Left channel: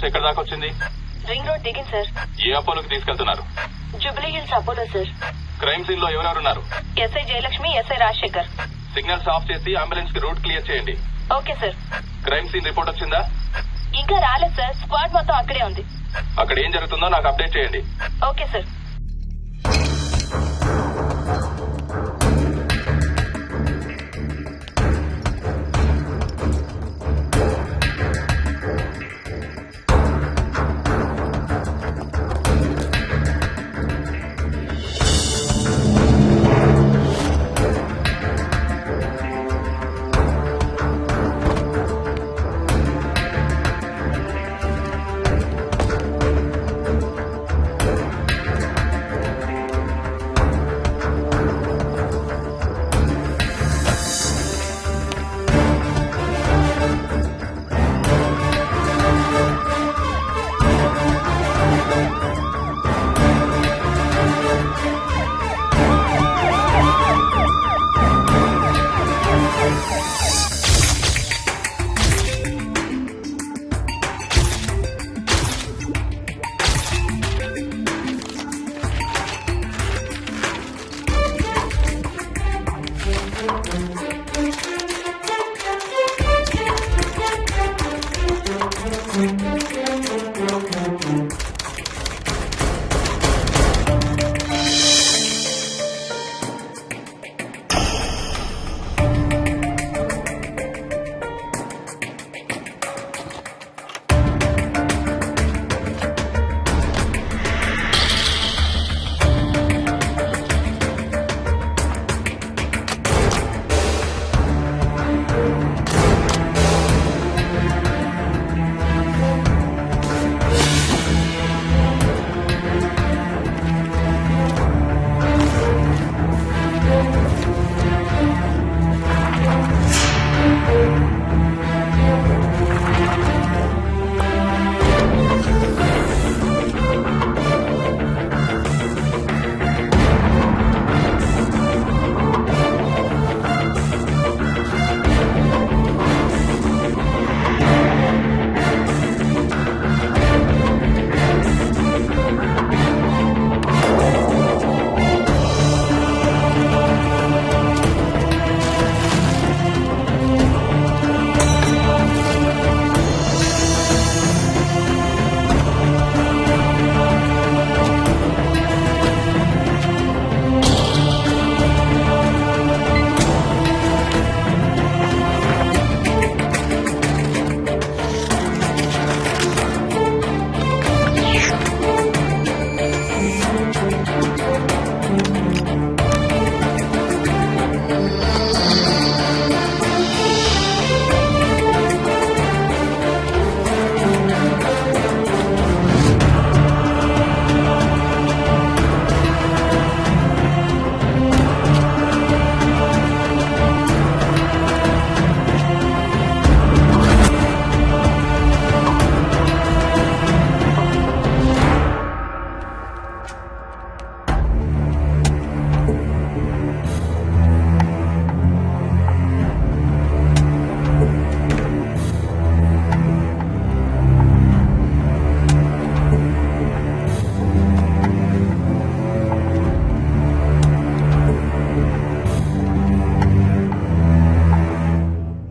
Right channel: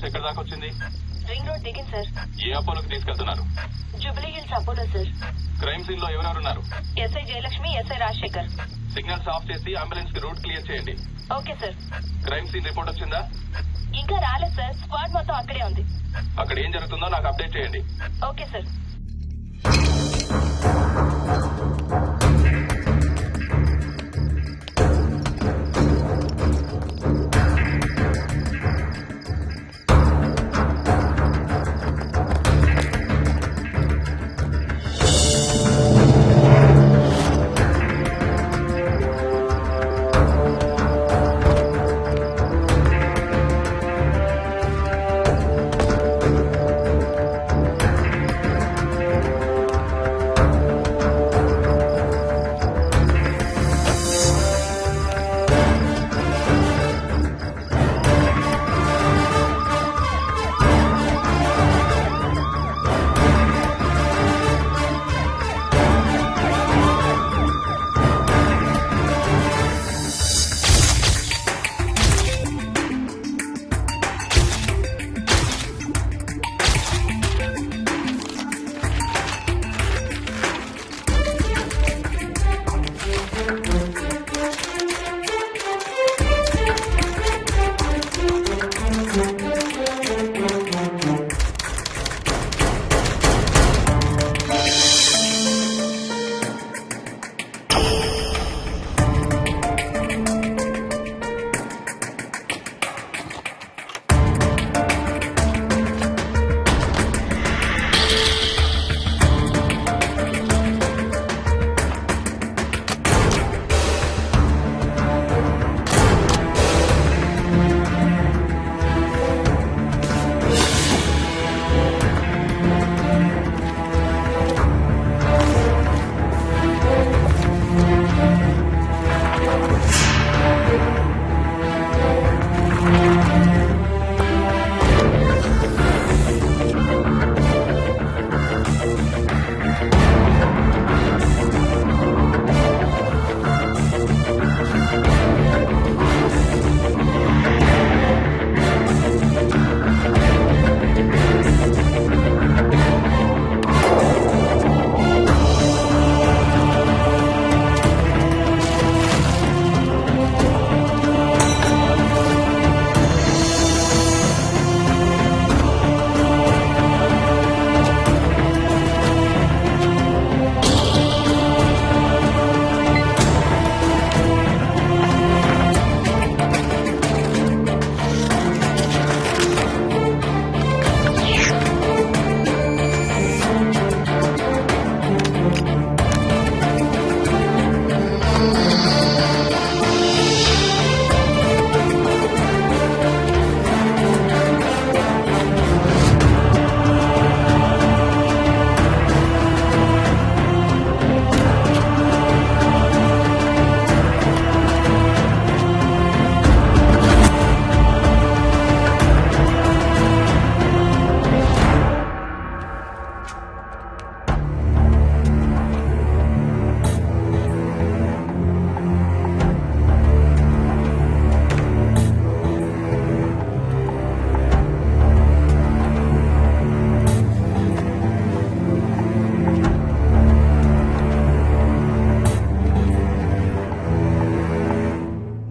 Evidence ఎక్కడ దాకా వచ్చింది? రింగ్ రోడ్ దిగింది సార్. ఏ అపోలోకి తీసుకెళ్తున్నారు? Jubilee Hills Apollo sir. Crime scene లో ఎవరెవరున్నారు? SI Jayalakshmi, SI Rajasekhar. Signals off చేసి అంబులెన్స్ కి రూట్ క్లియర్ చేయండి. Okay sir. Crime scene report వచ్చిందా? ఇంకా రాలేదు సార్. స్క్వాడ్ మొత్తం అక్కడే ఉంది. అక్కడ ఏం జరుగుతుందో నాకు అప్డేట్ చేయండి. Okay sir.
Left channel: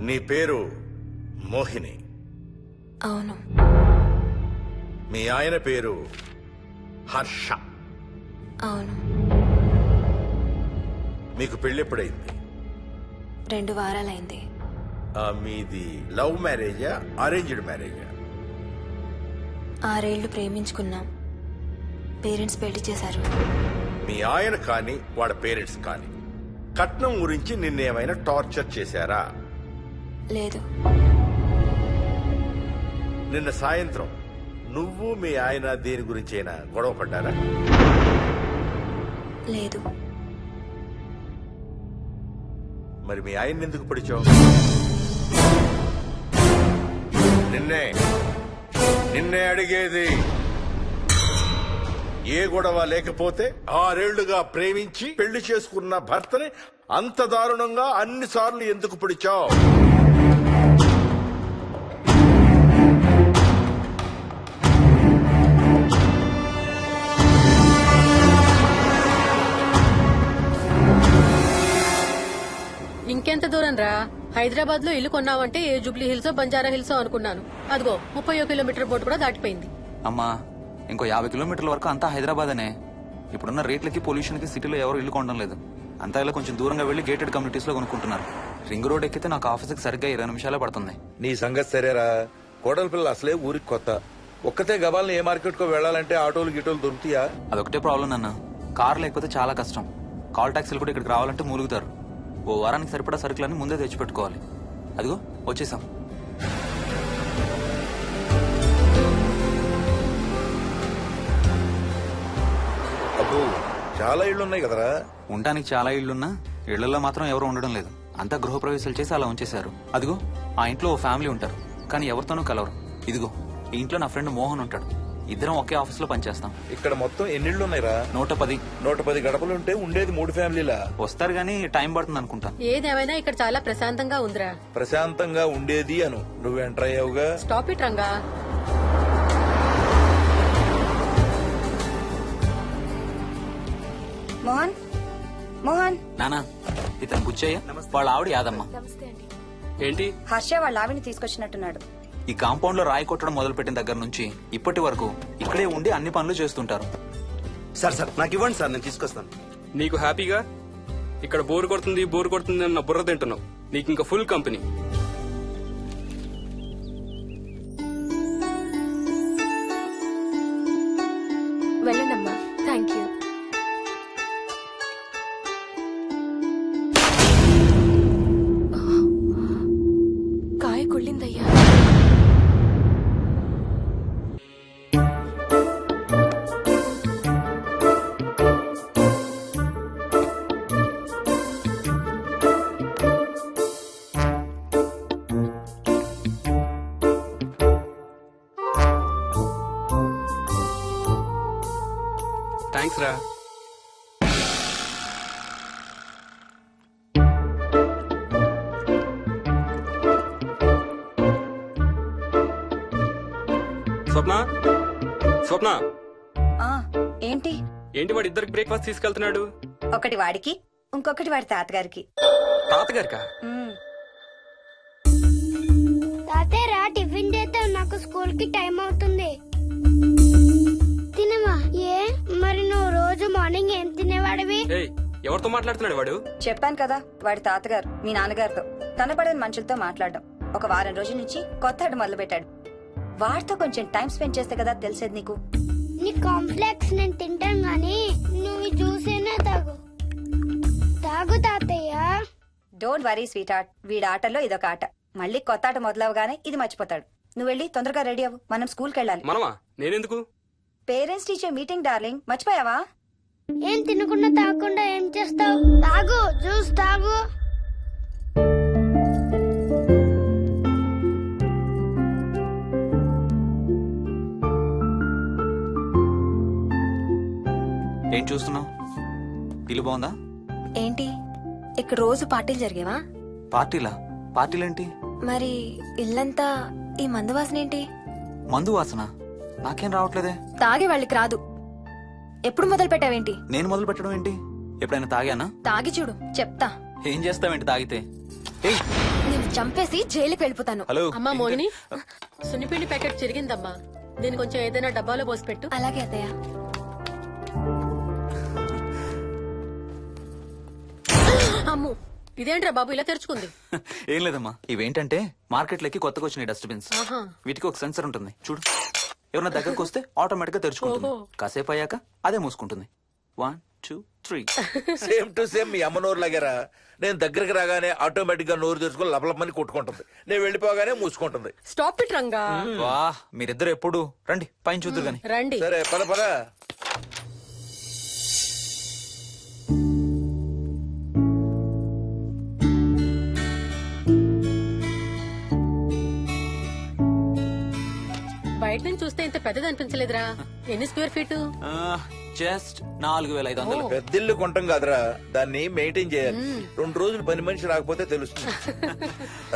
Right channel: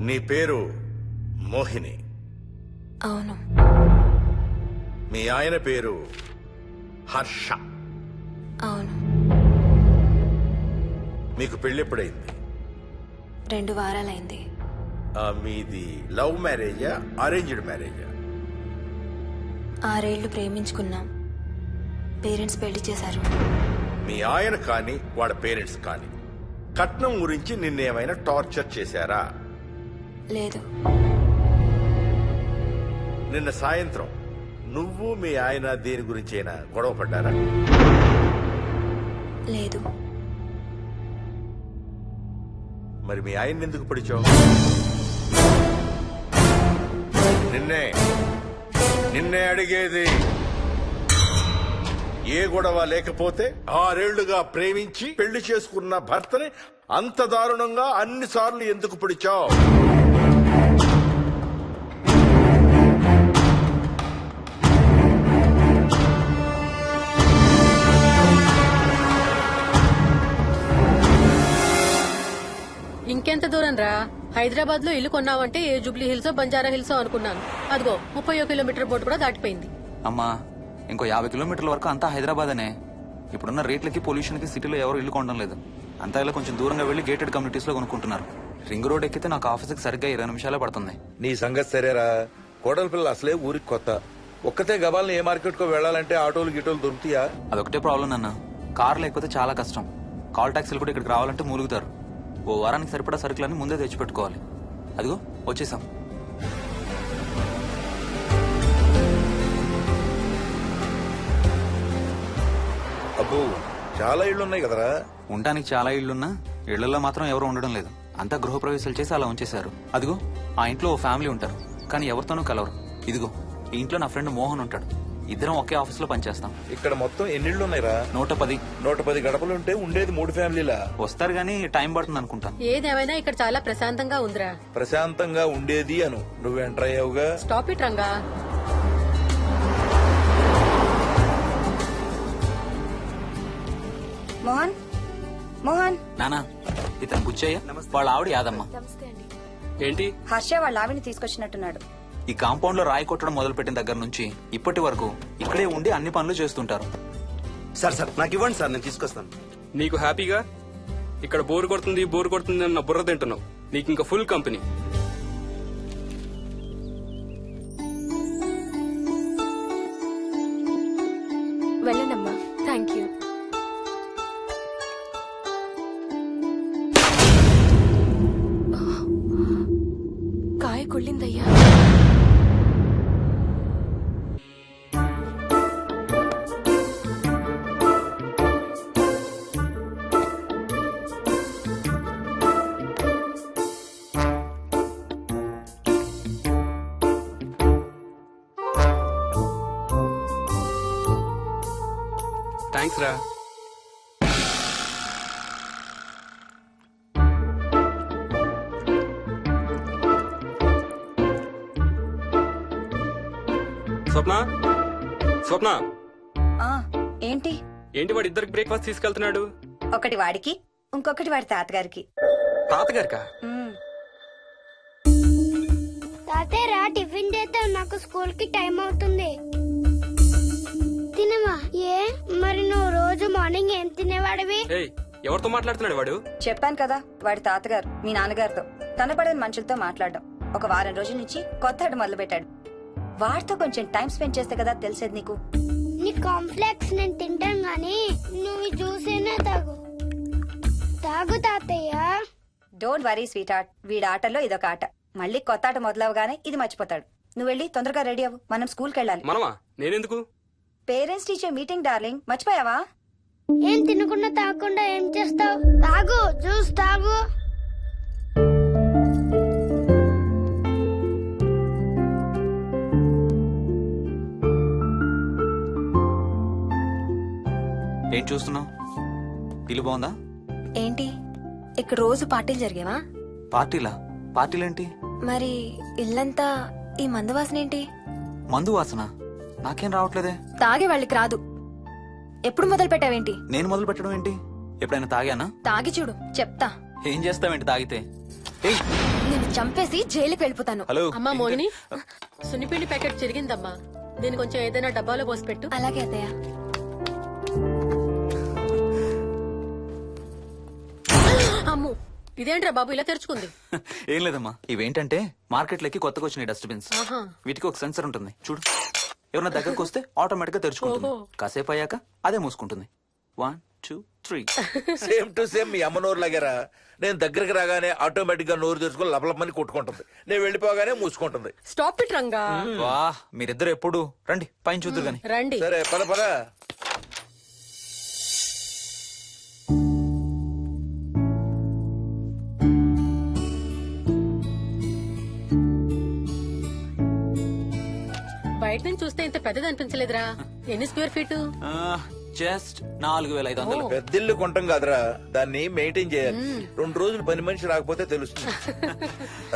నీ పేరు మోహిని? అవును. మీ ఆయన పేరు హర్ష? అవును. మీకు పెళ్ళెప్పుడైంది? 2 వారాలైంది. మీది లవ్ మ్యారేజా అరేంజ్డ్ మ్యారేజా? 6 ఏళ్లు ప్రేమించుకున్నాం. పేరెంట్స్ పెళ్లి చేశారు. మీ ఆయన కానీ వాళ్ళ పేరెంట్స్ కానీ కట్నం గురించి నిన్నేమైనా టార్చర్ చేశారా? లేదు. నిన్న సాయంత్రం నువ్వు మీ ఆయన దేని గురించైనా గొడవ పడ్డారా? లేదు. మరి మీ ఆయన్ని ఎందుకు పడిచావు? నిన్నే అడిగేది. ఏ గొడవ లేకపోతే 6 ఏళ్లుగా ప్రేమించి పెళ్లి చేసుకున్న భర్తని అంత దారుణంగా అన్నిసార్లు ఎందుకు పిడిచావు? ఇంకెంత దూరం రా? హైదరాబాద్ లో ఇల్లు కొన్నావంటే ఏ జూబ్లీ హిల్స్ బంజారా హిల్స్ అనుకున్నాను. అదిగో 31 కిలోమీటర్ బోర్డు కూడా దాటిపోయింది. అమ్మా ఇంకో 50 కిలోమీటర్ల వరకు అంతా హైదరాబాద్ అనే. ఇప్పుడున్న రేట్లకి పొల్యూషన్ కి సిటీలో ఎవరు ఇల్లు కొనడం లేదు. అంతా ఇలా కొంచెం దూరంగా వెళ్లి గేటెడ్ కమ్యూనిటీస్ లో కొనుక్కుంటున్నారు. రింగ్ రోడ్ ఎక్కితే నాకు ఆఫీస్కి సరిగ్గా 20 నిమిషాలే పడుతుంది. నీ సంగతి సరేరా, కోడల పిల్ల అసలే ఊరికి కొత్త. ఒక్కతే గబాల్ని ఏ మార్కెట్ కో వెళ్ళాలంటే ఆటోలు గిటోలు దొరుకుతాయా? అదొకటే ప్రాబ్లం అన్న. కార్ లేకపోతే చాలా కష్టం. కాల్ టాక్సీలు కూడా ఇక్కడికి రావాలంటే మూలుగుతారు. ఓ వారానికి సరిపడా సరుకులన్నీ ముందే తెచ్చిపెట్టుకోవాలి. అదిగో వచ్చేసాం. అబ్బో చాలా ఇళ్ళు ఉన్నాయి కదరా. ఉండడానికి చాలా ఇళ్లున్నా ఇళ్లలో మాత్రం ఎవరు ఉండడం లేదు. అంతా గృహప్రవేశాలు చేసి అలా ఉంచేశారు. అదిగో ఆ ఇంట్లో ఓ ఫ్యామిలీ ఉంటారు, కానీ ఎవరితోనూ కలవరు. ఇదిగో ఈ ఇంట్లో నా ఫ్రెండ్ మోహన్ ఉంటాడు. ఇద్దరం ఒకే ఆఫీస్ లో పనిచేస్తాం. ఇక్కడ మొత్తం ఎన్నిళ్ళు ఉన్నాయిరా? 110. 110 గడపలుంటే ఉండేది 3 ఫ్యామిలీలా. వస్తారు గానీ టైం పడుతుంది అనుకుంటా. ఏదేమైనా ఇక్కడ చాలా ప్రశాంతంగా ఉందిరా. ప్రశాంతంగా ఉండేది అను, నువ్వు ఎంటర్ అయ్యావుగా. Stop it Ranga. మోహన్ మోహన్ నానా ఇతను బుచ్చయ్య, వాళ్ళ ఆవిడ యాదమ్మ. ఏంటి? హర్ష వాళ్ళ ఆవిని తీసుకొచ్చినట్టున్నాడు. ఈ కాంపౌండ్ లో రాయి కొట్టడం మొదలు పెట్టిన దగ్గర నుంచి ఇప్పటి వరకు ఇక్కడే ఉండి అన్ని పనులు చేస్తుంటారు. సార్ నాకు ఇవ్వండి సార్, నేను తీసుకొస్తాను. నీకు హ్యాపీగా ఇక్కడ బోర్ కొడుతుంది అన్న బుర్ర తింటున్నావు. నీకు ఇంకా ఫుల్ కంపెనీ. వెళ్ళండమ్మా. Thank you. కాయ కుళ్ళిందయ్యా. థ్యాంక్స్ రా. స్వప్న ఆ ఏంటి? ఏంటి వాడి ఇద్దరికి బ్రేక్ఫాస్ట్ తీసుకెళ్తున్నాడు? ఒకటి వాడికి, ఇంకొకటి వాడి తాతగారికి. తాతగారికా? ఉమ్. తాతయ్యరా టిఫిన్ చేద్దాం, నాకు స్కూల్ కి టైం అవుతుంది. తినమా? ఏ మరి నువ్వు రోజు మార్నింగ్ ఏం తినేవాడివి? ఏయ్, ఎవరితో మాట్లాడుతున్నాడు వాడు? చెప్పాను కదా, వాడి తాతగారు మీ నాన్నగారితో కనపడని మనుషులతో మాట్లాడడం. ఒక వారం రోజుల నుంచి కొత్త ఆట మొదలు పెట్టాడు. వాడితో కొంచెం టైం స్పెండ్ చేస్తే కదా తెలిసేది నీకు. నీ కాంప్లెక్స్ నేను తింటాను గాని నువ్వు జ్యూసేనా తాగు. తాగు తాతయ్య. డోంట్ వరీ స్వీట్ హార్ట్, వీడి ఆటల్లో ఇదొక ఆట. మళ్ళీ కొత్త ఆట మొదలవగానే ఇది మర్చిపోతాడు. నువ్వు వెళ్ళి తొందరగా రెడీ అవ్వు, మనం స్కూల్కి వెళ్ళాలి. మనమా? నేనెందుకు? పేరెంట్స్ టీచర్ మీటింగ్ డార్లింగ్, మర్చిపోయావా? ఏం తినకుండా తాగకుండా ఏం చేస్తావు? తాగు, జ్యూస్ తాగు. ఏం చూస్తున్నావు? ఇల్లు బాగుందా? ఏంటి ఇక్కడ రోజు పార్టీలు జరిగేవా? పార్టీలా? పార్టీలేంటి? మరి ఇల్లంతా ఈ మందు వాసన ఏంటి? మందు వాసన నాకేం రావట్లేదే. తాగే వాళ్ళకి రాదు. ఎప్పుడు మొదలు పెట్టావేంటి? నేను మొదలు పెట్టడం ఏంటి? ఎప్పుడైనా తాగానా? తాగి చూడు, చెప్తా. ఏం చేస్తావేంటి తాగితే? ఏయ్, నేను చంపేసి జైలుకి వెళ్ళిపోతాను. హలో. అమ్మా మోహిని, సున్నిపిండి ప్యాకెట్ చిరిగిందమ్మా. దీని కొంచెం ఏదైనా డబ్బాలో పోసి పెట్టు. అలాగే అత్తయ్య. అమ్ము, ఇదేంట్రా బాబు ఇలా తెరుచుకుంది? ఏం లేదమ్మా, ఇవేంటంటే మార్కెట్లోకి కొత్తగా వచ్చినాయి డస్ట్బిన్స్. ఆహా. వీటికి ఒక సెన్సర్ ఉంటుంది చూడు. ఎవరన్నా దగ్గరకు వస్తే ఆటోమేటిక్ గా తెరుచుకుంటుంది. ఓహో. కాసేపు అయ్యాక అదే మూసుకుంటుంది. 1 2 3. సేమ్ టు సేమ్ మీ అమ్మ నోరు లాగారా. నేను దగ్గరికి రాగానే ఆటోమేటిక్ గా నోరు తెరుచుకొని లపలపని కొట్టుకుంటుంది. నేను వెళ్ళిపోగానే మూసుకుంటుంది. Stop it Ranga. వా, మీరిద్దరు ఎప్పుడు రండి పైన చూద్దరు గాని. రండి. సరే పద పద. బయట నుంచి చూస్తే ఇంత పెద్దది అనిపించలేదురా. ఎన్ని స్క్వేర్ ఫీట్? జస్ట్ 4500. పెద్దిల్లు కొంటాం కాదురా, దాన్ని మెయింటైన్ చేయాలి. 2 రోజులు పని మనిషి రాకపోతే తెలుస్తుంది.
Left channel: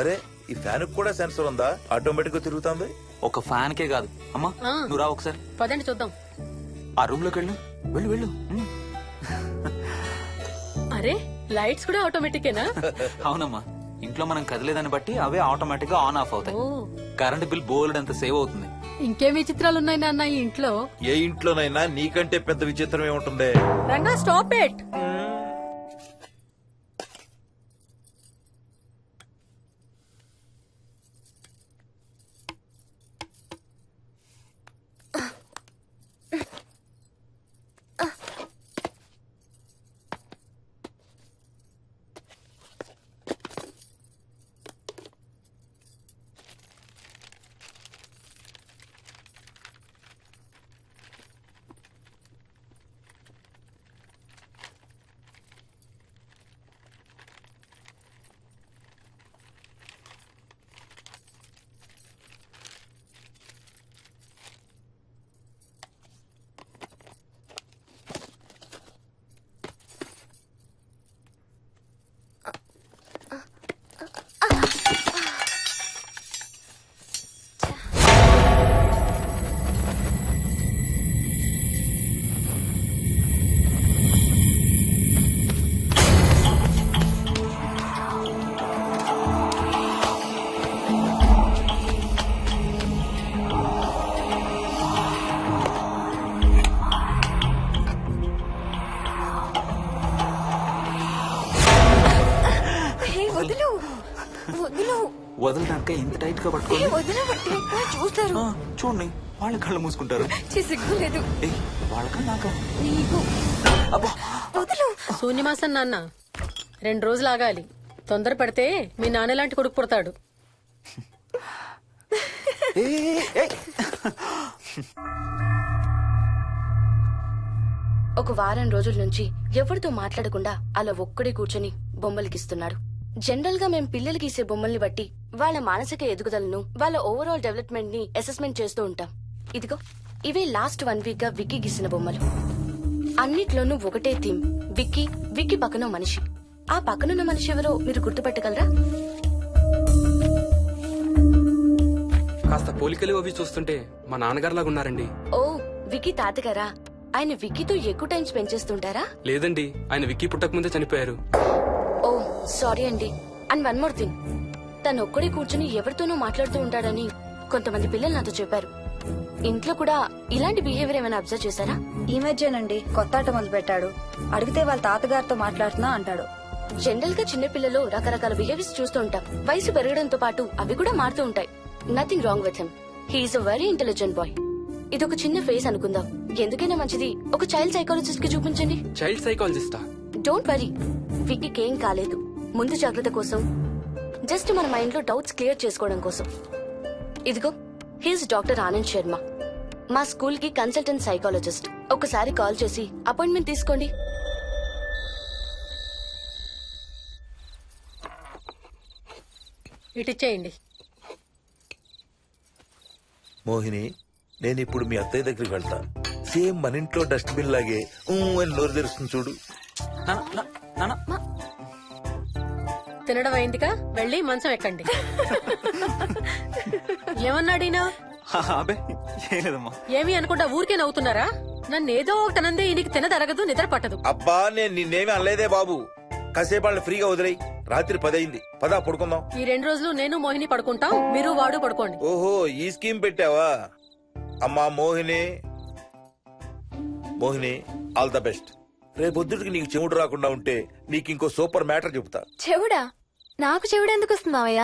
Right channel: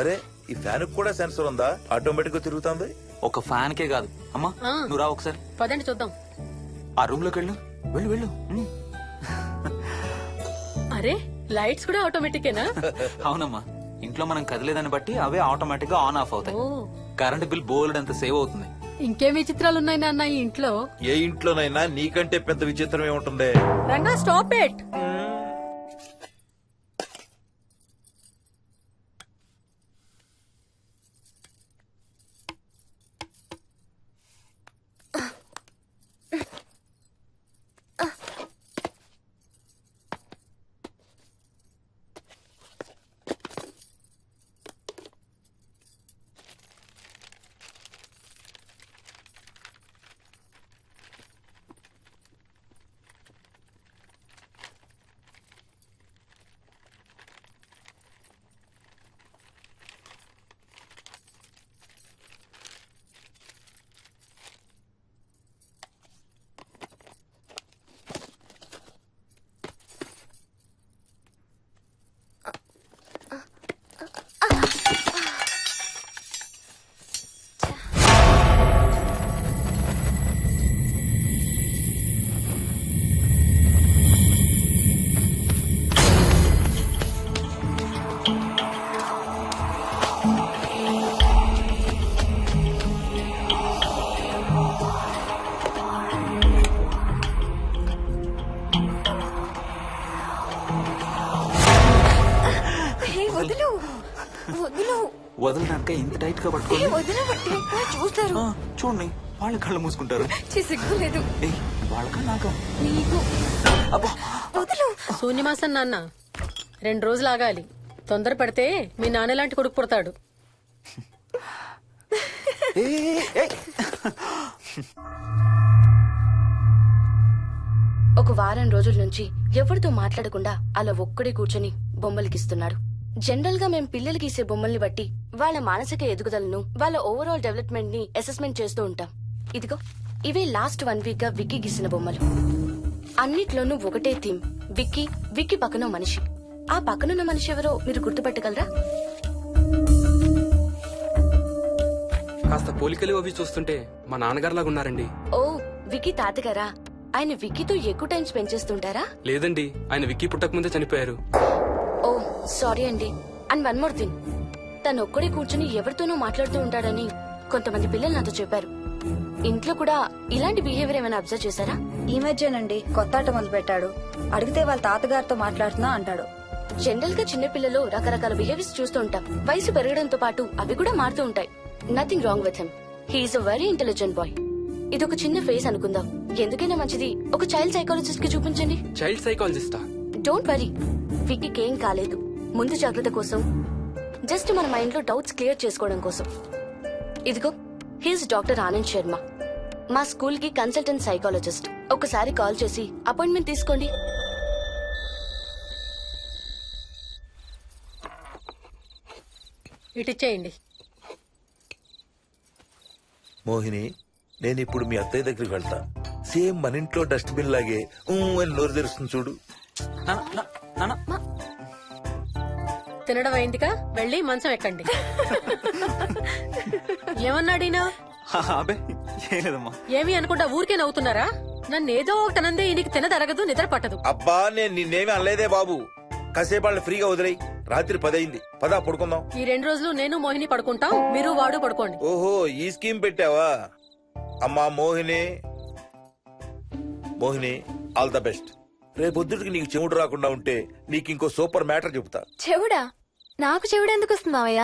అరే ఈ ఫ్యాన్ కూడా సెన్సర్ ఉందా? ఆటోమేటిక్ గా తిరుగుతుంది. ఒక ఫ్యాన్ కే కాదు. అమ్మా నువ్వు రా ఒకసారి. పదండి చూద్దాం. ఆ రూమ్ లోకి వెళ్ళు. వెళ్ళు వెళ్ళు. అరే లైట్స్ కూడా ఆటోమేటికేనా? అవునమ్మా, ఇంట్లో మనం కదిలేదాన్ని బట్టి అవే ఆటోమేటిక్ గా ఆన్ ఆఫ్ అవుతాయి. ఓ, కరెంట్ బిల్ బోల్డ్ అంత సేవ్ అవుతుంది. ఇంకేం విచిత్రాలు ఉన్నాయి నాన్న ఈ ఇంట్లో? ఏ ఇంట్లోనైనా నీకంటే పెద్ద విచిత్రం ఏముంటుంది? Ranga stop it. వదులు వదులు వదలడానికి ఇంత టైట్ గా పట్టుకోండి. వదలబట్టి చూస్తారు. చూడండి, వాళ్ళ కళ్ళు మూసుకుంటారు. సిగ్గులేదు ఏయ్, వాళ్ళకా నాకా? నీకు. అబ్బా, వదులు. శూన్యమాసం నాన్న, 2 రోజులు ఆగాలి. తొందర పడితే మీ నాన్న లాంటి కొడుకు పుడతాడు. ఒక వారం రోజుల నుంచి ఎవరితో మాట్లాడకుండా అలా ఒక్కడే కూర్చొని బొమ్మలు గీస్తున్నాడు. జనరల్ గా మేం పిల్లలు గీసే బొమ్మల్ని బట్టి వాళ్ళ మానసిక ఎదుగుదలను, వాళ్ళ ఓవరాల్ డెవలప్మెంట్ ని అసెస్మెంట్ చేస్తూ ఉంటాం. ఇదిగో ఇవే లాస్ట్ 1 వీక్ గా విక్కీ గీసిన బొమ్మలు. అన్నిట్లోనూ ఒకటే థీమ్, విక్కీ, విక్కీ పక్కన మనిషి. ఆ పక్కనున్న మనిషి ఎవరో మీరు గుర్తుపట్టగలరా? కాస్త పోలికలు అవి చూస్తుంటే మా నాన్నగారులాగా ఉన్నారండి. ఓ, విక్కీ తాతగారా? ఆయన విక్కీతో ఎక్కువ టైం స్పెండ్ చేస్తుంటారా? లేదండి, ఆయన విక్కీ పుట్టక ముందే చనిపోయారు. ఓ సారీ అండి. అండ్ 1 మోర్ థింగ్, తను ఒక్కడే కూర్చుని ఎవరితోనూ మాట్లాడుతూ ఉంటాడని కొంతమంది పిల్లలు నాతో చెప్పారు. ఇంట్లో కూడా ఇలాంటి బిహేవియర్ ఏమైనా అబ్జర్వ్ చేశారా? ఈ మధ్యనండి కొత్త ఆట మొదలు పెట్టాడు. అడిగితే వాళ్ళ తాతగారితో మాట్లాడుతున్నా అంటాడు. జనరల్ గా చిన్న పిల్లలు రకరకాల బిహేవియర్స్ చూస్తూ ఉంటాం. వయసు పెరగడంతో పాటు అవి కూడా మారుతూ ఉంటాయి. Nothing wrong with him. He's a very intelligent boy. ఇది ఒక చిన్న ఫేస్ అనుకుందాం. ఎందుకైనా మంచిది ఒక చైల్డ్ సైకాలజిస్ట్ కి చూపించండి. చైల్డ్ సైకాలజిస్టా? డోంట్ వరీ, విక్కీకి ఏం కాలేదు. ముందు జాగ్రత్త కోసం, జస్ట్ మన మైండ్ లో డౌట్స్ క్లియర్ చేసుకోవడం కోసం. ఇదిగో, హీస్ డాక్టర్ ఆనంద్ శర్మ, మా స్కూల్ కి కన్సల్టెంట్ సైకాలజిస్ట్. ఒకసారి కాల్ చేసి అపాయింట్మెంట్ తీసుకోండి. ఇటిచ్చేయండి. మోహిని, నేను ఇప్పుడు మీ అత్తయ్య దగ్గరికి వెళ్తా. సేమ్ మన ఇంట్లో డస్ట్బిన్ లాగే అని నోరు తెరుస్తుంది చూడు. తినడం అయిందిగా, వెళ్ళి మంచం ఎక్కండి. ఏమన్నాడీనా? అబే ఏం లేదమ్మా. ఏమి అనుకుంటా ఊరికే నవ్వుతున్నారా? నన్నేదో ఒకటనందే ఈయనకి తినదరగదు, నిద్ర పట్టదు. అబ్బా, నేను నిన్నేమి అనలేదే బాబు. కాసేపు వాళ్ళని ఫ్రీగా వదిలేయి. రాత్రి 10 అయింది, పదా పడుకుందాం. ఈ 2 రోజులు నేను మోహిని పడుకుంటాం, మీరు వాడు పడుకోండి. ఓహో, ఈ స్కీమ్ పెట్టావా? అమ్మా Mohini, Mohini, all the best. రేపొద్దుటికి నీకు చెవుడు రాకుండా ఉంటే నీకు ఇంకో సూపర్ మ్యాటర్ చెబుతా. చెవుడా? నాకు చెవుడు ఎందుకు వస్తుంది మావయ్య?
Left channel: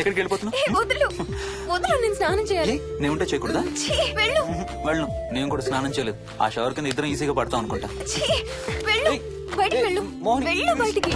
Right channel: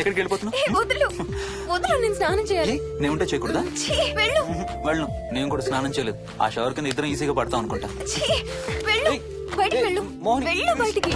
ఎక్కడికి వెళ్ళిపోతున్నావు? వదులు వదులు, నేను స్నానం చేయాలి. నేను ఉంటే చేయకూడదా? ఛీ, వెళ్ళు. వెళ్ళను, నేను కూడా స్నానం చేయలేదు. ఆ షవర్ కింద ఇద్దరం ఈజీగా పడతాం అనుకుంటా. ఛీ, వెళ్ళు. ఏయ్, బయటికి ఏయ్, వెళ్ళు. మోహిని, వెళ్ళు బయటికి.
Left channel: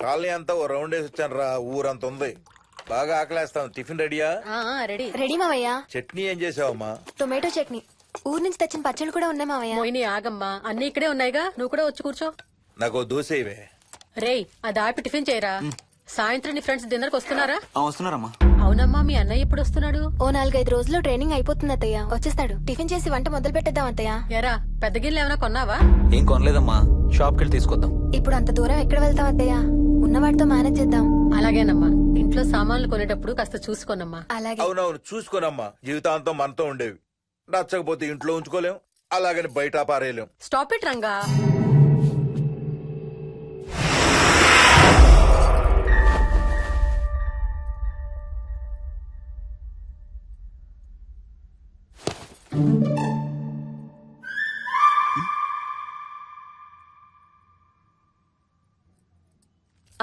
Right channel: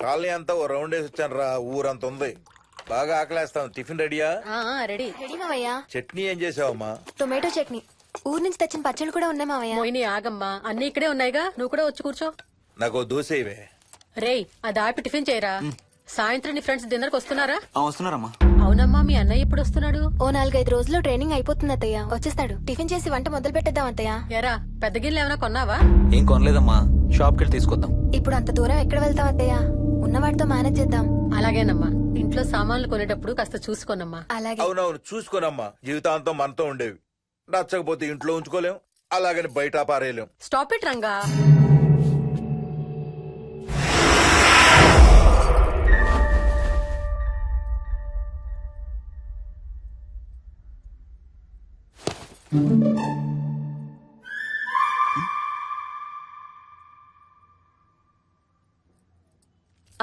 కాలనీ అంతా ఓ రౌండ్ వేసి వచ్చాను రా. ఊరంత ఉంది. బాగా ఆకలేస్తాం. టిఫిన్ రెడీయా? రెడీ. రెడీ మావయ్య. చట్నీ ఏం చేసావమ్మా? టొమాటో చట్నీ. ఊరు నుంచి తెచ్చిన పచ్చళ్ళు కూడా ఉన్నాయి మావయ్య. మోహిని ఆగమ్మా, అన్ని ఇక్కడే ఉన్నాయిగా, నువ్వు కూడా వచ్చి కూర్చో. నాకు దోశ ఇవే. రేయ్, అది ఆపి టిఫిన్ చేయరా. సాయంత్రం నీ ఫ్రెండ్స్ డిన్నర్ కి వస్తున్నారా? వస్తున్నారమ్మా. అవునమ్మా, మీ అన్నయ్య ఎప్పుడు వస్తున్నాడు? ఓ 4-5 రోజుల్లో ట్రైనింగ్ అయిపోతుంది అత్తయ్య, వచ్చేస్తాడు. టిఫిన్ చేసి వంట మొదలు పెట్టేద్దాం అత్తయ్య. ఎరా, పెద్ద గిన్నెలు ఏమైనా కొన్నావా? ఏం కొనలేదమ్మా, షాప్కి వెళ్ళి తీసుకొద్దాం. ఇప్పుడు అంత దూరం ఎక్కడ వెళ్తాం అత్తయ్య, ఉన్న వాటితో మేనేజ్ చేద్దాం. అలాగేనమ్మా, ఇంట్లో సామాన్లు కొనేటప్పుడు కాస్త చూసుకోనమ్మా. అలాగే. అవునవును, చూసుకోనమ్మా. జీవితాంతం మనతో ఉండేవి. నచ్చకపోతే ఇంట్లో ఉంచుకోలేం, అలాగని బయట పారేయలేం. Stop it Ranga.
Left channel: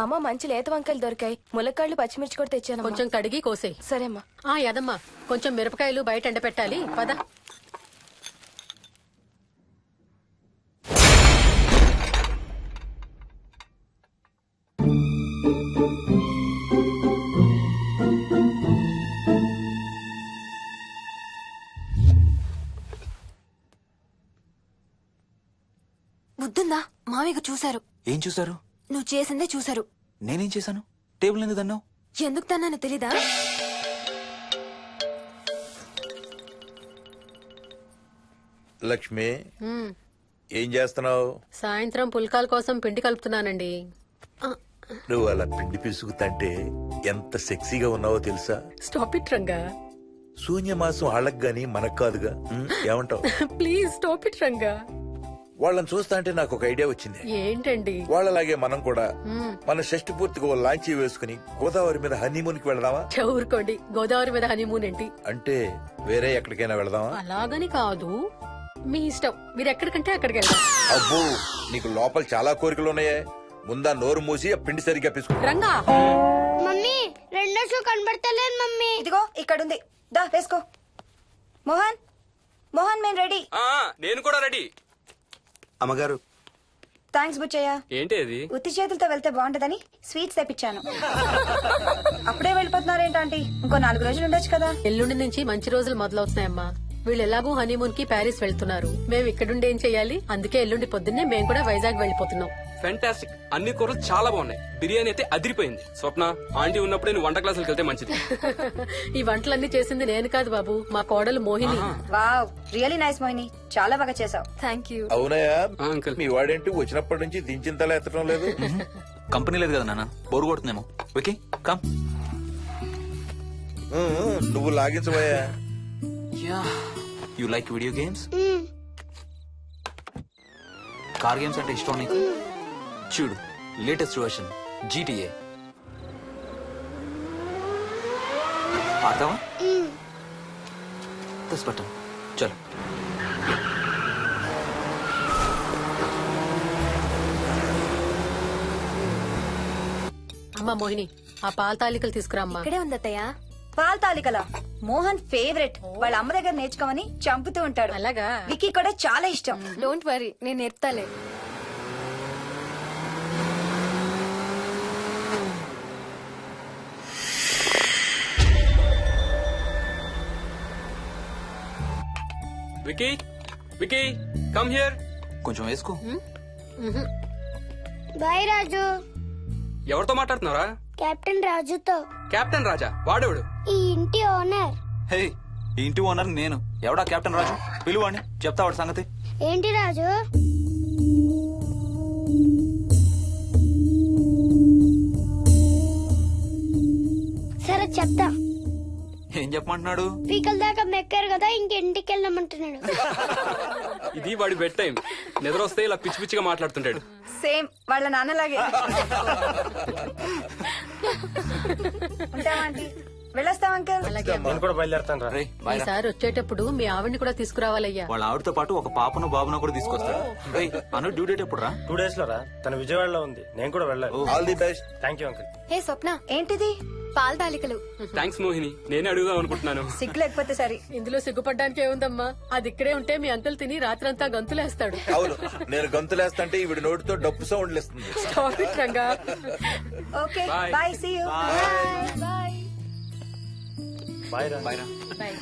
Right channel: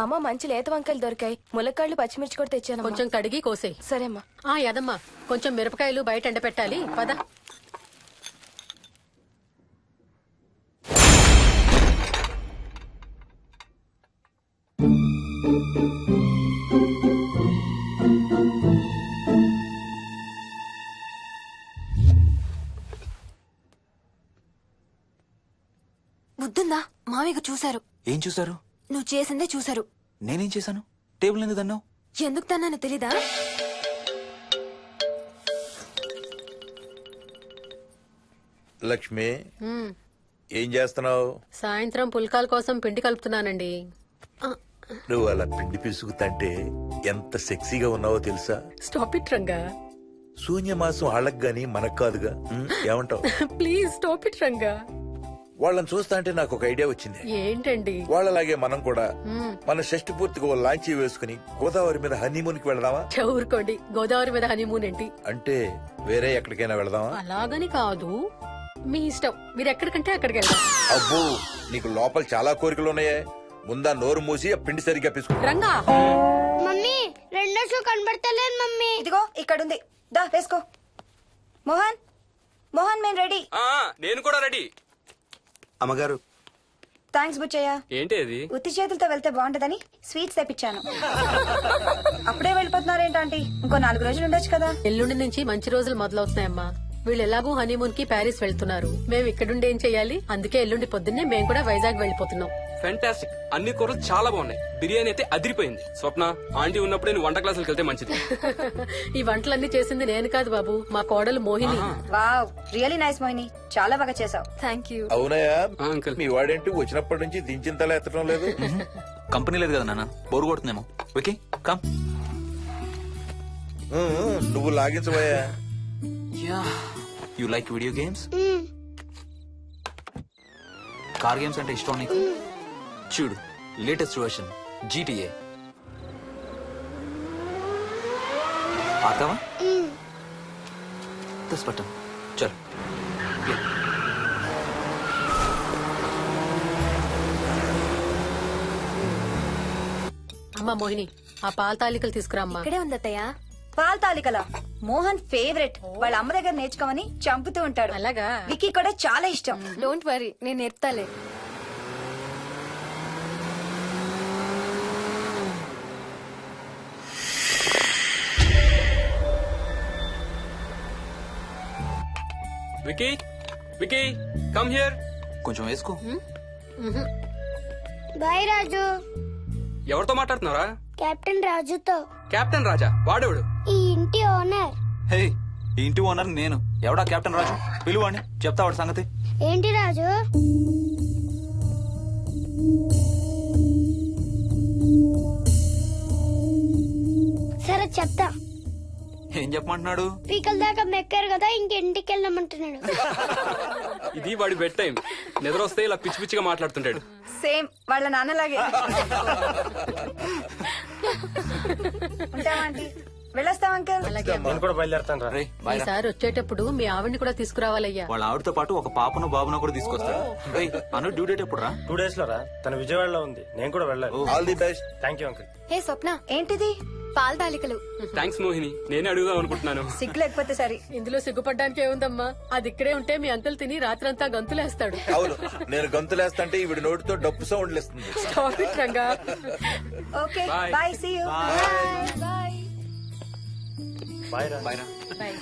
అమ్మ మంచి లేత వంకాయలు దొరికాయి, ములక్కాళ్ళు పచ్చిమిర్చి కూడా తెచ్చాను. కొంచెం కడిగి కోసేయ్. సరే అమ్మా. యదమ్మా, కొంచెం మిరపకాయలు బయట ఎండపెట్టాలి, పద. బుద్ధుందా? మామయ్య చూశారు. ఏం చూసారు? నువ్వు చేసిందే చూశారు. నేనేం చేశాను? టేబుల్ ఎందుకు దన్నావు? ఎందుకు తన్నాను తెలీదా? లక్ష్మి, ఏం చేస్తున్నావు? సాయంత్రం పుల్కాల కోసం పిండి కలుపుతున్నానండి. నువ్వు అలా పిండి పిసుకుతంటే ఎంత సెక్సీగా ఉన్నావో తెలుసా? Stop it Ranga. శూన్యమాసం వాళ్ళకి గాని మనకు కాదుగా. ఏమంటావు? Please stop it Ranga. వాళ్ళని చూస్తా అంటే నాకు ఒక ఐడియా వచ్చింది. ఏంటండి? వాళ్ళలాగే మనం కూడా మన షష్టి పూర్తిగా ఓ లాంచీ వేసుకుని గోదావరి మీద హనీమూన్ కి వెళదామా? ఊరుకోండి, గోదావరి మీద హనీమూన్ ఏంటి? అంటే వేరే ఎక్కడికైనా వెళదామా? అలాగని కాదు, మీ ఇష్టం, మీరు ఎక్కడికంటే అక్కడికి వెళ్దాం. అబ్బో, నీకు లోపల చాలా కోరికలు ఉన్నాయే. ముందా నోరు మూసి ఆ పిండి సరిగ్గా పిసుకు. రంగా. మమ్మీ, రెండో షూ కనబడతలేదు మమ్మీ. ఇదిగో ఇక్కడుంది, దా వేసుకో. మోహన్, మోహన్ మేము రెడీ. నేను కూడా రెడీ. అమ్మగారు, థ్యాంక్స్ బుచ్చయ్య. ఏంటి అది? ఉత్తి చేతులతో వెళ్తే బాగుంటదని స్వీట్స్ తెప్పించాను. అప్పుడే వెళ్ళిపోతున్నారేంటంటే ఇంకో 4 రోజులు ఉండొచ్చు కదా. ఎల్లుండి నుంచి మంచి రోజులు మొదలవుతున్నాయమ్మా. వీళ్ళు ఎలాగూ హనీమూన్ కి ప్యారిస్ వెళ్తున్నారు, మేము ఇక్కడుండి ఏం చెయ్యాలి? అందుకే ఎల్లుండి పొద్దున్నే మేము కూడా వైజాగ్ వెళ్ళిపోతున్నాం. ఫెంటాస్టిక్, అన్ని కూరలు చాలా బాగున్నాయి. బిర్యానీ అయితే అదిరిపోయింది. స్వప్న, ఆంటీ ఉన్నప్పుడే నువ్వు వంట క్లాసులకు వెళ్తే మంచిది. ఈ వంటలన్నీ చేసింది నేను కాదు బాబు, మా కోడలు Mohini. Wow, really nice Mohini, చాలా బాగా చేసావు. Thank you. అవునయ్యా, అంకుల్. మీ వాడేంటి వచ్చినప్పటి నుంచి దించిన తల ఎత్తడం లేదు? కంపెనీ లేదు కదా నాన్న, బోరు కొడుతుందేమో. Okay come. నువ్వు లాగించబోయా? You like video games? Car games అంటే ఇష్టం నీకు? చూడు, లేటెస్ట్ వర్షన్ GTA. ఆడతావా? దస్ బటన్ చలో. అమ్మా మోహిని, ఆ పాల తాలికలు తీసుకురా అమ్మా. ఇక్కడే ఉంది అత్తయ్య. పాల తాలికల మోహన్ ఫేవరెట్. వాళ్ళ అమ్మ దగ్గర నేర్చుకోమని చంపుతూ ఉంటాడు. అలాగా? విక్కీ కూడా చాలా ఇష్టం. డోంట్ వరీ, నేను నేర్పుతాలే. Vicky, Vicky, come here. కొంచెం వేసుకో. బాయ్ రాజు. ఎవరితో మాట్లాడుతున్నారా? కెప్టెన్ రాజుతో. కెప్టెన్ రాజా? వాడేవాడు? ఈ ఇంటి ఓనర్. హే, ఈ ఇంటి ఓనర్ నేను. ఎవడా కెప్టెన్ రాజు? పిలువాడిని, చెప్తా వాడి సంగతి. ఏంటి రాజు? సరే చెప్తా. ఏం చెప్పమంటున్నాడు? పీకల దాకా మెక్కారు కదా, ఇంటికి వెళ్ళమంటున్నాడు. ఇది వాడి బెడ్ టైం. నిద్ర వస్తే ఇలా పిచ్చి పిచ్చిగా మాట్లాడుతుంటాడు. సేమ్ వాళ్ళ నాన్నలాగే. ఉంటావా ఆంటీ? వెళ్ళొస్తాం అంకల్. అలాగే అమ్మా. నేను కూడా బయలుదేరుతాను రా. రేయ్, బాయ్రా. ఈసారి వచ్చేటప్పుడు మీ ఆవిడ్ని కూడా తీసుకురావాలయ్యా. వాళ్ళ ఆవిడతో పాటు ఒక పాపను బాబును కూడా తీసుకొస్తాడు. రేయ్, అను డ్యూ డేట్ ఎప్పుడు రా? 2 days లో రా. తన విజయవాడలో ఉంది. నేను కూడా వెళ్ళాలి. All the best. Thank you uncle. Hey Swapna, ఏంటిది? పాల తాలికలు. థ్యాంక్స్ మోహిని, నేనే అడుగుదాం అనుకుంటున్నాను. సిగ్గు లేకపోతే సరే. ఇందులో సిగ్గుపడ్డానికి ఏముందంమ్మా? అది ఇక్కడే ఉంటే మీ అంకుల్ తిని రాత్రంతా గంతులేస్తాడు. అవును, నేను గంతులేస్తంటే ఈవిడ నోటితో డప్పు సౌండ్లు ఇస్తుంది. Stop it, Ranga. Okay Bye. Bye, see you. Bye. Bye రా. బాయ్రా. Bye.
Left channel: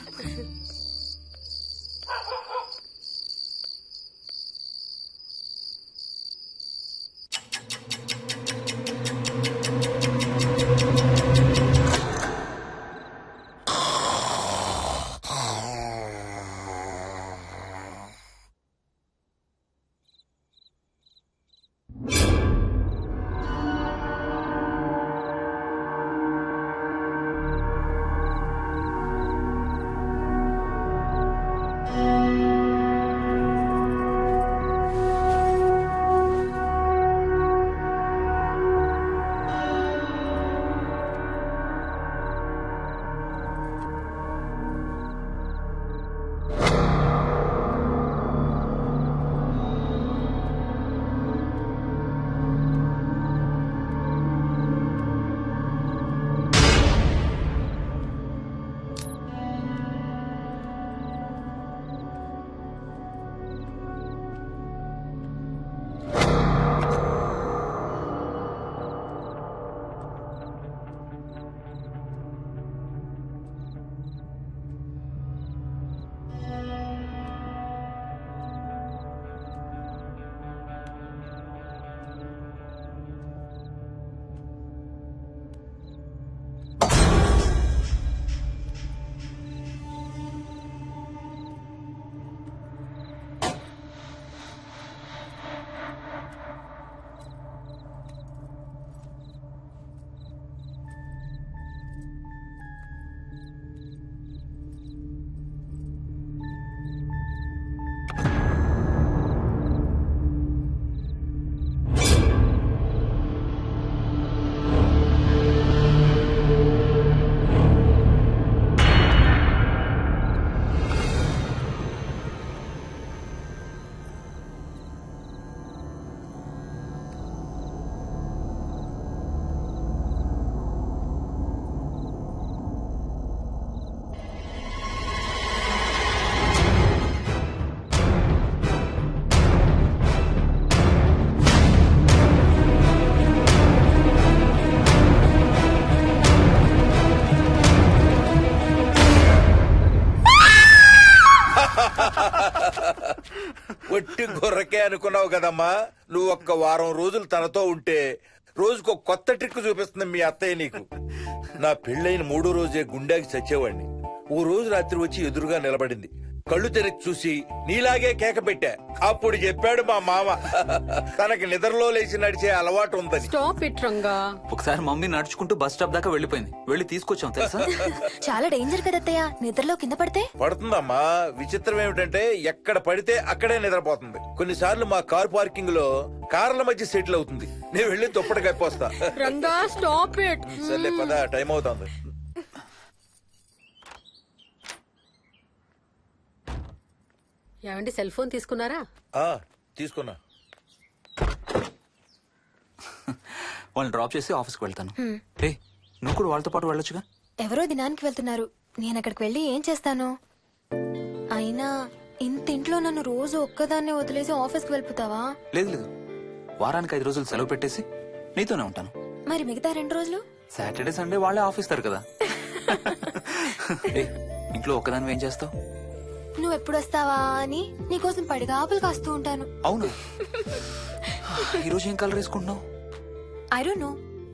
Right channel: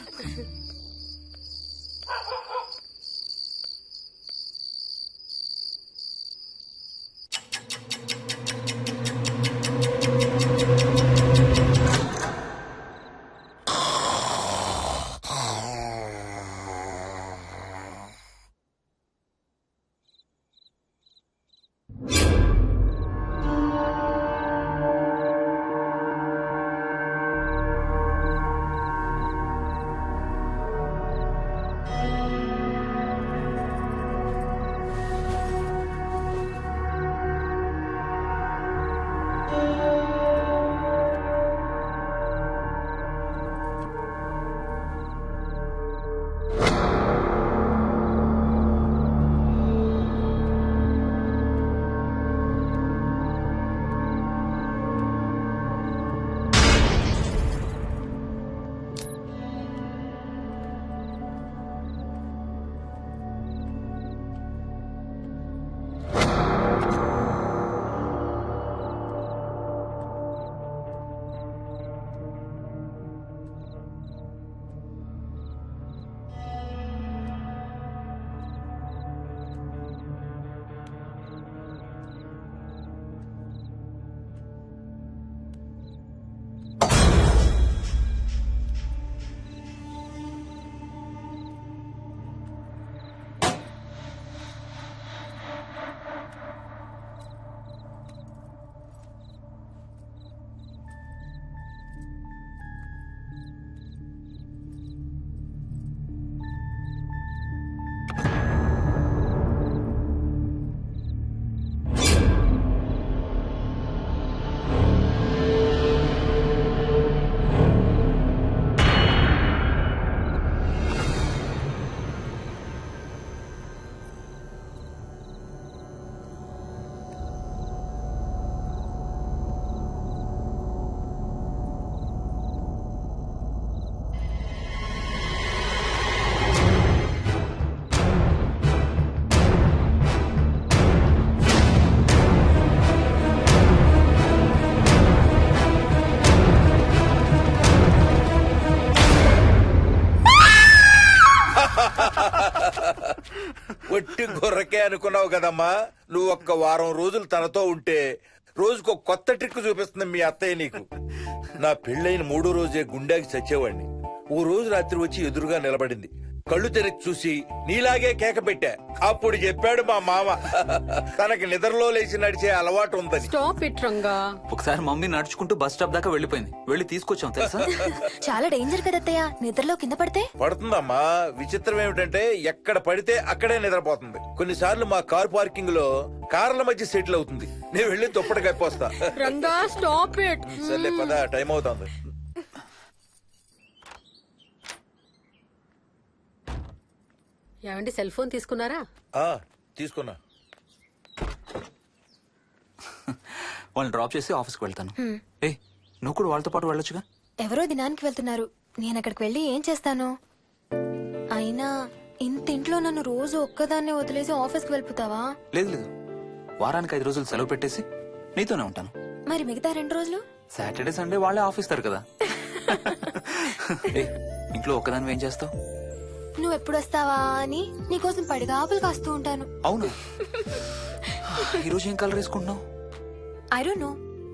ఒట్టి గొర్రకే అనుకున్నావు కదమ్మా. నువ్వు ఒక్క వారం రోజులు తనతో ఉంటే రోజుకు కొత్త ట్రిక్ చూపిస్తుంది మీ అత్తయ్య నీకు. నా పెళ్ళైన 3వ రోజే గుండెకి చచ్చేవాడిని. ఓ రోజు రాత్రి వచ్చి ఎదురుగా నిలబడింది. కళ్ళు తెరిచి చూసి నీలాగే కేక పెట్టా. అప్పుడు చెప్పాడు మా మామ తనకి నిద్రలో లేచి నడిచే అలవాటు ఉందని. Stop it, Ranga. ఒకసారి మమ్మీ నడుచుకుంటూ బస్ స్టాప్ దాకా వెళ్ళిపోయింది. వెళ్ళి తీసుకొచ్చాం తెలుసా? చాలా డేంజర్ కదా అత్తయ్య, నిద్రలో కింద పడితే. పడుతుందమ్మా. విచిత్రం ఏమిటంటే ఎక్కడ పడితే అక్కడే నిద్రపోతుంది. కొన్నిసార్లు మా కార్ పార్కింగ్ లో కార్ల మధ్య సెటిల్ అవుతుంది. నేను వెళ్ళి దుప్పటి కప్పొస్తా. Ranga, stop it. సర్లే పద, టైం అవుతుంది. ఏమండి సెల్ ఫోన్ తీసుకున్నారా? ఆ, తీసుకున్నా. వాళ్ళని డ్రాప్ చేసి ఆఫీస్కి వెళ్తాను. ఏ నువ్వు కూడా వాళ్ళతో పాటు వెళ్ళొచ్చుగా. ఎవరో దినానికి వెళ్తున్నారు, నేను అక్కడికి వెళ్ళి ఏం చేస్తాను? అయినా ఇంత ఇంట్లో నన్ను రోజు ఒక్కదాన్నే వదిలేసి ఆఫీస్కి వెళ్ళిపోతావా? లేదు లేదు, వారానికి 5 రోజులు సెలవు పెట్టేసి నీతోనే ఉంటాను. మరి మిగతా 2 రోజులు? సాటర్డే సండే వాళ్ళే ఆఫీస్ తారు కదా. ఏ ఇంట్లో ఒక్కదాని ఏం చేస్తావు? నువ్వు ఎప్పుడు వస్తావా అని నీకోసం పడిగాపులు కాస్తూ ఉంటాను. అవును. ఈరోజు ఏం కలర్ వేసుకుంటున్నావు? I don't know,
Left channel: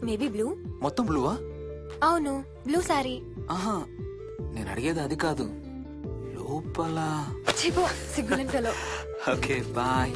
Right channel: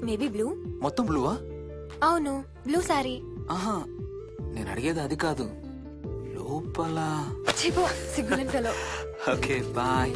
maybe blue. మొత్తం బ్లూవా? అవును, బ్లూ సారీ. ఆహా, నేను అడిగేది అది కాదు, లోపల. సిగ్గులేని ఫెలో. Okay bye.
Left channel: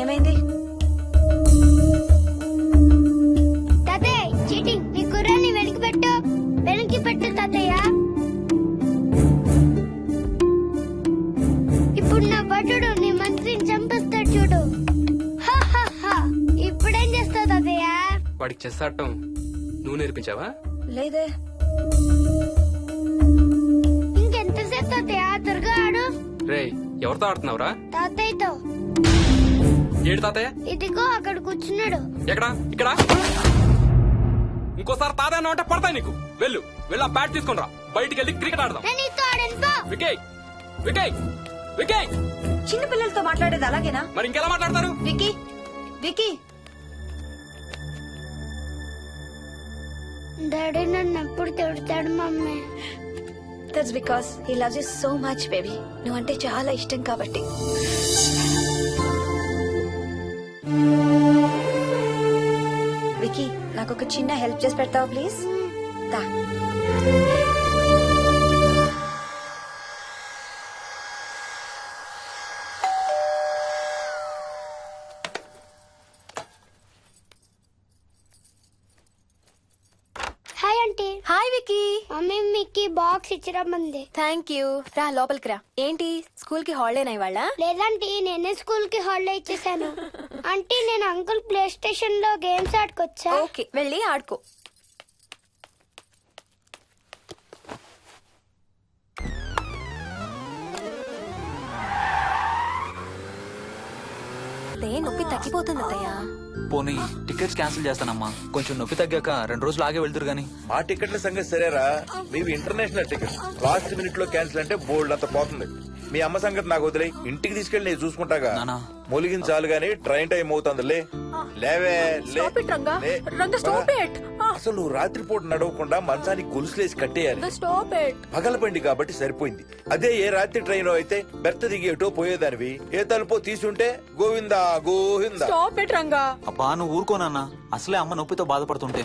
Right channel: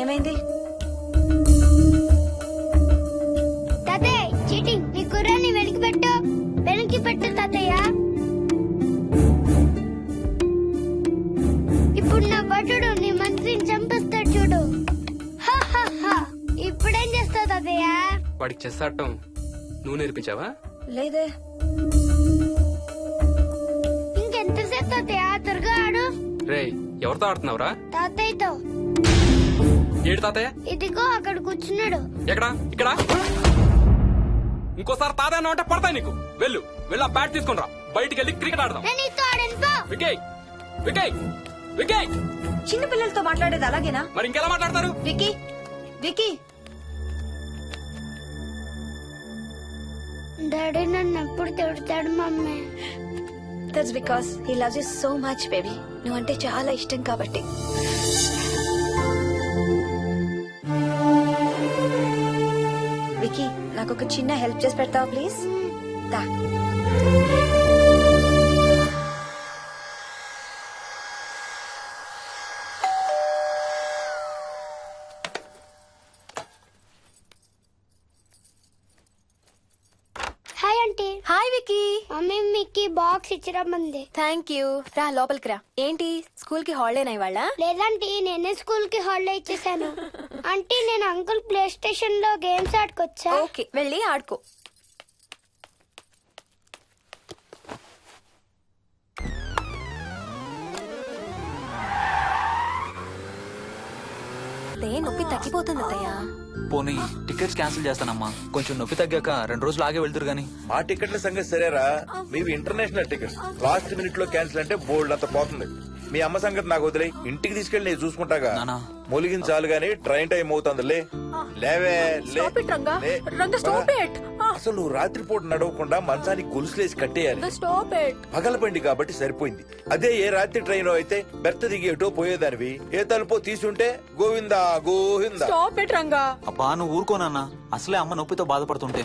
ఏమైంది? తాతయ్య చీటింగ్, నీ కుర్రాన్ని వెనక్కి పెట్టు, వెనక్కి పెట్టు తాతయ్య. ఇప్పుడు నా భటుడు నీ మంత్రిని చంపేస్తాడు చూడు. హా, హా, హా. ఇప్పుడేం చేస్తావు తాతయ్య? వాడికి చెస్ ఆడటం నువ్వు నేర్పించావా? లేదే. ఇంకెంతసేపు తాతయ్య? త్వరగా ఆడు. రేయ్, ఎవరితో ఆడుతున్నావురా? తాతయ్యతో. ఏడు తాతయ్య? ఇదిగో అక్కడ కూర్చున్నాడు. ఎక్కడా? ఇక్కడ. ఇంకోసారి తాతయ్య అంటే పడతాయి నీకు. వెళ్ళు వెళ్ళి ఆ బ్యాట్ తీసుకుని రా, బయటికి వెళ్ళి క్రికెట్ ఆడదాం. నేను నీతో ఆడను పో. వికయ్ వికయ్ వికయ్. చిన్న పిల్లలతో మాట్లాడేది అలాగేనా? మరి ఇంకెలా మాట్లాడతారు? Wiki, wiki. డాడీ నన్ను ఎప్పుడు తిడతాడు mummy. That's because he loves you so much baby. నువ్వంటే చాలా ఇష్టం కాబట్టి. వికీ, నాకు ఒక చిన్న హెల్ప్ చేసి పెడతావా ప్లీజ్? దా. Hi aunty. Hi Vicky. Mickey. Mummy మీకు బాక్స్ ఇచ్చిరమ్మంది. Thank you. రా లోపలికి రా. ఏంటి స్కూల్ కి హాలిడేనా ఇవాళ? లేదంటే నేనే స్కూల్ కి హాలిడే ఇచ్చేసాను. అంటే నేను అంకుల్ ప్లే స్టేషన్ లో గేమ్స్ ఆడుకోవచ్చా? ఓకే, వెళ్ళి ఆడుకో. నొప్పి తగ్గిపోతుంది అత్తయ్య. పోనీ టికెట్స్ క్యాన్సిల్ చేస్తానమ్మా. కొంచెం నొప్పి తగ్గాక 2 రోజులు ఆగే వెళ్తురు గానీ. మా టికెట్ల సంగతి సరేరా, మీవి ఇంటర్నేషనల్ టికెట్స్. లాస్ట్ మినిట్ లో క్యాన్సిల్ అంటే బోల్డ్ అంత పోతుంది. మీ అమ్మ సంగతి నాకు వదిలే, ఇంటికి తీసుకెళ్ళి నేను చూసుకుంటాగా. నానా. మొలిగిన చాలు గానీ ట్రైన్ టైం అవుతుంది. లేవే లే. Stop it, Ranga. లే. Ranga, stop it. అసలు నువ్వు రాత్రిపూట నడవకుండా మంచానికి గొలుసులేసి కట్టేయాలి. Stop it. పగలబండి కాబట్టి సరిపోయింది. అదే ఏ రాత్రి ట్రైన్ అయితే బెర్త దిగి ఎటో పోయేదానివి. ఏ తలుపో తీసుంటే గోవిందా గోవిందా. Stop it Ranga. అబ్బా నువ్వు ఊరుకోనన్నా, అసలే అమ్మ నొప్పితో బాధపడుతుంటే.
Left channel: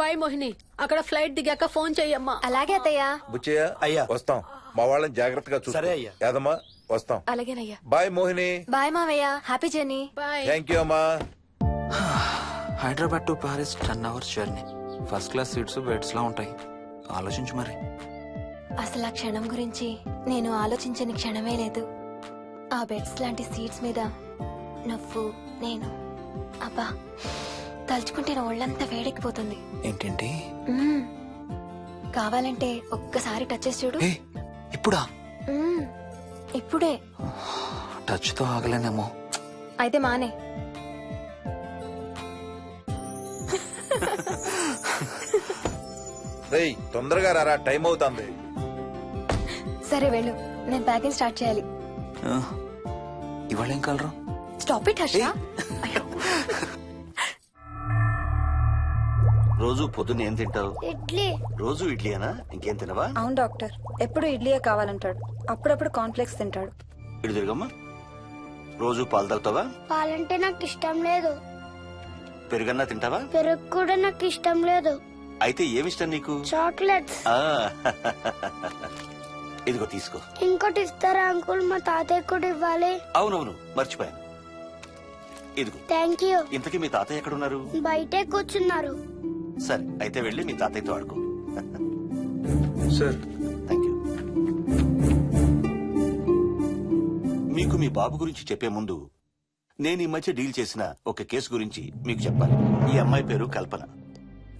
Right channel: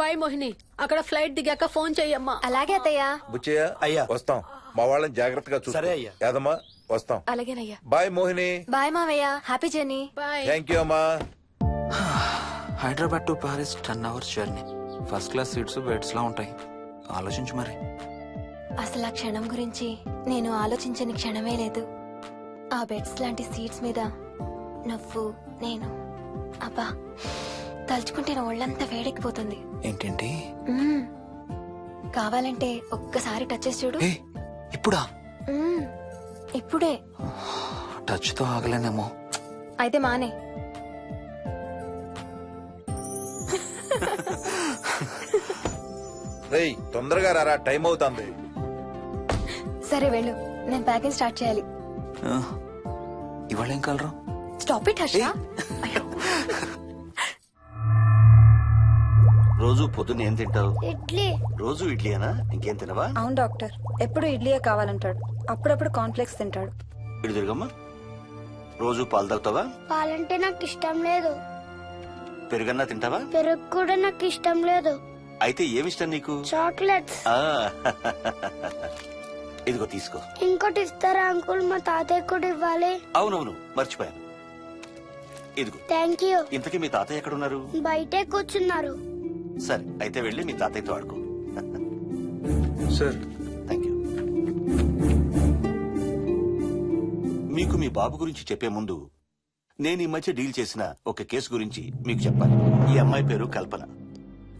బాయ్ మోహిని, అక్కడ ఫ్లైట్ దిగాక ఫోన్ చెయ్యమ్మా. అలాగే అత్తయ్య. బుచ్చయ్య అయ్యా. వస్తాం. మా వాళ్ళని జాగ్రత్తగా చూసుకో. సరే అయ్యా. యాదమ్మా వస్తాం. అలాగేనయ్యా. బాయ్ మోహిని. బాయ్ మావయ్య. Happy journey. Bye. Thank you అమ్మా. Hyderabad to Paris 10 hours journey. First class seats beds లా ఉంటాయి. ఆలోచించు మరి. అసలు ఆ క్షణం గురించి నేను ఆలోచించని క్షణమే లేదు. ఆ బెడ్స్ లాంటి సీట్స్ మీద నువ్వు నేను, అబ్బా తలుచుకుంటే నా ఒళ్ళంతా వేడెక్కిపోతుంది. ఏంటేంటి? మ్మ్. కావాలంటే ఒక్కసారి టచ్ చేసి చూడు. ఏ ఇప్పుడా? మ్మ్. ఇప్పుడే. టచ్ తో ఆగలేనేమో. అయితే మానే. రేయ్ తొందరగా రారా, టైం అవుతుంది. సరే వెళ్ళు, నేను ప్యాకింగ్ స్టార్ట్ చేయాలి. ఇవాళ ఏం కలరు? Stop it Harsha. అయ్యో. రోజు పొద్దున్న ఏం తింటావు? ఇడ్లీ. రోజు ఇడ్లీనా? ఇంకేం తినవా? అవును డాక్టర్, ఎప్పుడు ఇడ్లీయే కావాలంటాడు. అప్పుడప్పుడు కాన్ఫ్లెక్స్ తింటాడు. ఇటు తిరగమ్మా. రోజు పాలు తాగుతావా? పాలంటే నాకు ఇష్టం లేదు. పెరుగన్నా తింటావా? పెరుగు కూడా నాకు ఇష్టం లేదు. అయితే ఏమిష్టం నీకు? చాక్లెట్స్. ఆ, ఇదిగో తీసుకో. ఇంకోటి ఇస్తారా అంకుల్? మా తాతయ్య కూడా ఇవ్వాలి. అవునవును మర్చిపోయాను. ఇదిగో. Thank you. ఇంతకీ మీ తాతయ్య ఎక్కడున్నారు? బయటే కూర్చున్నారు. సరే అయితే వెళ్ళి మీ తాతయ్యతో ఆడుకో. Sir thank you. మీకు మీ బాబు గురించి చెప్పే ముందు నేను ఈ మధ్య డీల్ చేసిన ఒక కేసు గురించి మీకు చెప్పాలి. ఈ అమ్మాయి పేరు కల్పన.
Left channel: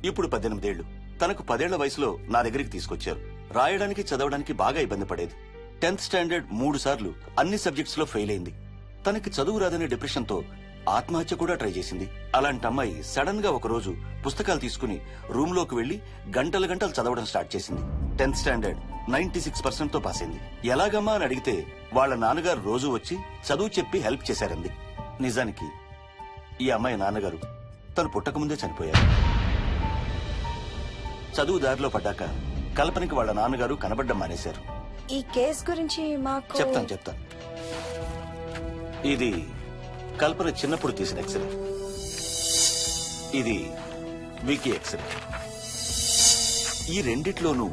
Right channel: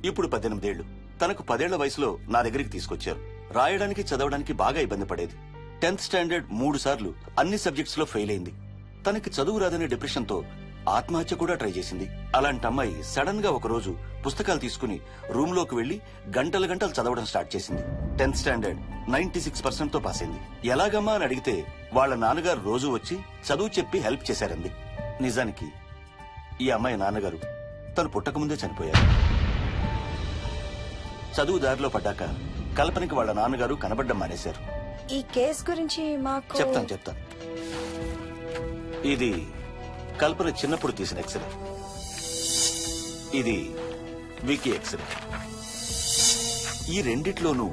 ఇప్పుడు 18 ఏళ్లు. తనకు 10 ఏళ్ల వయసులో నా దగ్గరికి తీసుకొచ్చారు. రాయడానికి చదవడానికి బాగా ఇబ్బంది పడేది. 10th స్టాండర్డ్ 3 సార్లు అన్ని సబ్జెక్ట్స్ లో ఫెయిల్ అయింది. తనకి చదువు రాదనే డిప్రెషన్ తో ఆత్మహత్య కూడా ట్రై చేసింది. అలాంటి అమ్మాయి సడన్ గా ఒక రోజు పుస్తకాలు తీసుకుని రూమ్ లోకి వెళ్లి గంటలు గంటలు చదవడం స్టార్ట్ చేసింది. 10th స్టాండర్డ్ 96% తో పాస్ అయింది. ఎలాగమ్మా అని అడిగితే వాళ్ళ నాన్నగారు రోజు వచ్చి చదువు చెప్పి హెల్ప్ చేశారంది. నిజానికి ఈ అమ్మాయి నాన్నగారు తను పుట్టకముందే చనిపోయారు. చదువు దారిలో పడ్డాక కల్పనకి వాళ్ళ నాన్నగారు కనబడ్డం మానేశారు. ఈ కేస్ గురించి మాకు చెప్తాను. ఇది కల్పన చిన్నప్పుడు తీసిన ఎక్స్రే. ఇది వికీ ఎక్స్రే. ఈ రెండిట్లోనూ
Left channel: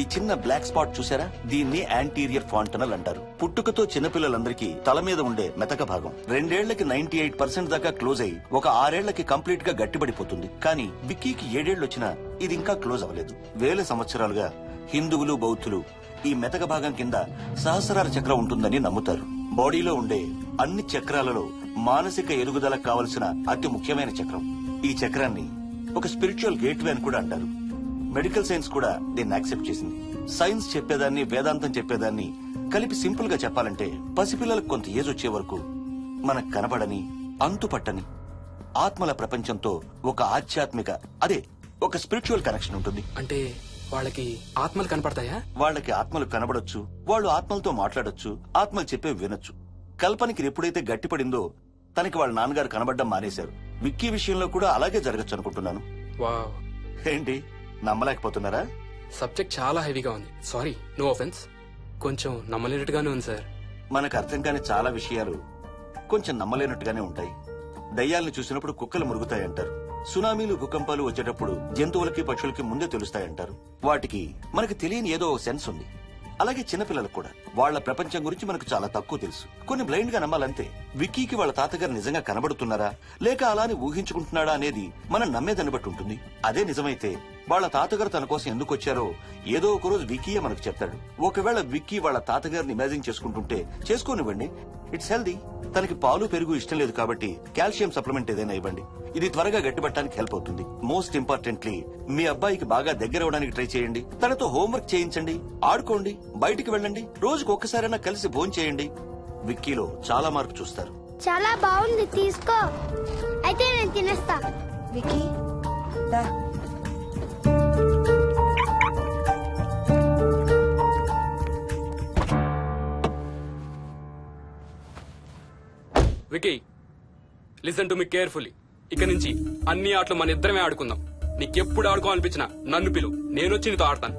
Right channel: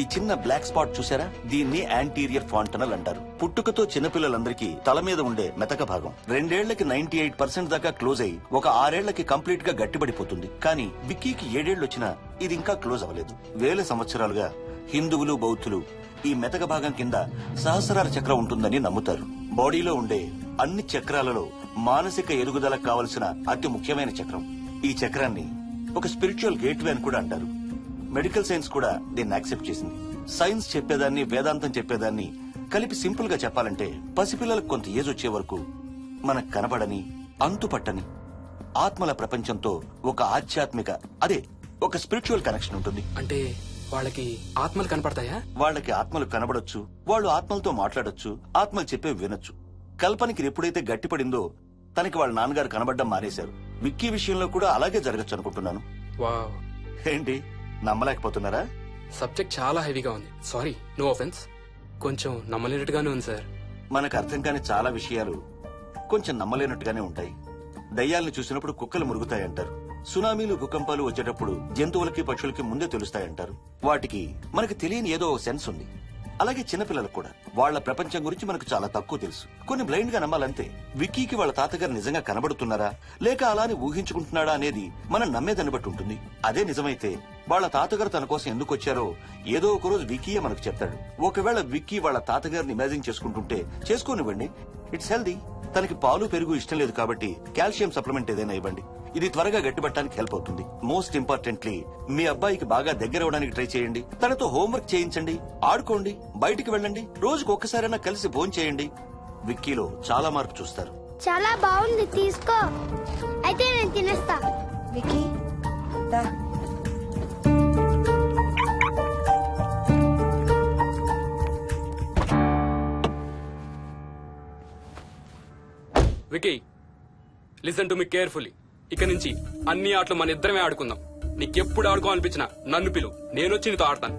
ఈ చిన్న బ్లాక్ స్పాట్ చూసారా? దీన్ని యాంటీరియర్ ఫాంటనల్ అంటారు. పుట్టుకతో చిన్నపిల్లలందరికీ తల మీద ఉండే మెతక భాగం 2 ఏళ్లకి 98% దాకా క్లోజ్ అయి ఒక 6 ఏళ్లకి కంప్లీట్ గా గట్టిపడిపోతుంది. కానీ విక్కీకి 7 ఏళ్లు వచ్చినా ఇది ఇంకా క్లోజ్ అవ్వలేదు. వేల సంవత్సరాలుగా హిందువులు బౌద్ధులు ఈ మెతక భాగం కింద సహస్రార చక్రం ఉంటుందని నమ్ముతారు. బాడీలో ఉండే అన్ని చక్రాలలో మానసిక ఎదుగుదలకు కావలసిన అతి ముఖ్యమైన చక్రం. ఈ చక్రాన్ని ఒక స్పిరిచువల్ గేట్వే అని కూడా అంటారు. మెడికల్ సైన్స్ కూడా దీన్ని యాక్సెప్ట్ చేసింది. సైన్స్ చెప్పేదాన్ని వేదాంతం చెప్పేదాన్ని కలిపి సింపుల్ గా చెప్పాలంటే పసిపిల్లలకు కొంత ఏజ్ వచ్చే వరకు మనకు కనబడని అంతుపట్టని ఆత్మల ప్రపంచంతో ఒక ఆధ్యాత్మిక ఒక స్పిరిచువల్ కనెక్షన్ ఉంటుంది. అంటే వాళ్ళకి ఆత్మలు కనపడతాయా? వాళ్ళకి ఆత్మలు కనబడొచ్చు, వాళ్ళు ఆత్మలతో మాట్లాడొచ్చు, ఆత్మలు చెప్పే వినొచ్చు. కల్పనకి ఎప్పుడైతే గట్టిపడిందో తనకి వాళ్ళ నాన్నగారు కనబడ్డం మానేశారు. విక్కీ విషయంలో కూడా అలాగే జరగచ్చు అనుకుంటున్నాను. వావ్, ఏంటి నమ్మలేకపోతున్నారా? సబ్జెక్ట్ చాలా హెవీగా ఉంది. Sorry, no offence. కొంచెం నమ్మలేనట్టుగానే ఉంది సార్. మనకు అర్థం కాని చాలా విషయాలు కొంచెం నమ్మలేనట్టుగానే ఉంటాయి. దయ్యాలను చూసినప్పుడు కుక్కలు మురుగుతాయంటారు. సునామీలు భూకంపాలు వచ్చేటప్పుడు జంతువులకి పక్షులకి ముందే తెలుస్తాయంటారు. వాటికి మనకు తెలియని ఏదో సెన్స్ ఉంది. అలాగే చిన్నపిల్లలకు కూడా వాళ్ల ప్రపంచం గురించి మనకు చాలా తక్కువ తెలుసు. కొన్ని బ్లైండ్ గా నమ్మాలంతే. విక్కీకి వాళ్ళ తాతగారు నిజంగా కనబడుతున్నారా లేక అలానే ఊహించుకుంటున్నాడా అనేది మనం నమ్మేదాన్ని బట్టి ఉంటుంది. అదే నిజమైతే వాళ్ళ తాతగారు తన కోసం ఎందుకు వచ్చారో ఏదో ఒక రోజు విక్కీయే మనకు చెప్తాడు. ఒకవేళ విక్కీ వాళ్ళ తాతగారిని ఇమాజిన్ చేసుకుంటుంటే చేసుకోనివ్వండి, ఇట్స్ హెల్దీ. తనకి పాలు పెరుగు ఇష్టం లేదు కాబట్టి కాల్షియం సప్లిమెంట్ ఏదైనా ఇవ్వండి. ఇది త్వరగా గట్టిపట్టడానికి హెల్ప్ అవుతుంది. మోస్ట్ ఇంపార్టెంట్లీ మీ అబ్బాయికి బాగా దగ్గర అవడానికి ట్రై చేయండి. తనతో హోంవర్క్ చేయించండి, ఆడుకోండి, బయటికి వెళ్ళండి, రోజుకు ఒక్కసారైనా కలిసి భోజనం చేయండి. విక్కీలో చాలా మార్పు చూస్తారు. చాలా బాగుంది, తీసుకో. అయితే నేను తినేస్తా. విక్కీ దా. Vicky, listen to me carefully. ఇక నుంచి అన్ని ఆటలు మన ఇద్దరమే ఆడుకుందాం. నీకెప్పుడు ఆడుకోవాలనిపించినా నన్ను పిలు, నేనొచ్చి నీతో ఆడతాను.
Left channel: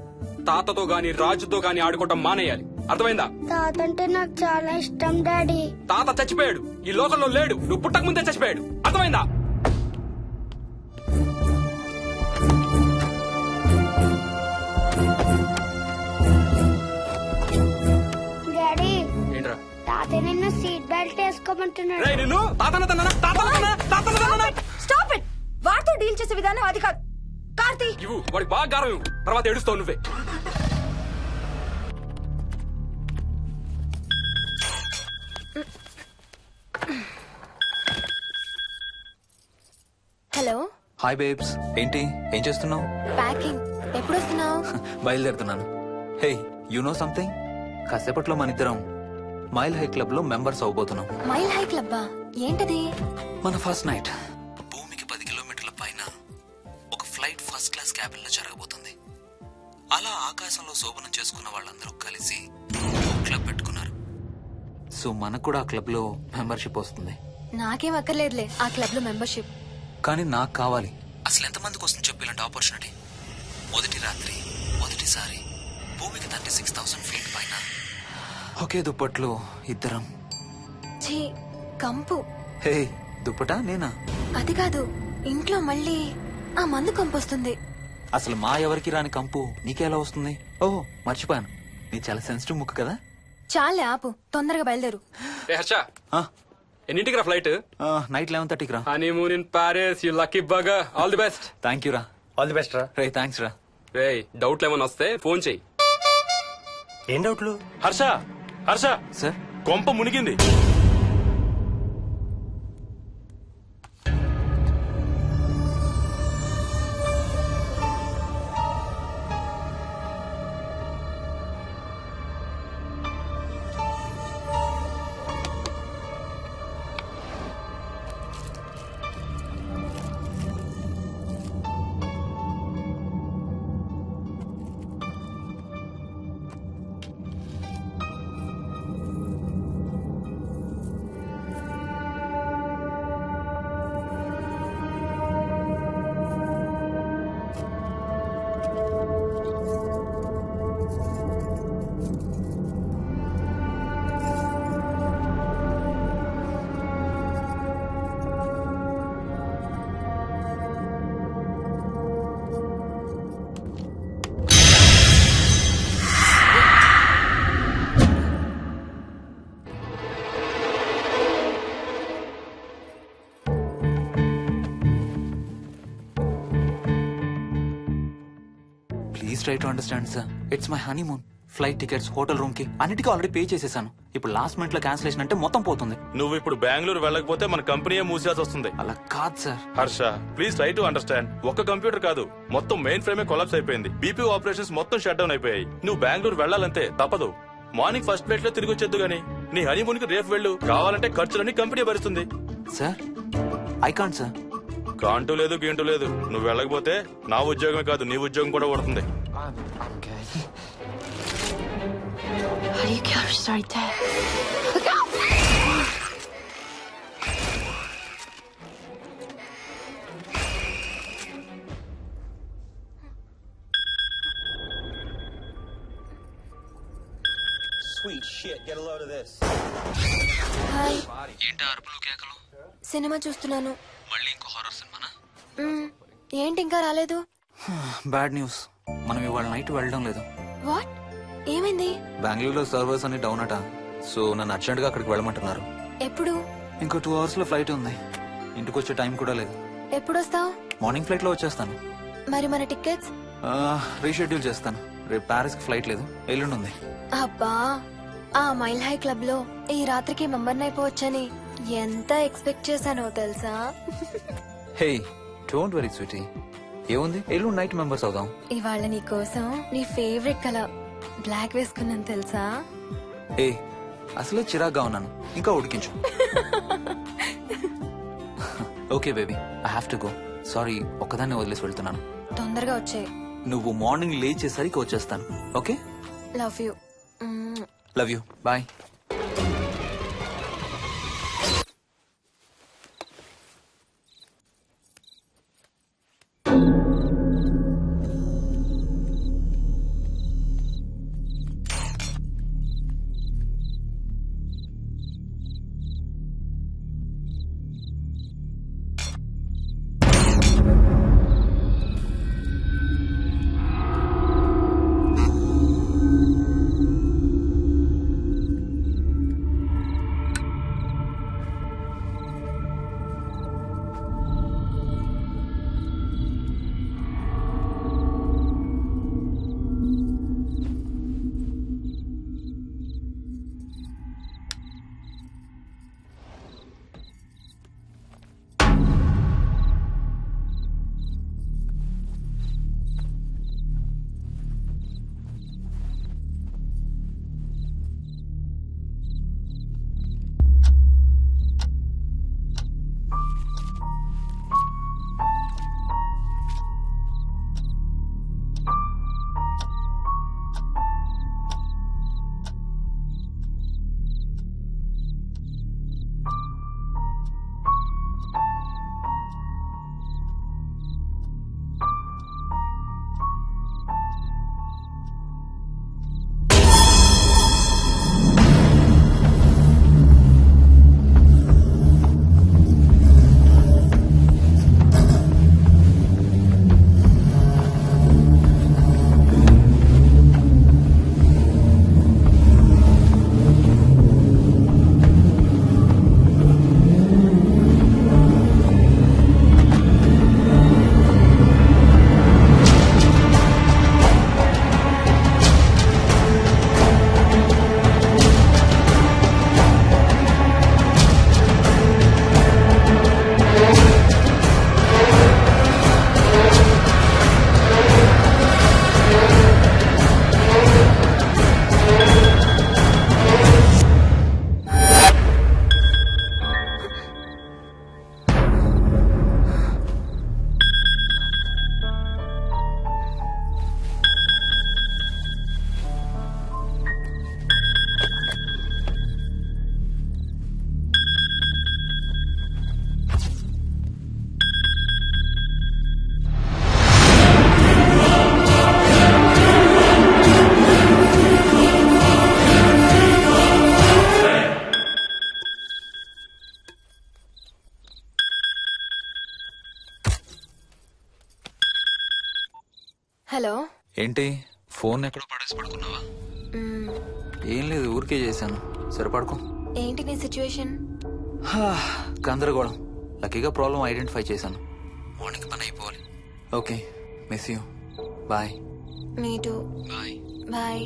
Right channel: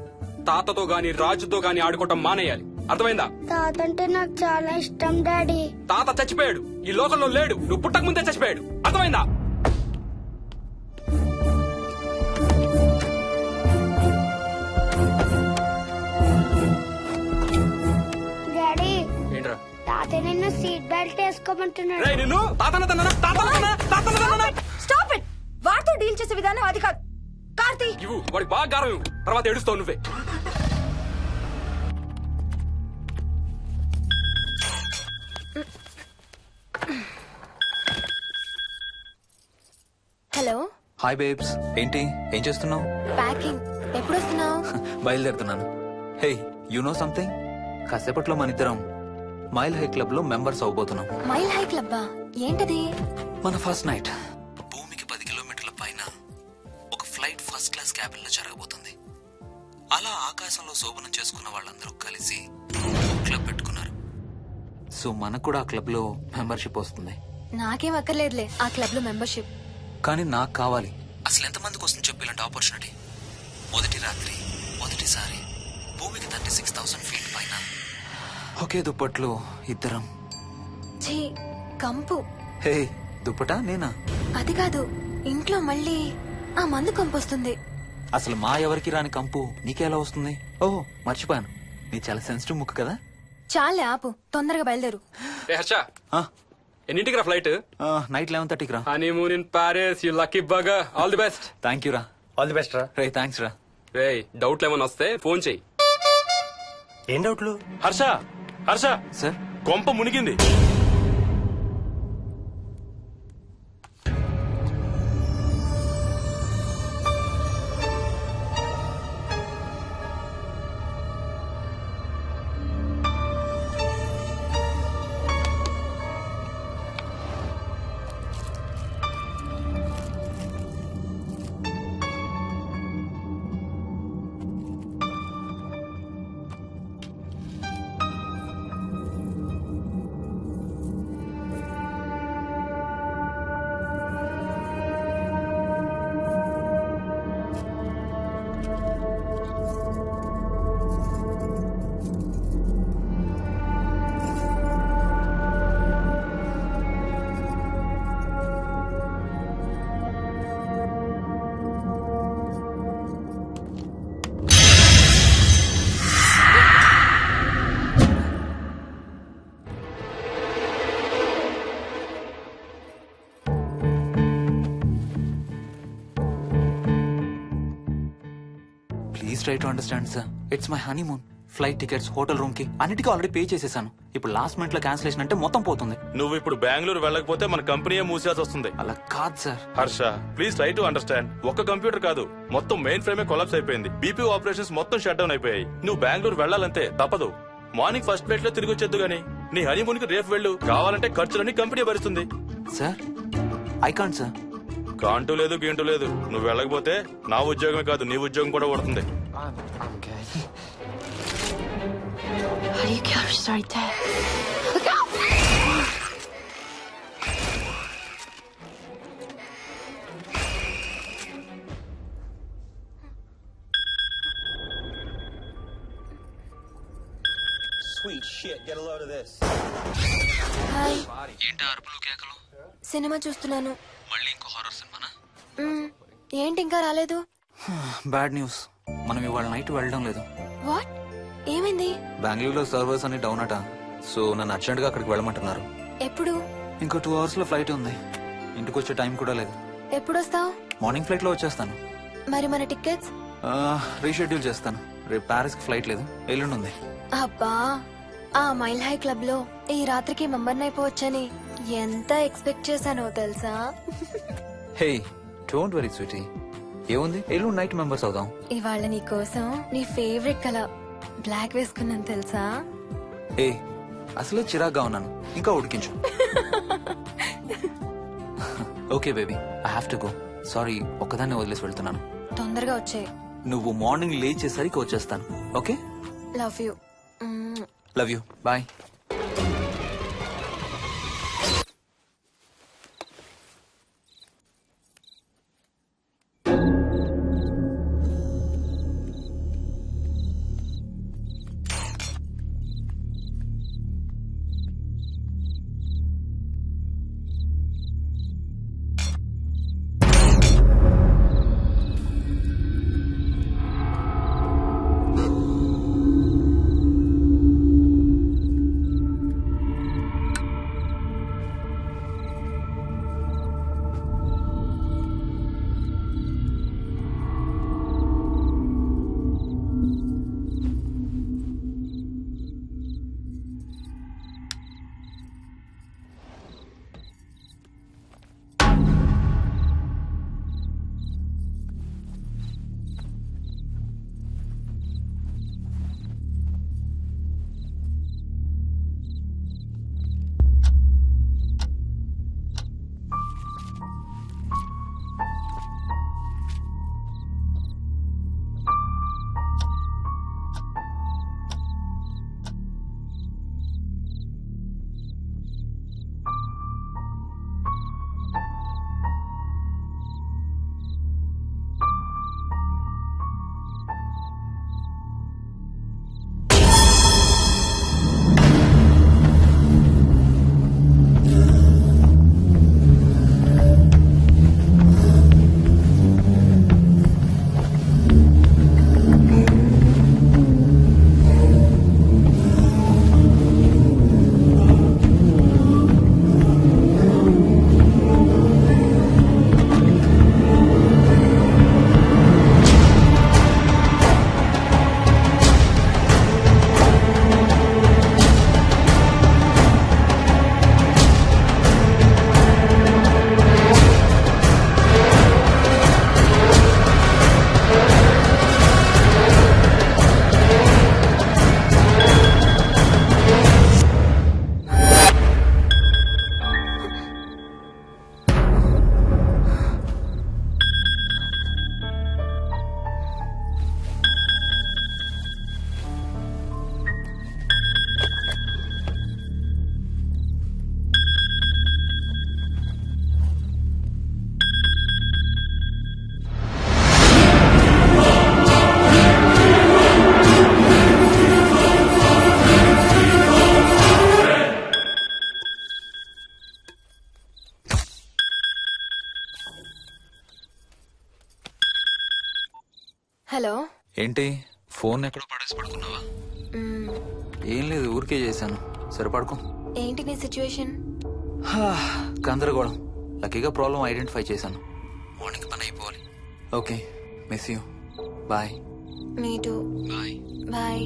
తాతతో గాని రాజుతో గాని ఆడుకోవటం మానేయాలి, అర్థమైందా? తాత అంటే నాకు చాలా ఇష్టం డాడీ. తాత చచ్చిపోయాడు, ఈ లోకంలో లేడు. నువ్వు పుట్టక ముందే చచ్చిపోయాడు, అర్థమైందా? డాడీ ఏంట్రా? తాత నిన్ను సీట్ బెల్ట్ వేసుకోమంటున్నాడు. రేయ్, నిన్ను స్టాప్ ఇట్. వాడితో డీల్ చేసే విధానం అది కాదు. కార్తీ, ఇవ్వు, వాడికి బాగా గారం ఇవ్వు, తర్వాత ఏడుస్తావు నువ్వే. హలో. హాయ్ బేబ్స్, ఏంటి ఏం చేస్తున్నావు? ప్యాకింగ్. ఎప్పుడు వస్తున్నావు? బయలుదేరుతున్నాను. Hey, you know something? కాసేపట్లో మన ఇద్దరం మైల్ హై క్లబ్ లో మెంబర్స్ అవబోతున్నాం. మైల్ హై క్లబ్బా? ఏంటది? మన ఫస్ట్ నైట్ భూమికి 10 కిలోమీటర్ల పైన ఒక ఫ్లైట్ ఫస్ట్ క్లాస్ క్యాబిన్ లో జరగబోతుంది. అలా ఆకాశంలో శోభనం చేసుకున్న వాళ్ళందరూ కలిసి క్లబ్ పెట్టుకున్నారు. సో మనకు కూడా ఆ క్లబ్ లో మెంబర్షిప్ వస్తుంది. నాకేం అక్కర్లేదులే ఆ క్లబ్ లో మెంబర్షిప్. కానీ నాకు కావాలి. అసలు ఎంతమందికి వస్తుంది చెప్పు ఇలాంటి ఆపర్చునిటీ? మొదటి రాత్రి, మొదటిసారి భూమికి 36,000 ఫీట్ పైన ఒకే దుప్పట్లో ఇద్దరం. ఛీ, కంపు. హే, దుప్పటా నేనా? అది కాదు, ఇంట్లో మళ్ళీ ఆ మందు కంపు వస్తుంది. అసలు మా ఎవరికి రాని కంపు నీకెలా వస్తుంది? ఓహో, మర్చిపోయాను, నీ చాలా సెన్సిటివ్ ముక్కు కదా. చాలే ఆపు, తొందరగా బయలుదేరు. ఏ హర్ష, ఆ, ఎన్నింటికి రా ఫ్లైట్? నైట్ 11:30కి రా. Honeymoon in Paris, you lucky bugger. All the best. Thank you రా. ఆల్ ది బెస్ట్ రా. రే, థ్యాంక్స్ రా. రే, డౌట్లు ఏమైనా వస్తే ఫోన్ చెయ్యి. ఏం డౌట్లు? హర్ష, హర్ష, సార్, కొంప మునిగింది. Please try to understand sir. It's my honeymoon. Flight tickets, hotel room కి అన్నిటికీ ఆల్రెడీ పే చేసేసాను. ఇప్పుడు లాస్ట్ మినిట్ లో క్యాన్సిలేషన్ అంటే మొత్తం పోతుంది. నువ్వు ఇప్పుడు బెంగళూరు వెళ్ళకపోతే మన కంపెనీయే మూసేయాల్సి వస్తుంది. అలా కాదు sir. Harsha, please try to understand. ఒక్క కంప్యూటర్ కాదు, మొత్తం మెయిన్ ఫ్రేమే కొలాప్స్ అయిపోయింది. బీపీ ఆపరేషన్స్ మొత్తం షట్ డౌన్ అయిపోయాయి. నువ్వు బెంగళూరు వెళ్ళాలంతే, తప్పదు. మార్నింగ్ ఫస్ట్ ఫ్లైట్ లో తిరిగి వచ్చేద్దు గానీ నీ హనీమూన్ కి రేపు వెళ్ళు. కావాలంటే ఖర్చులన్నీ కంపెనీ భరిస్తుంది. Sir, I can't sir. కాంటూ లేదు, గీంటూ లేదు. నువ్వు వెళ్ళకపోతే నా ఉద్యోగమే కాదు, నీ ఉద్యోగం కూడా పడుతుంది. Sorry, Dad. హాయ్. ఏంటి అరుపులు కేకలు? సినిమా చూస్తున్నాను. మళ్ళీ ఇంకో హారర్ సినిమానా? ఏంటి ఇంకా రాలేదు? బ్యాడ్ న్యూస్, మనం ఇవాళ నైట్ వెళ్ళడం లేదు. వాట్? ఏమైంది? బెంగళూరులో సర్వర్స్ అన్ని డౌన్ అట. సో నన్ను అర్జెంట్ గా అక్కడికి వెళ్ళమంటున్నారు. ఎప్పుడు? ఇంకో 2 hours లో ఫ్లైట్ ఉంది. ఇంటికి వచ్చే టైం కూడా లేదు. ఎప్పుడు వస్తావు? మార్నింగ్ ఫ్లైట్ లో వచ్చేస్తాను. మరి మన టికెట్స్? రీషెడ్యూల్ చేస్తాను. రేపు ప్యారిస్ కి ఫ్లైట్ లేదు, ఎల్లుండి ఉంది. అబ్బా, ఆ మైల్ హై క్లబ్ లో ఈ రాత్రికి మెంబర్ అయిపోవచ్చని ఎంత ఎక్స్పెక్ట్ చేశానో తెలుసా? హే డోంట్ వరీ స్వీటీ, ఏముంది ఎల్లుండి నైట్ మెంబర్స్ అవుదాం. ఇవాళ నీ కోసం నీ ఫేవరెట్ కలర్ బ్లాక్ వేసుకున్నాను తెలుసా? ఏ అసలే చిరాగ్గా ఉన్నాను, ఇంకా ఉడికించు. Okay baby, I have to go. Sorry, ఒక్కదాన్ని వదిలేసి వెళ్తున్నాను. తొందరగా వచ్చే. నువ్వు మార్నింగ్ లేచేసరికి వచ్చేస్తాను. Okay, love you. Love you, bye. Hello. ఏంటి ఫోన్ ఎక్కడో పడేసి పడుకున్నావా? ఏం లేదు, ఊరికే చేశాను. సరే పడుకో. ఏంటి నీ సిచ్యువేషన్? గందరగోళం. లక్కీగా ప్రాబ్లం ఐడెంటిఫై చేశాను. మార్నింగ్ పని అయిపోవాలి. Okay, miss you. Bye. Me too. Bye. Bye.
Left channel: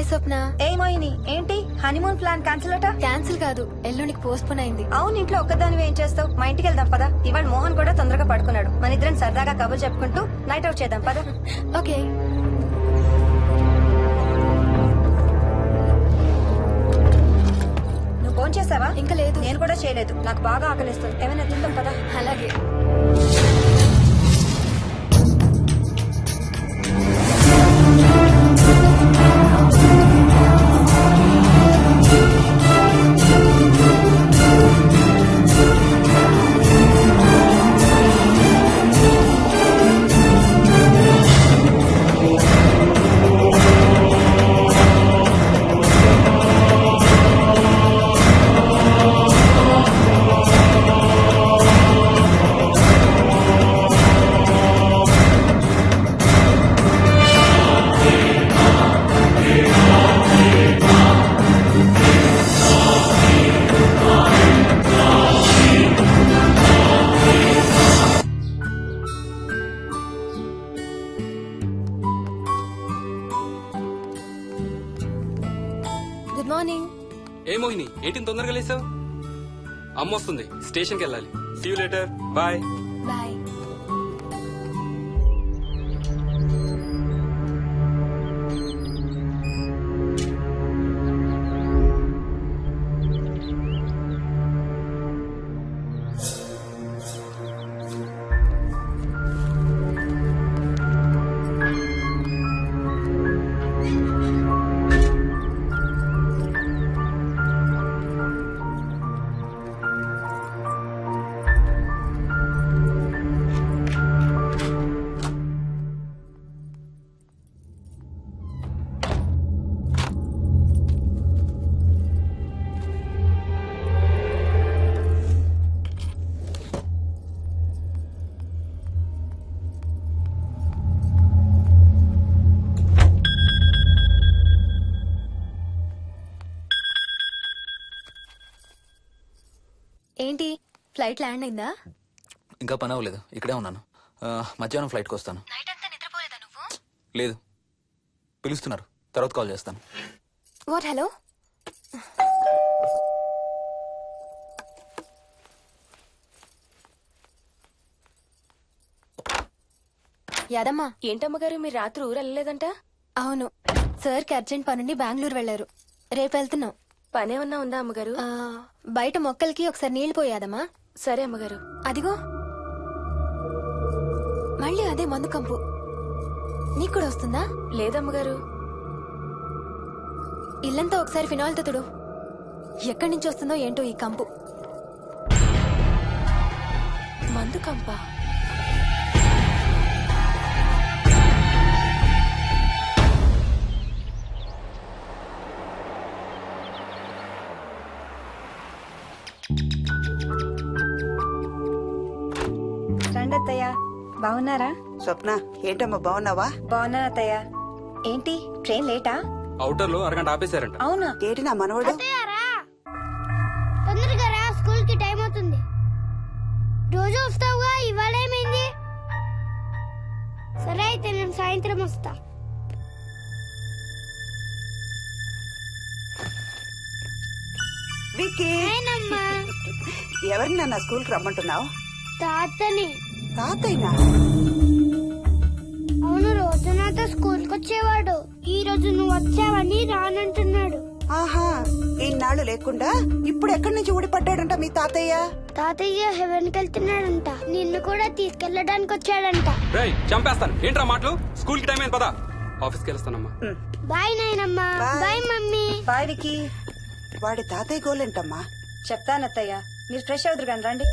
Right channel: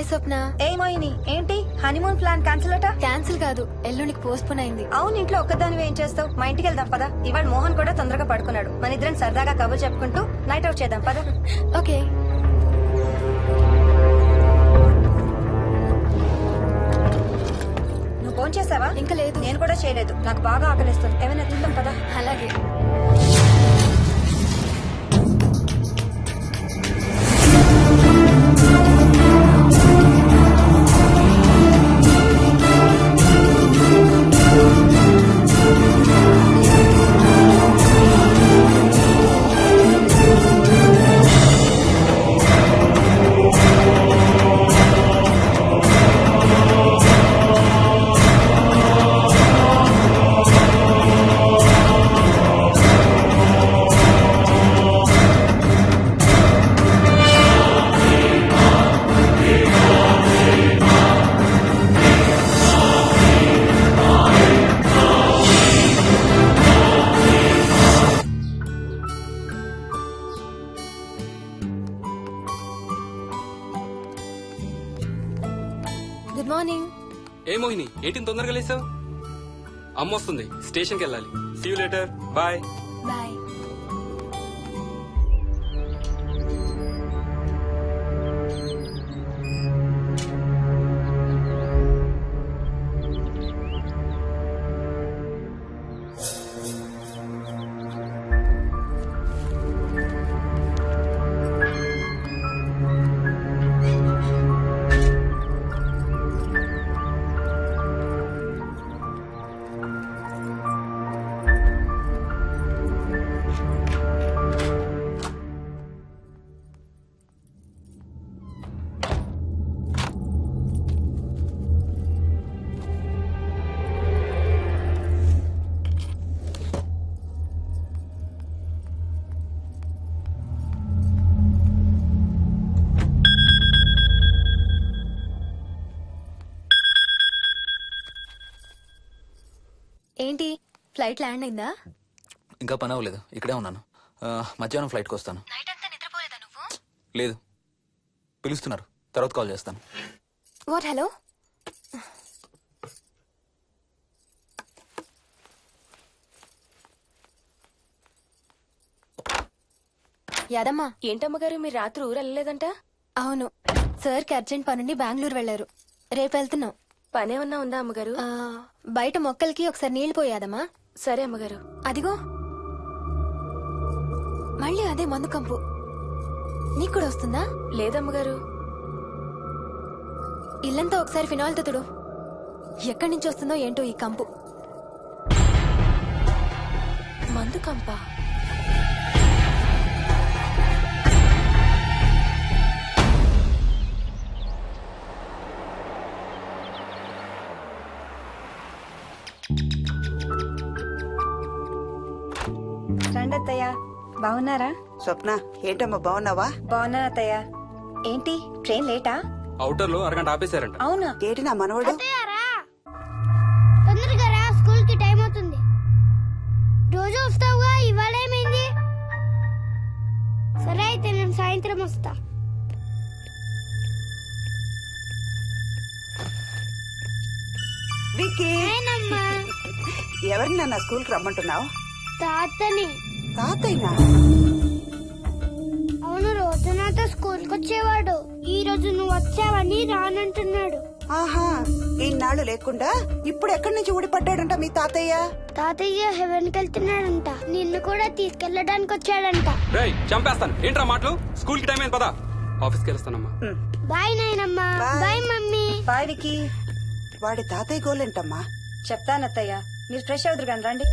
Hi Swapna. ఏమోయిని ఏంటి హనీమూన్ ప్లాన్ క్యాన్సిల్ అట? క్యాన్సిల్ కాదు, ఎల్లుండికి పోస్ట్ పోన్ అయింది. అవును, ఇంట్లో ఒక్కదానివి ఏం చేస్తావు? మా ఇంటికి వెళ్దాం పదా. ఇవాళ మోహన్ కూడా తొందరగా పడుకున్నాడు. మన ఇద్దరం సరదాగా కబుర్లు చెప్పుకుంటూ నైట్ అవుట్ చేద్దాం పదా. ఓకే. నువ్వు ఫోన్ చేసావా? ఇంకా లేదు. నేను కూడా చేయలేదు. నాకు బాగా ఆకలిస్తుంది. ఏమైనా తిందాం పదా. అలాగే. Good morning. ఏ మోహిని, ఏంటి తొందరగా లేసావు? అమ్మ వస్తుంది, స్టేషన్కి వెళ్ళాలి. See you later. Bye. Bye. ఏంటి, ఫ్లైట్ ల్యాండ్ అయిందా? ఇంకా పని అవ్వలేదు, ఇక్కడే ఉన్నాను. మధ్యాహ్నం ఫ్లైట్కి వస్తాను. నైట్ అంతా నిద్రపోలేదా నువ్వు? లేదు, పిలుస్తున్నారు, తర్వాత కాల్ చేస్తాను. వాట్? హలో. యాదమ్మా. ఏంటమ్మగారు మీరు రాత్రి ఊరు వెళ్ళలేదంట? అవును, సార్కి అర్జెంట్ పనుండి బెంగళూరు వెళ్లారు. రేపు వెళ్తున్నాం. పనేమన్నా ఉందా అమ్మగారు? బయట మొక్కలకి ఒకసారి నీళ్లు పోయాదమ్మా. సరే అమ్మగారు. అదిగో మళ్ళీ అదే మందు కంపు. నీకు కూడా వస్తుందా? లేదమ్మగారు. ఇల్లంతా ఒకసారి ఫినాయిల్తో తుడు. ఎక్కడి నుంచి వస్తుందో ఏంటో ఈ కంపు. మందు కంపా? రండి అత్తయ్య. బాగున్నారా? స్వప్న, ఏంటమ్మా బాగున్నావా? బాగున్నాను అత్తయ్య. ఏంటి ట్రైన్ లేటా? అవుటర్ లో అరగంట ఆపేశారంట. అవునా? ఏంటి నా మనవడు? తొందరగా రా, స్కూల్ కి టైం అవుతుంది. రోజు వస్తావుగా, ఇవాళ ఏమైంది? సరే అయితే నేను సాయంత్రం వస్తా. విక్కీ, నేనమ్మా. ఎవరిని నన్ను స్కూల్ కి రమ్మంటున్నావు? తాతని. తాతయ్యనా? అవును, రోజు నాతో స్కూల్ కి వచ్చేవాడు. ఈ రోజు నువ్వు వచ్చావని రానంటున్నాడు. ఆహా, ఇన్నాళ్ళు లేకుండా ఇప్పుడు ఎక్కడి నుంచి ఊడిపడ్డాడంట మీ తాతయ్య? తాతయ్య హెవెన్ కి వెళ్తున్నాడంట. నిన్ను కూడా తీసుకెళ్లడానికి వచ్చాడంట. రేయ్, చంపేస్తాను. ఏంట్రా మాటలు? స్కూల్ కి టైం అయింది, పదా. ఆఫీస్కి వెళ్తానమ్మా. బాయ్ నాయనమ్మా. Bye mummy. బాయ్ వికీ. వాడి తాతయ్య గోలేంటమ్మా? చెప్తానత్తయ్య, మీరు ఫ్రెష్ అవుతురు కానీ రండి.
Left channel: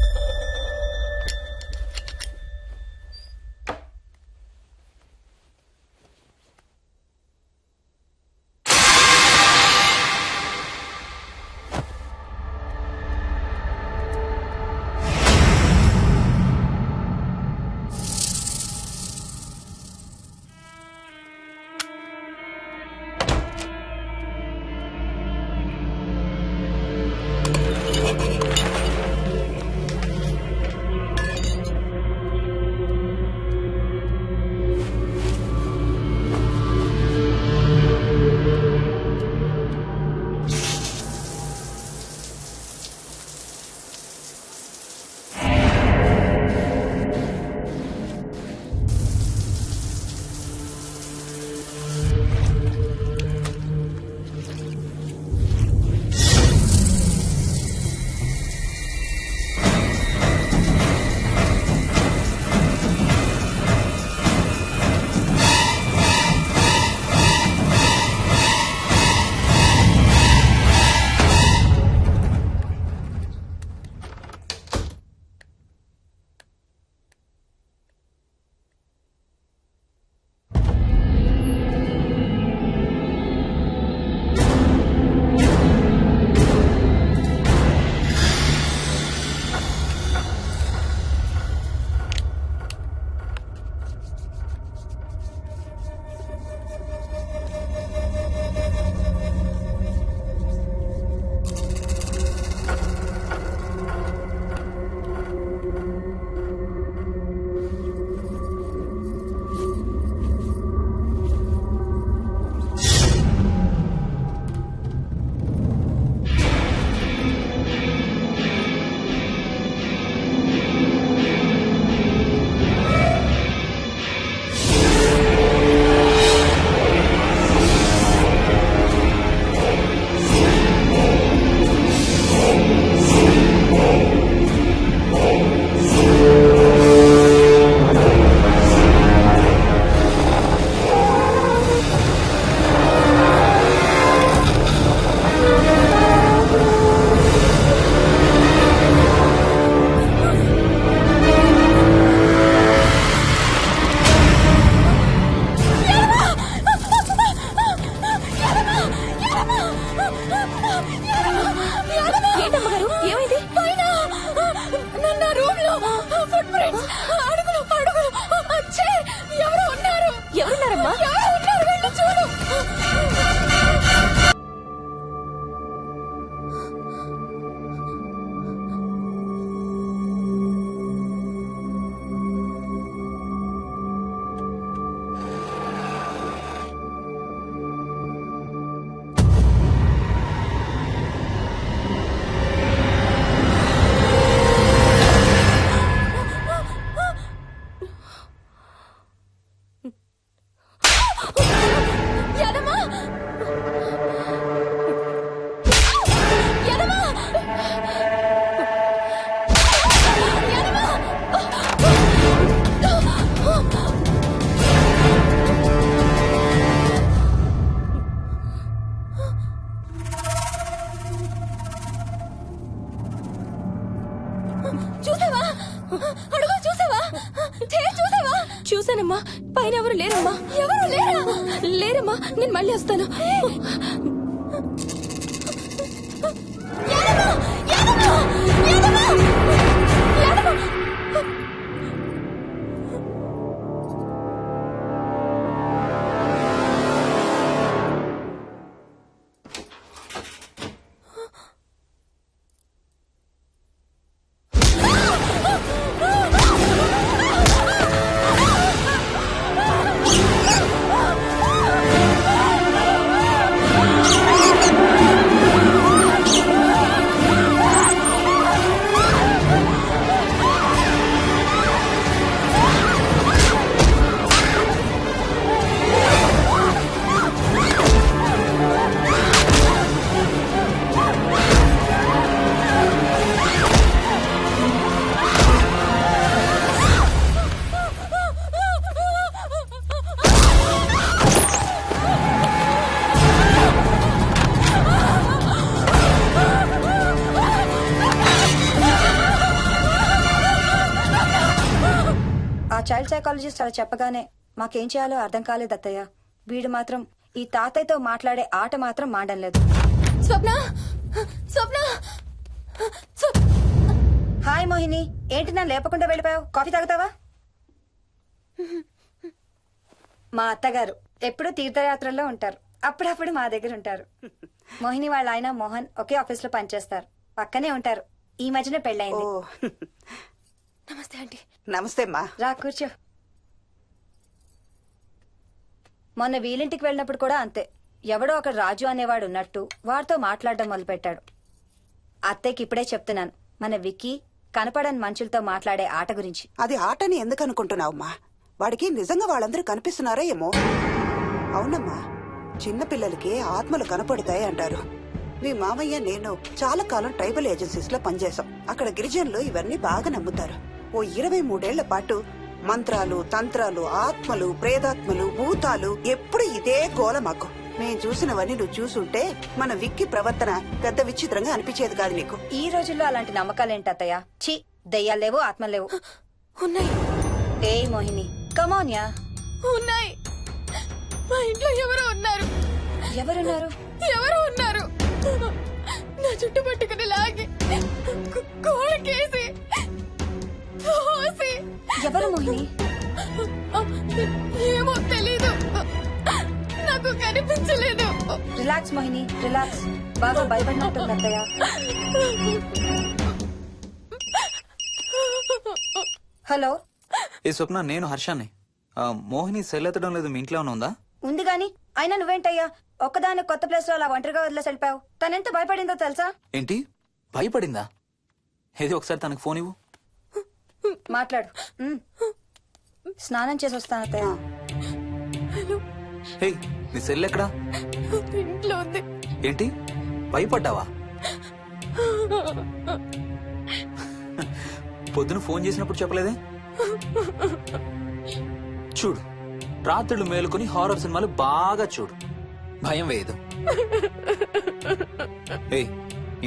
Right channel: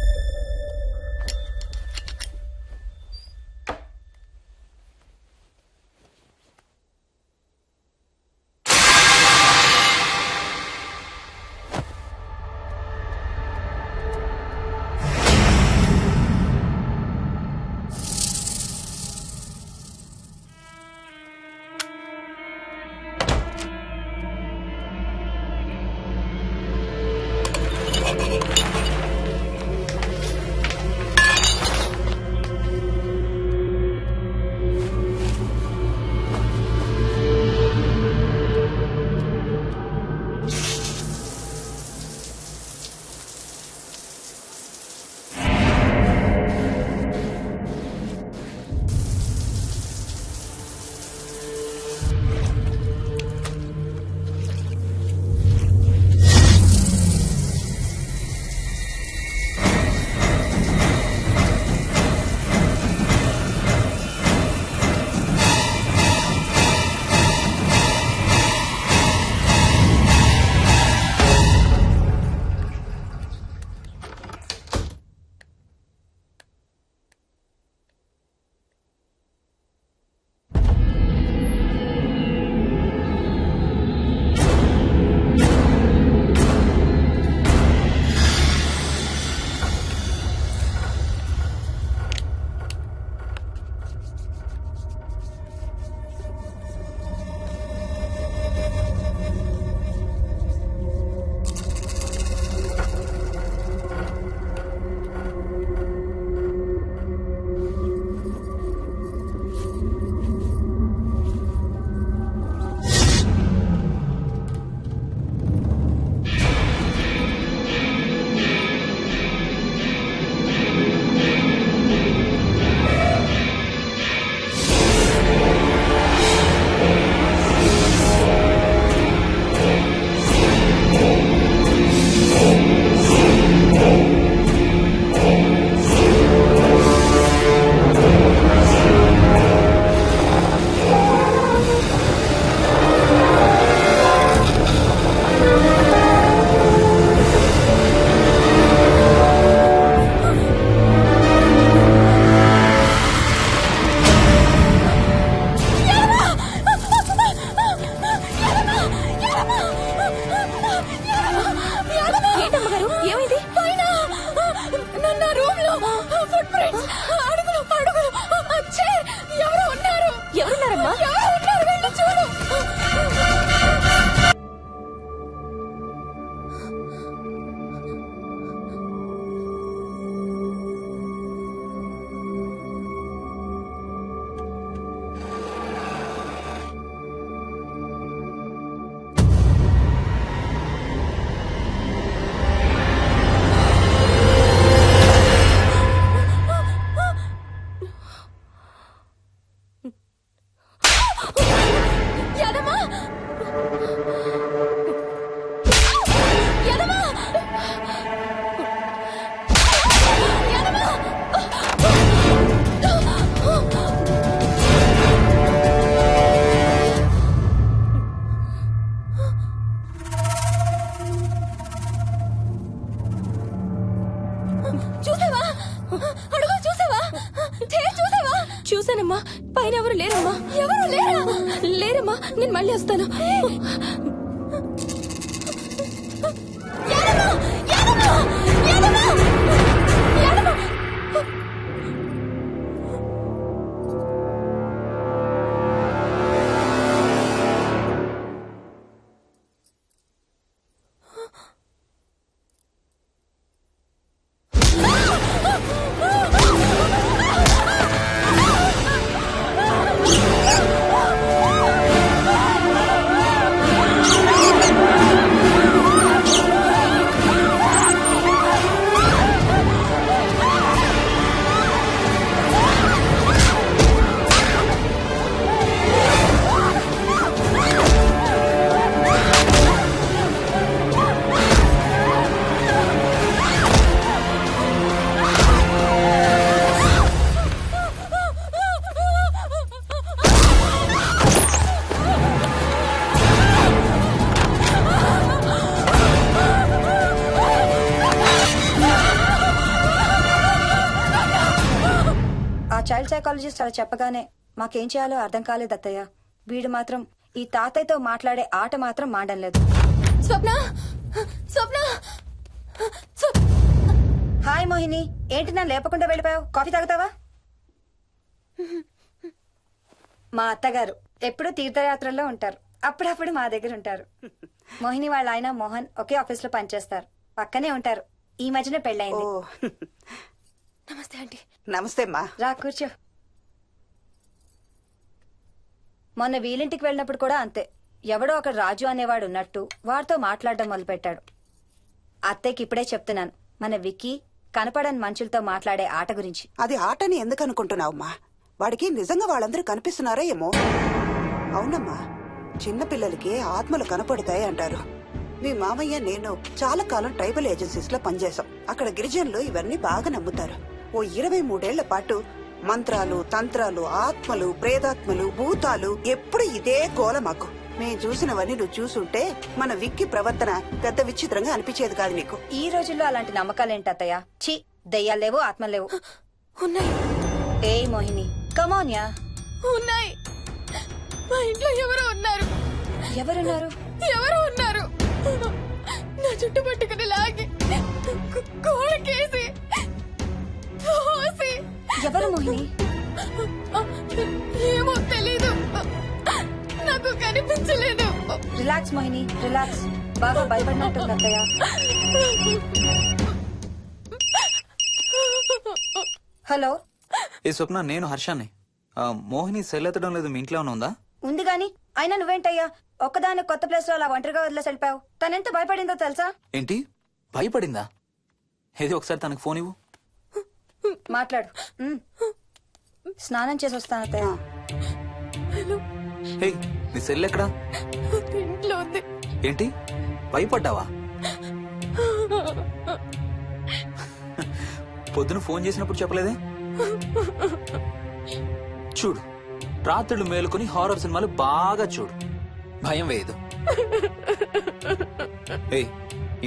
లేదమ్మా, పైన ఎవరు లేరమ్మా. ఎవరు లేరా? లేరమ్మా, నేను మళ్ళీ వస్తాను. యాదమ్మ! యాదమ్మ! యాదమ్మ! యాదమ్మ! ఆ చైల్డ్ సైకాలజిస్ట్ అలా చెప్పగానే మాకేం చేయాలో అర్థం కాలేదు అత్తయ్య. వీడు మాత్రం ఈ తాతయ్యతో మాట్లాడే ఆట మాత్రం మాండం లేదు. స్వప్న! స్వప్న! హాయ్ మోహిని, ఏంటి నన్ను లేపకుండా వెళ్ళిపోయావు? కాఫీ తాగుతావా? మా అత్తగారు ఎప్పుడు తీర్థయాత్రల్లో ఉంటారు, అప్పుడప్పుడు మా దగ్గర ఉంటారు. మోహిని వాళ్ళ ఆయన మోహన్ ఒకే ఆఫీస్ లో పనిచేస్తారు, పక్కనే ఉంటారు. ఈ మధ్యన పెళ్ళైంది. నమస్తే ఆంటీ. నమస్తే అమ్మా. రా కూర్చో. మొన్న వీలింటికి వెళ్ళినప్పుడు కూడా అంతే. ఎవడో ఒక రాజు అనేవాడు ఉన్నట్టు వాడితో మాట్లాడడం మొదలుపెట్టాడు. అత్తయ్యకి ఇప్పుడే చెప్తున్నాను, మన విక్కీ కనపడని మనుషులతో మాట్లాడే ఆట గురించి. అది ఆటని ఎందుకు అనుకుంటున్నావమ్మా? వాడికి నిజంగా వాళ్ళందరూ కనిపిస్తున్నారా ఏమో. అవునమ్మా, చిన్నపిల్లలకి ఆత్మలు కనపడతాయి అంటారు. మీ మామయ్య నేను చాలా కాలం ట్రైబల్ ఏజెన్సీస్ లో పనిచేశాం. అక్కడ గిరిజనులు ఇవన్నీ బాగా నమ్ముతారు. ఓ 23 పాటు మంత్రాలు, తంత్రాలు, ఆత్మలు, ప్రేతాత్మలు, భూతాలు, ఎప్పుడు ఇదే గోల మాకు. మేం చూసినవన్నీ నువ్వు చూసుంటే మన విక్కి ప్రవర్తన పెద్ద విచిత్రంగా అనిపించేది కాదు నీకు. ఈ రోజుల్లో అలాంటి నమ్మకాలేంటి అత్తయ్య? ఛీ, దెయ్యాలేవు, ఆత్మలేవు. ఉన్నాయి. ఏయ్ మోహిని, కమోన్యా. ఉన్నాయి. మా ఇంట్లో ఎవరో ఉన్నారు. ఎవరున్నారు? ఎవరో ఉన్నారు. నా చుట్టు పట్టుకుని లాగి కోళ్ళకేసి తోసి. ఎవరు మోహిని? ఏమో తెలీదు, నాకు కనిపించలేదు. Relax Mohini, relax. బాగా భయపడినట్టుంది అత్తయ్య. హలో. ఏ స్వప్న, నేను హర్షాన్ని. మోహిని సెల్ ఎత్తడం లేదు, మీ ఇంట్లో ఉందా? ఉంది గాని, అయినా నువ్వేంటయ్యా ఒక్కదాని కొత్త ప్లేస్ లో అలా ఒంటరిగా వదిలేసి వెళ్ళిపోయావు? తనెంత భయపడిందో తెలుసా? ఏంటి, భయపడిందా? ఏది ఒకసారి తనకు ఫోన్ ఇవ్వు. మాట్లాడు. స్నానం చేసి వస్తాను అత్తయ్య. హే, నీ సెల్ ఎక్కడా? ఇంట్లో ఉంది. ఏంటి, భయపడ్డావా? పొద్దున ఫోన్ చేసినప్పుడు చెప్పలేదే? చూడు, రాత్రులు మేలుకొని హారర్ సినిమాలు బాగా చూడు, భయం వేయదు. ఏ,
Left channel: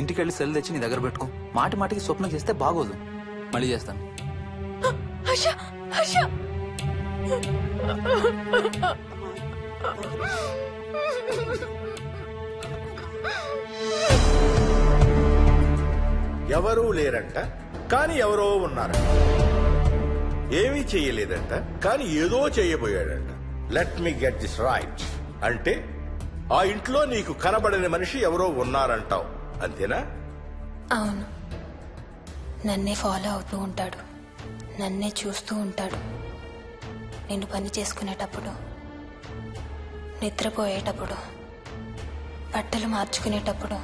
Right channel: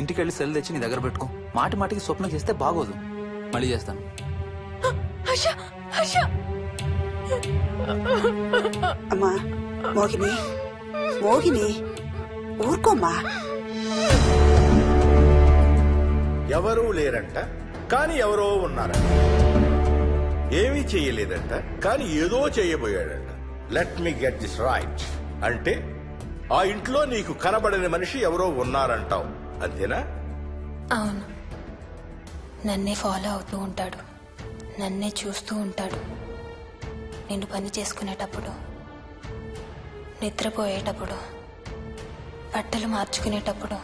ఇంటికెళ్ళి సెల్ తెచ్చి నీ దగ్గర పెట్టుకో. మాటి మాటికి స్వప్నం చేస్తే బాగోదు. మళ్ళీ చేస్తాను. అమ్మా మోహిని, మోహిని ఊరుకోమ్మా. ఎవరూ లేరంట, కానీ ఎవరో ఉన్నారంట. ఏమీ చెయ్యలేదంట, కానీ ఏదో చెయ్యబోయాడంట. Let me get this right. అంటే ఆ ఇంట్లో నీకు కనబడని మనిషి ఎవరో ఉన్నారంటావు, అంతేనా? అవును, నన్నే ఫాలో అవుతూ ఉంటాడు, నన్నే చూస్తూ ఉంటాడు. నేను పని చేసుకునేటప్పుడు, నిద్రపోయేటప్పుడు, బట్టలు మార్చుకునేటప్పుడు,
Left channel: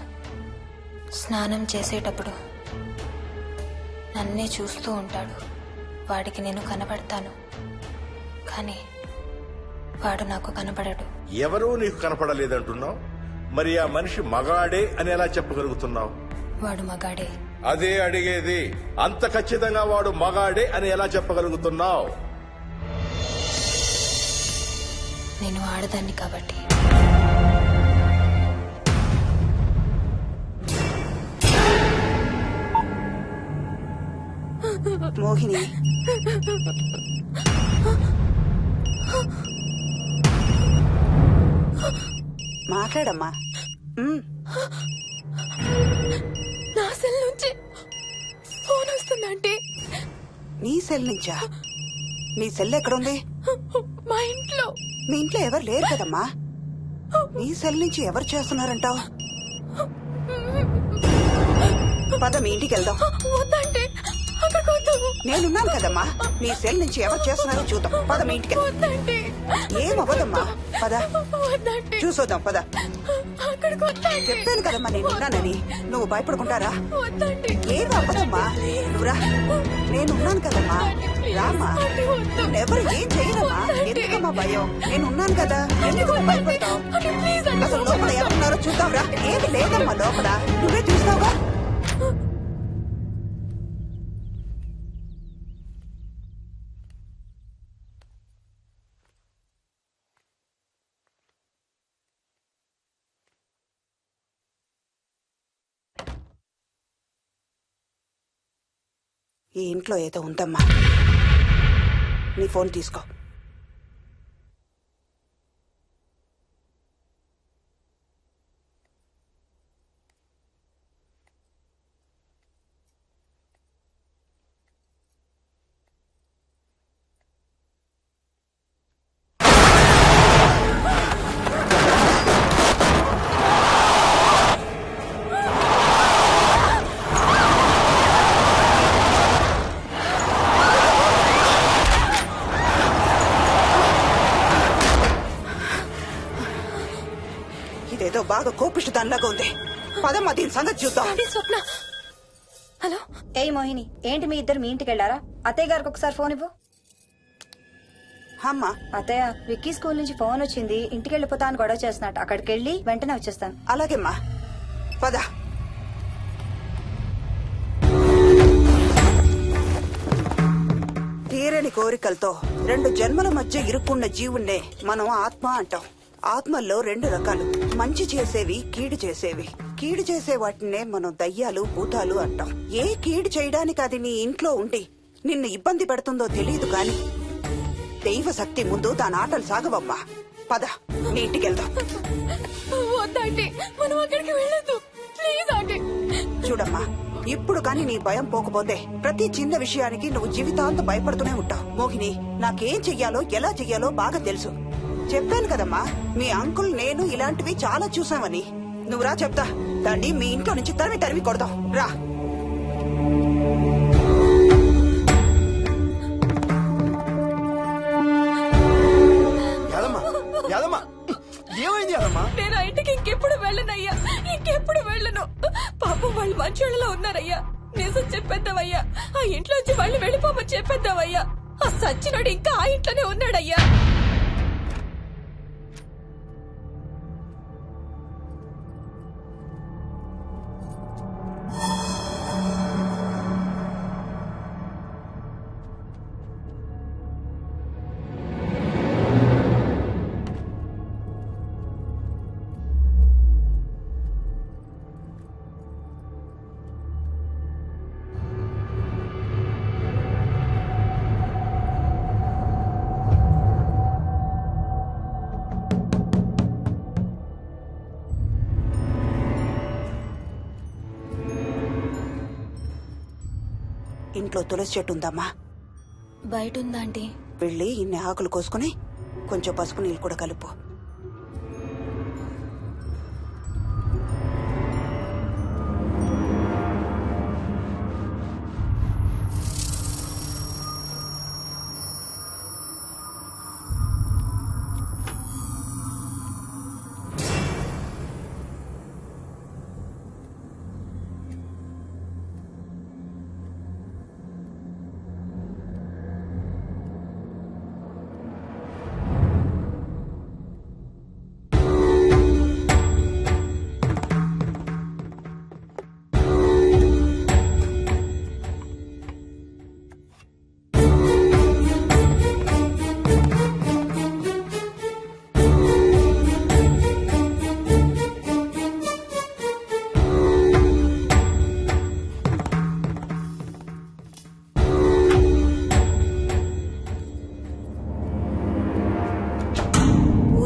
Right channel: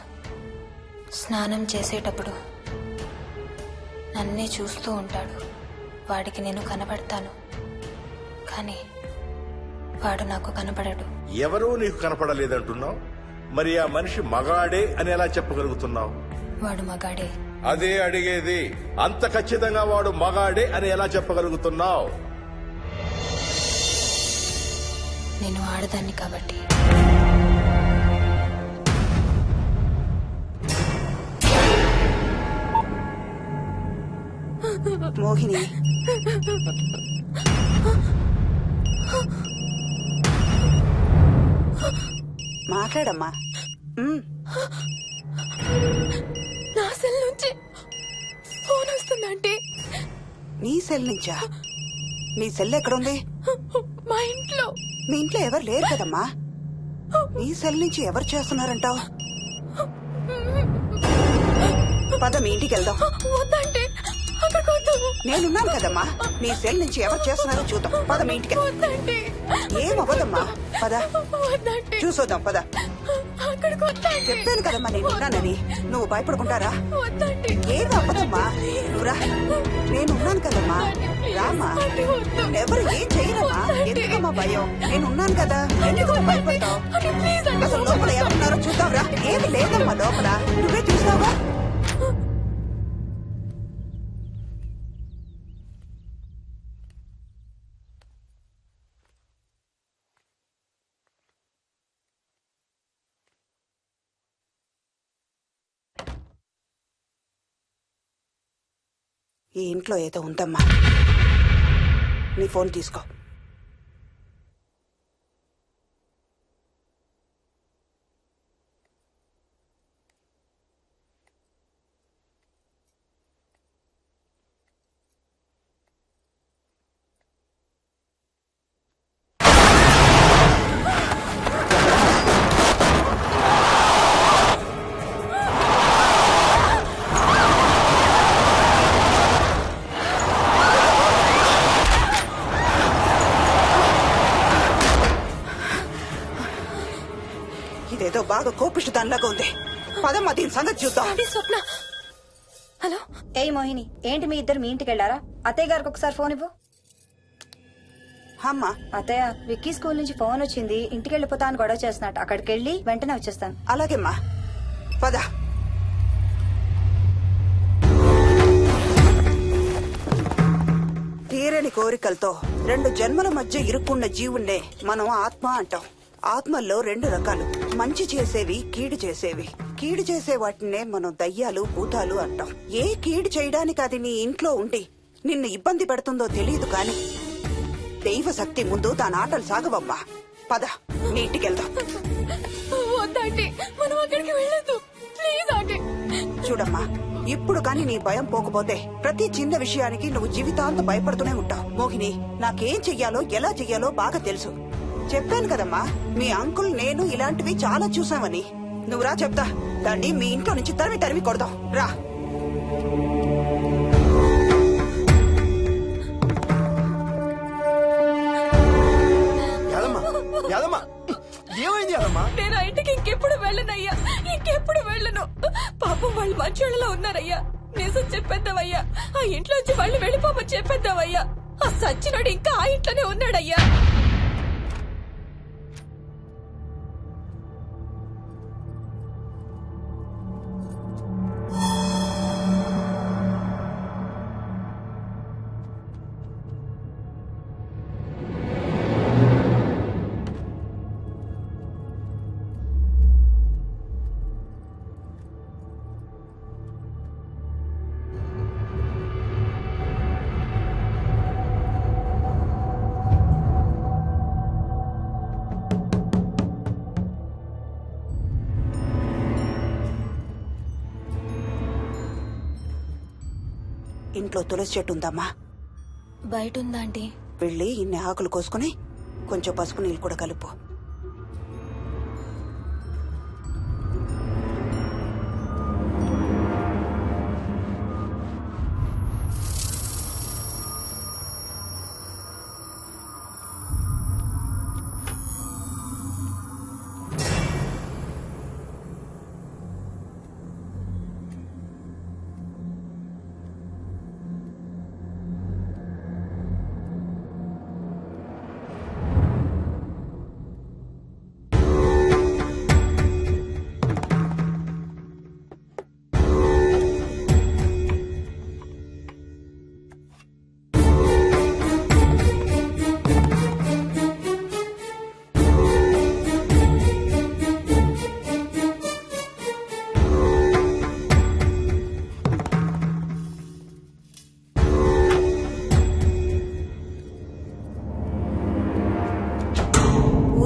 స్నానం చేసేటప్పుడు నన్నే చూస్తూ ఉంటాడు. వాడికి నేను కనపడతాను, కానీ వాడు నాకు కనపడడు. ఎవరూ నీకు కనపడలేదంటున్నావు, మరి ఆ మనిషి మగాడే అని ఎలా చెప్పగలుగుతున్నావు? వాడు మగాడే. అదే అడిగేది, అంత ఖచ్చితంగా వాడు మగాడే అని ఎలా చెప్పగలుగుతున్నావు? నేను ఆడదాన్ని కాబట్టి. మోహిని, మాట్లాడమ్మా. ఉమ్, నా సెల్ నుంచి ఫోన్ వస్తుందంటే నీ సెల్ నుంచా? నీ సెల్ ఎక్కడుంది? మా ఇంట్లో. మీ ఇంట్లో ఎవరు లేరు కదమ్మా. నీ సెల్ నుంచి ఎవరు చేస్తున్నారంటావు? పద మీ ఇంటికి వెళ్దాం. వద్దంటే అక్కడికి వద్దాము. నేనున్నాను కదమ్మా. నీ సెల్ నుంచి ఎవరు చేస్తున్నారో చూద్దాం. పద మీ ఇంటికి. వద్దంటే ఏమవ్వదమ్మా, పద వద్దంటే చూసొద్దాం. పద. అక్కడికి వద్దంటే. చెప్పాను కదమ్మా నేనున్నానని. నువ్వు భయపడుకుంటారా? వద్దంటే. ఏం అవ్వదమ్మా, నువ్వురా. నేనున్నాను కదమ్మా, రామా. ఎవరు ఏం చెయ్యరమ్మా. ఎందుకమ్మా భయం? నేనున్నాను కదా, ఎందుకు భయపడతావు? అసలు లోపల ఎవరున్నారో చూద్దాంరా. ఏమి లేదమ్మా లోపల, నువ్వే చూస్తావుగా. ఈ ఇంట్లో ఏదో ఉందమ్మా. నీ ఫోన్ తీసుకో. ఇదేదో బాగా కోపిష్టి దానిలాగా ఉంది. పదమ్మా దీని సంగతి చూద్దాం. స్వప్న. హలో. ఏయ్ మోహిని, ఏంటి మీ ఇద్దరు మీ ఇంటికి వెళ్ళారా? అత్తయ్య గారికి ఒకసారి ఫోన్ ఇవ్వు. అమ్మా. అత్తయ్య, విక్కీ స్కూల్ నుంచి ఫోన్ వచ్చింది, ఇంటికి వెళ్ళిపోతా అని గొడవ చేస్తున్నట్టు. అక్కడికి వెళ్ళి వెంటనే వచ్చేస్తాను. అలాగేమ్మా, పద. తీరని కోరికలతో 2 జన్మల మధ్య ఇరుక్కున్న జీవుణ్ణే మనం ఆత్మ అంటాం. ఆత్మల్లో 2 రకాలు, మంచి చేసేవి, కీడు చేసేవి. కీడు చేసే వాటినే మనం దయ్యాలు, భూతాలు అంటాం. ఏ కీడు చేయడానికి అది నీ ఇంట్లో ఉండి నిన్ను ఇబ్బంది పెడుతుందో తెలియదు కాని దైవ శక్తి ముందు దాని ఆటలు సాగవమ్మా. పద నీ ఇంటికి వెళ్దాం. వద్దంటే మనం అక్కడికి వెళ్ళొద్దు. ప్లీజ్ అంటే. చూడమ్మా, ఇప్పుడు కాని నీ భయం పోకపోతే ప్రతి చిన్న విషయానికి నువ్వు జీవితాంతం భయపడుతూనే ఉంటావు. మోహిని, నాకేం చెయ్యాలో ఎలా చెయ్యాలో బాగా తెలుసు. చెప్పాను కదమ్మా, మీ అంకుల్ నేను ఇలాంటివి చాలా చూసామని. నువ్వు రా చెప్తా. దాన్ని మీ ఇంట్లో నుంచి తరిమి కొడదాం. రా. ఏమైంది యాదమ్మా? నేను ఆ ఇంటికి ఇంకెప్పుడు వెళ్ళనయ్యా, ఇంకెప్పుడు వెళ్ళను. పాపం వాళ్ళు మంచోళ్ళలో ఉన్నారయ్యా. నిజం చెప్పేద్దామయ్యా, ఆ ఇంట్లోంచి వాళ్ళు వెళ్ళిపోమని చెప్పేద్దామయ్యా. ఆ సచ్చినోడు ఇంకా ఆ ఇంట్లోనే ఉన్నాడయ్యా. ఇంట్లో తులసి చెట్టు ఉందమ్మా. బయట ఉందా ఆంటీ? వెళ్ళి ఇన్ని ఆకులు కోసుకుని కొంచెం పసుపు నీళ్ళు కూడా కలుపు.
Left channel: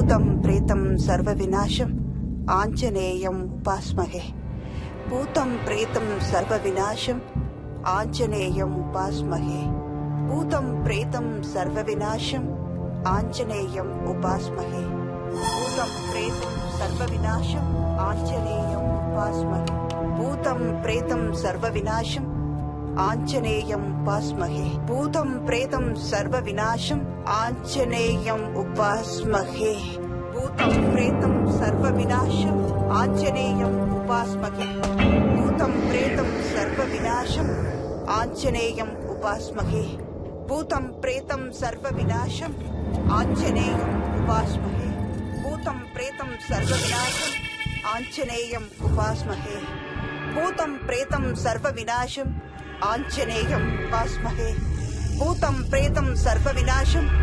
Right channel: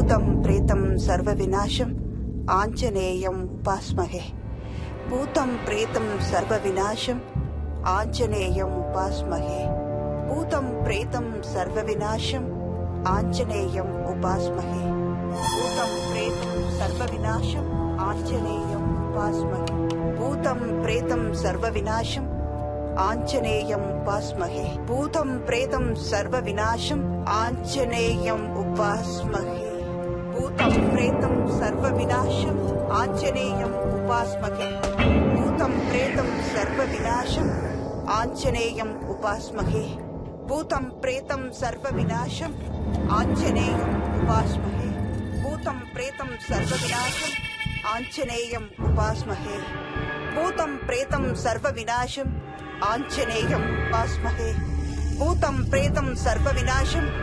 భూతం ప్రేతం సర్వ వినాశం ఆంజనేయం ఉపాస్మహే. భూతం ప్రేతం సర్వ వినాశం ఆంజనేయం ఉపాస్మహే. భూతం ప్రేతం సర్వ వినాశం ఆంజనేయం ఉపాస్మహే. భూతం ప్రేతం సర్వ వినాశం ఆంజనేయం ఉపాస్మహే. భూతం ప్రేతం సర్వ వినాశం ఆంజనేయం ఉపాస్మహే. భూతం ప్రేతం సర్వ వినాశం ఆంజనేయం ఉపాస్మహే. భూతం ప్రేతం సర్వ వినాశం ఆంజనేయం ఉపాస్మహే. భూతం ప్రేతం సర్వ వినాశం ఆంజనేయం ఉపాస్మహే. భూతం ప్రేతం సర్వ వినాశం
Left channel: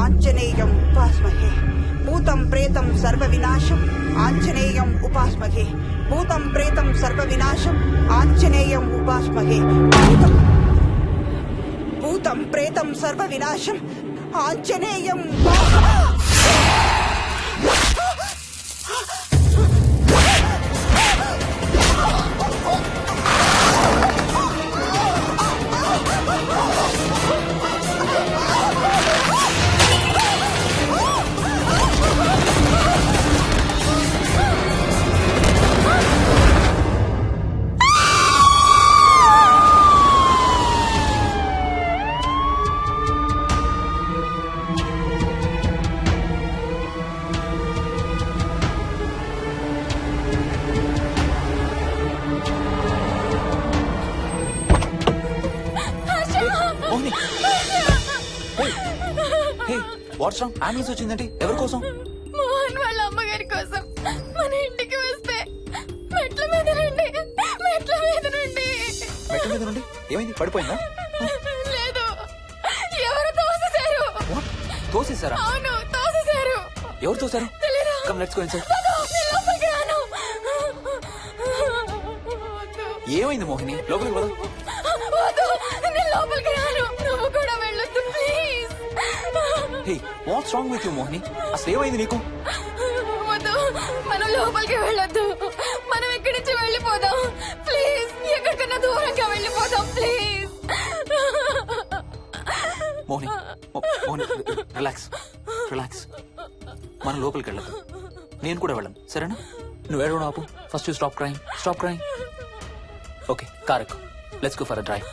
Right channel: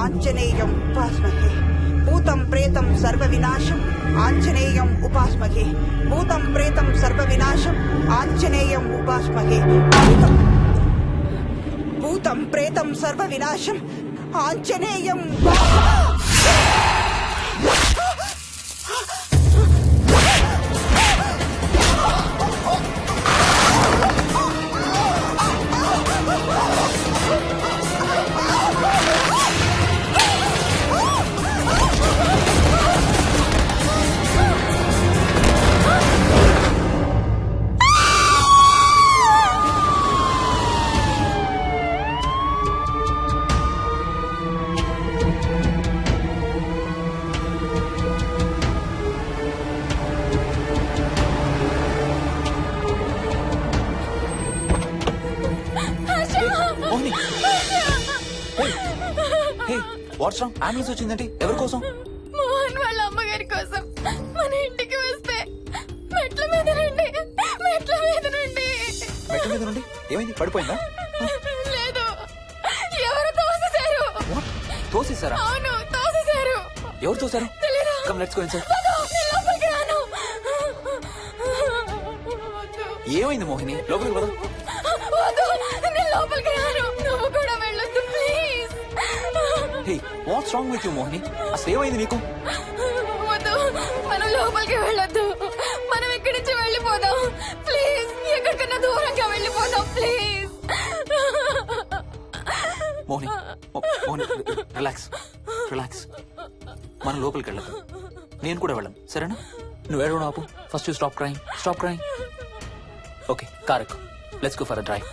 ఆంజనేయం ఉపాస్మహే. భూతం ప్రేతం సర్వ వినాశం ఆంజనేయం ఉపాస్మహే. భూతం ప్రేతం సర్వ వినాశం ఆంజనేయం ఉపాస్మహే. భూతం ప్రేతం సర్వ వినాశం Anjaneyam Mohini what's wrong? Ambulance వచ్చిందండి. ఎవరి కోసం? మోహన్ వాళ్ళ అమ్మగారి కోసం. మన ఇంటికి వస్తే మెట్ల మీద నుండి మెట్ల మీద నుండి ఏమైంది? పడిపోయిందా? లేదు, ఎవరు తోసేశారు. తోసేశారా? అవును, తోసేశారు. ఎవరు తోసారు? తెలీదు. Come let's go inside. నేను లోపలికి రాను. ఏమైంది మోహిని? లోపలికి పద. వద్దు, నేను లోపలికి రాను. నువ్వు కూడా వెళ్ళొద్దు please. Hey what's wrong with you Mohini? అసలు ఏమైంది నీకు? వద్దు, మనం లోపలికి వెళ్ళొద్దు. మనం ఇక్కడి నుంచి వెళ్ళిపోదాం ప్లీజ్. ఎక్కడికన్నా దూరంగా వెళ్ళిపోదాం please. Mohini Mohini relax relax. మనం లోపలికి వెళ్ళదు. నేను కూడా వెళ్ళను, సరేనా? నువ్వు ఏడవడం ఆపు. First you stop crying. Stop crying. Okay, car ఎక్కు. Let's go for a drive.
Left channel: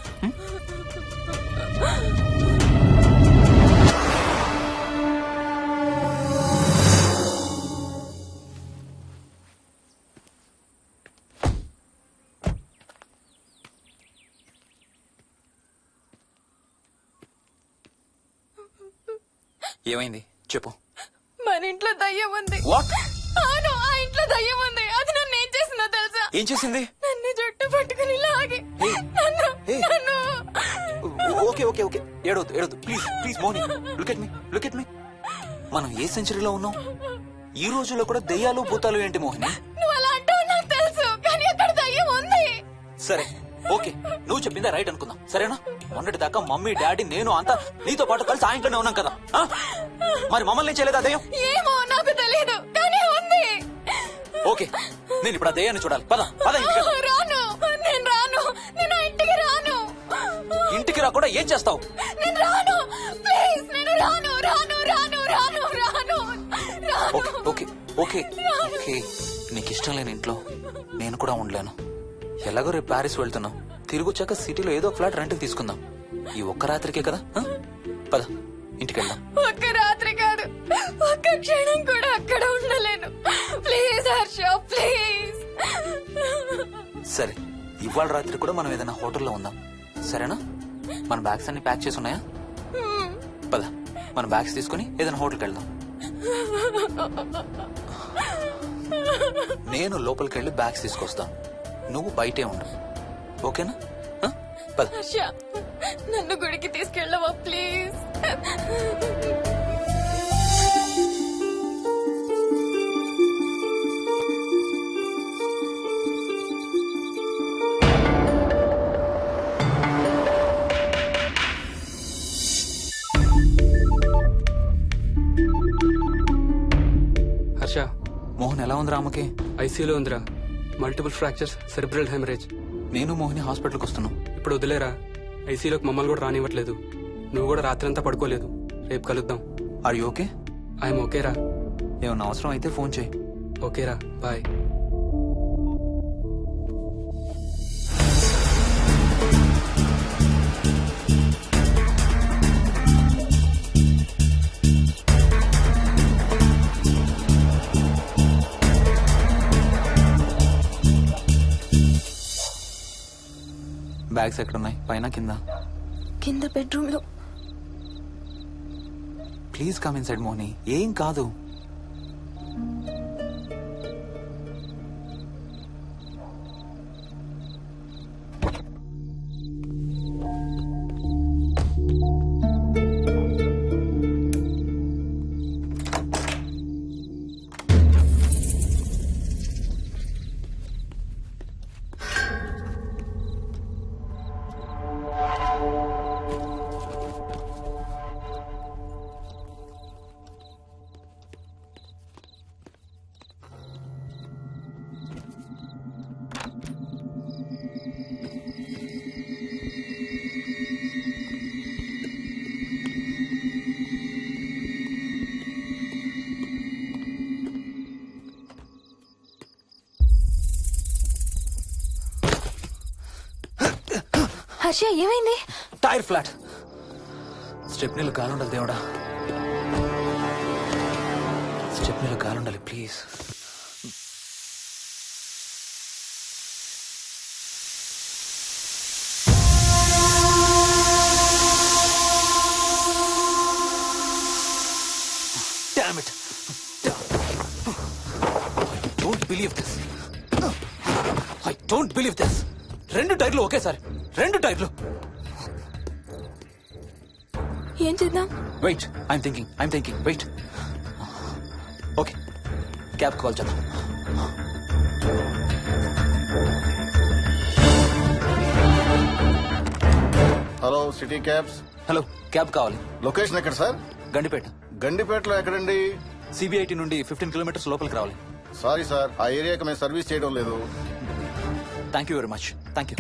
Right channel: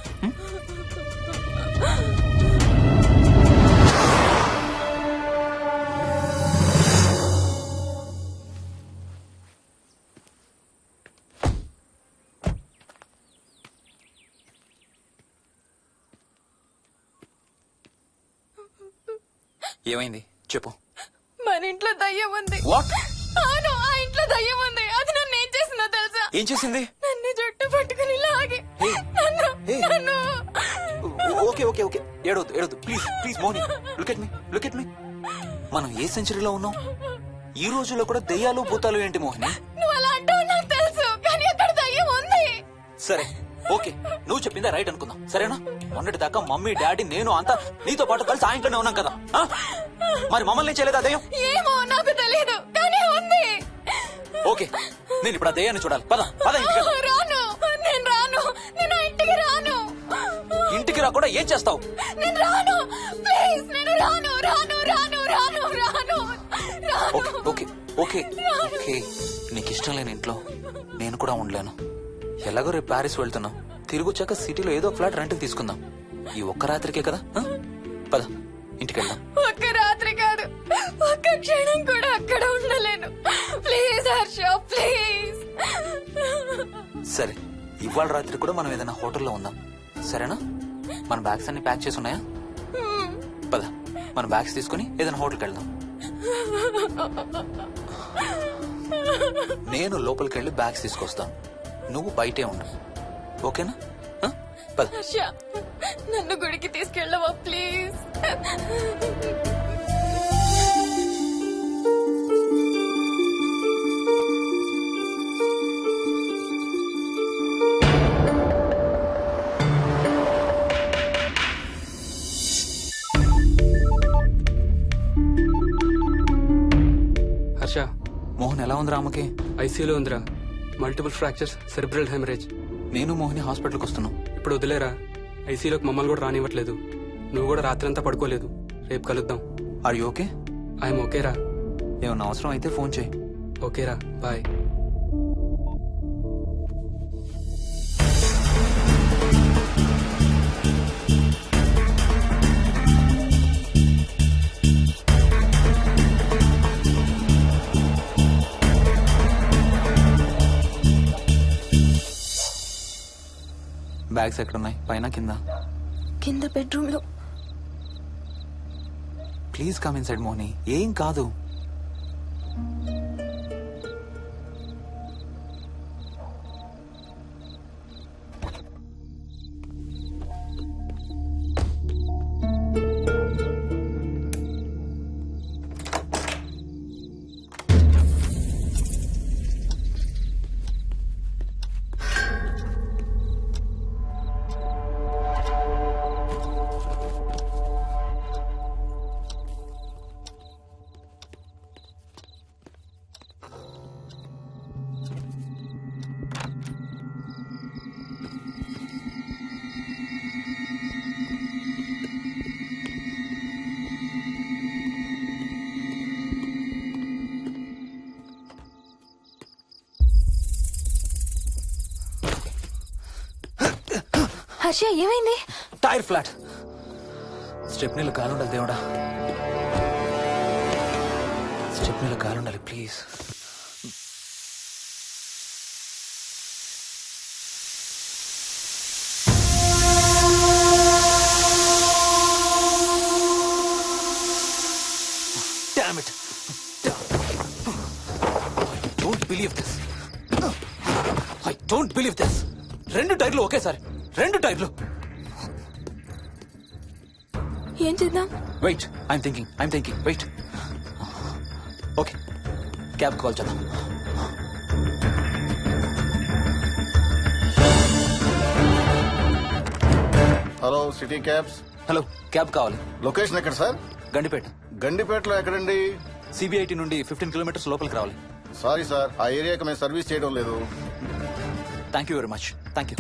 ఏమైంది చెప్పు. మన ఇంట్లో దయ్యం ఉంది. వాట్? అవును, ఆ ఇంట్లో దయ్యం ఉంది. అది నన్ను ఏం చేసిందో తెలుసా? ఏం చేసింది? నన్ను జుట్టు పట్టుకుని లాగి నన్ను ఓకే ఓకే ఓకే, ఏడవద్దు ఏడవద్దు please please Mohini. Look at me. మనం ఏ సెంచరీలో ఉన్నాం? ఈ రోజుల్లో కూడా దెయ్యాలు భూతాలు ఏంటి మోహిని? నువ్వు అలా అంటావు నాకు తెలుసు, కానీ అక్కడ దయ్యం ఉంది. సరే ఓకే, నువ్వు చెప్పిందే రైట్ అనుకుందాం, సరేనా? మొన్నటి దాకా మమ్మీ డాడీ నేను అంతా నీతో పాటు కలిసి ఆ ఇంట్లోనే ఉన్నాం కదా. మరి మమ్మల్ని చేయలేదా దయ్యం? ఏమో నాకు తెలియదు, కానీ ఉంది. ఓకే, నేను ఇప్పుడు ఆ దయ్యాన్ని చూడాలి. పద పద ఇంటికి వెళ్దాం. రాను, నేను రాను. నేను ఆ ఇంటికి రాను. ఇంటికి రాకుండా ఏం చేస్తావు? నేను రాను ప్లీజ్. నేను రాను రాను రాను రాను రాను రాను. ఓకే ఓకే ఓకే, నీకు ఇష్టం లేని ఇంట్లో నేను కూడా ఉండలేను. ఎలాగో రేపు ప్యారిస్ వెళ్తున్నాం. తిరిగి వచ్చాక సిటీలో ఏదో ఫ్లాట్ రెంట్కి తీసుకుందాం. ఈ ఒక్క రాత్రికే కదా. పద ఇంటికి వెళ్దాం. ఒక్క రాత్రి కాదు, ఒక్క క్షణం కూడా అక్కడ ఉండలేను. Please Harsha please. సరే, ఇవాళ రాత్రి కూడా మనం ఏదైనా హోటల్లో ఉందాం, సరేనా? మన బ్యాగ్స్ అన్ని ప్యాక్ చేసి ఉన్నాయా? పద మన బ్యాగ్స్ తీసుకుని ఏదైనా హోటల్కి వెళ్దాం. నేను లోపలికి వెళ్ళి బ్యాగ్స్ తీసుకొస్తాను, నువ్వు బయటే ఉండు, ఓకేనా? పద. హర్ష, నన్ను గుడికి తీసుకెళ్ళవా ప్లీజ్? మోహన్ ఎలా ఉందిరా అమ్మకి? ఐసీయూలో ఉందిరా. Multiple fractures, cerebral haemorrhage. నేను మోహిని హాస్పిటల్కి వస్తున్నాం. ఇప్పుడు వదిలేరా, ఐసీయూలోకి మమ్మల్ని కూడా రానివ్వట్లేదు. నువ్వు కూడా రాత్రంతా పడుకోలేదు. రేపు కలుద్దాం. Are you okay? ఐఎమ్ ఓకేరా. ఏమన్నా అవసరం అయితే ఫోన్ చేయి. ఓకేరా, బాయ్. బ్యాగ్స్ ఎక్కడున్నాయి? పైన కింద? కింద బెడ్రూమ్ లో. Please come inside Mohini. ఏం కాదు. హర్ష, ఏమైంది? Tyre flat. స్టెప్నీలో కాలుండాలి దేవుడా. స్టెప్నీలో కాలుండాలి please. Damn it. I don't believe this. 2 టైర్లు ఒకేసారి. 2 టైర్లు. ఏం చేద్దాం? Wait, I'm thinking. Wait. Okay, cab call చేద్దాం. Hello, city cabs. Hello, cab కావాలి. లొకేషన్ ఎక్కడ సార్? గండిపేట. గండిపేటలో ఎక్కడండి? సిబిఐటి నుండి 15 కిలోమీటర్స్ లోపలికి రావాలి. సారీ సార్, ఆ ఏరియాకి మేము సర్వీస్ చేయడం లేదు. Thank you very much. Thank you.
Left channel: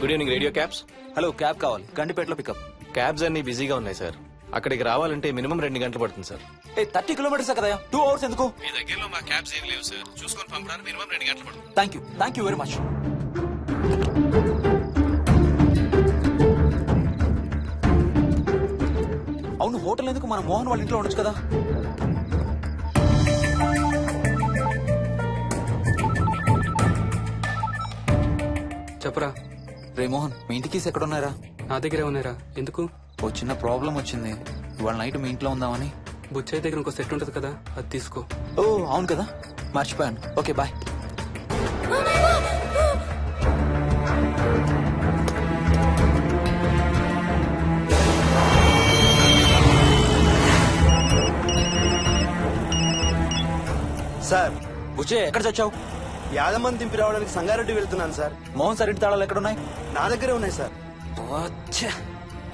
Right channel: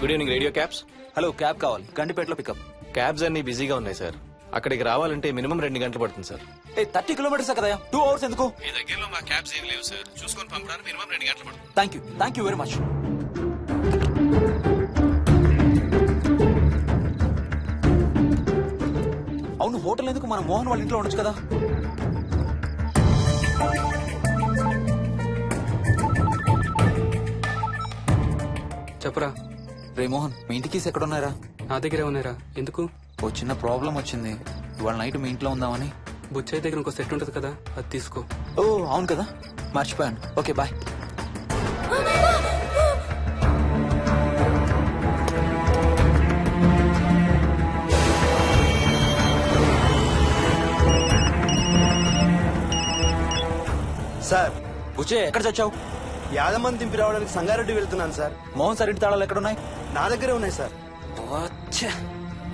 Good evening radio cabs. Hello, cab కావాలి. గండిపేటలో పికప్. క్యాబ్స్ అన్ని బిజీగా ఉన్నాయి సార్. అక్కడికి రావాలంటే మినిమం 2 గంటలు పడుతుంది సార్. 30 కిలోమీటర్స్ కదా, 2 అవర్స్ ఎందుకు? మీ దగ్గరలో మా క్యాబ్స్ ఏం లేవు సార్. చూసుకొని పంపడానికి మినిమం 2 గంటలు పడుతుంది. Thank you very much. అవును, హోటల్ ఎందుకు? మన మోహన్ వాళ్ళ ఇంట్లో ఉండొచ్చు కదా. చెప్పరా. రే మోహన్, మీ ఇంటి కీస్ ఎక్కడ ఉన్నారా? నా దగ్గరే ఉన్నారా. ఎందుకు? ఓ చిన్న ప్రాబ్లం వచ్చింది. ఇవాళ నైట్ మీ ఇంట్లో ఉందామని. బుచ్చయ్య దగ్గర ఇంకో సెట్ ఉంటది కదా, అది తీసుకో. ఓ అవును కదా, మర్చిపోయాను. Okay, bye. సార్, బుచ్చే ఎక్కడ చచ్చావు? యాదమ్మని దింపి రావడానికి సంగారెడ్డి వెళ్తున్నాను సార్. మోహన్ సార్ ఇంటి తాళాలు ఎక్కడున్నాయి? నా దగ్గరే ఉన్నాయి సార్.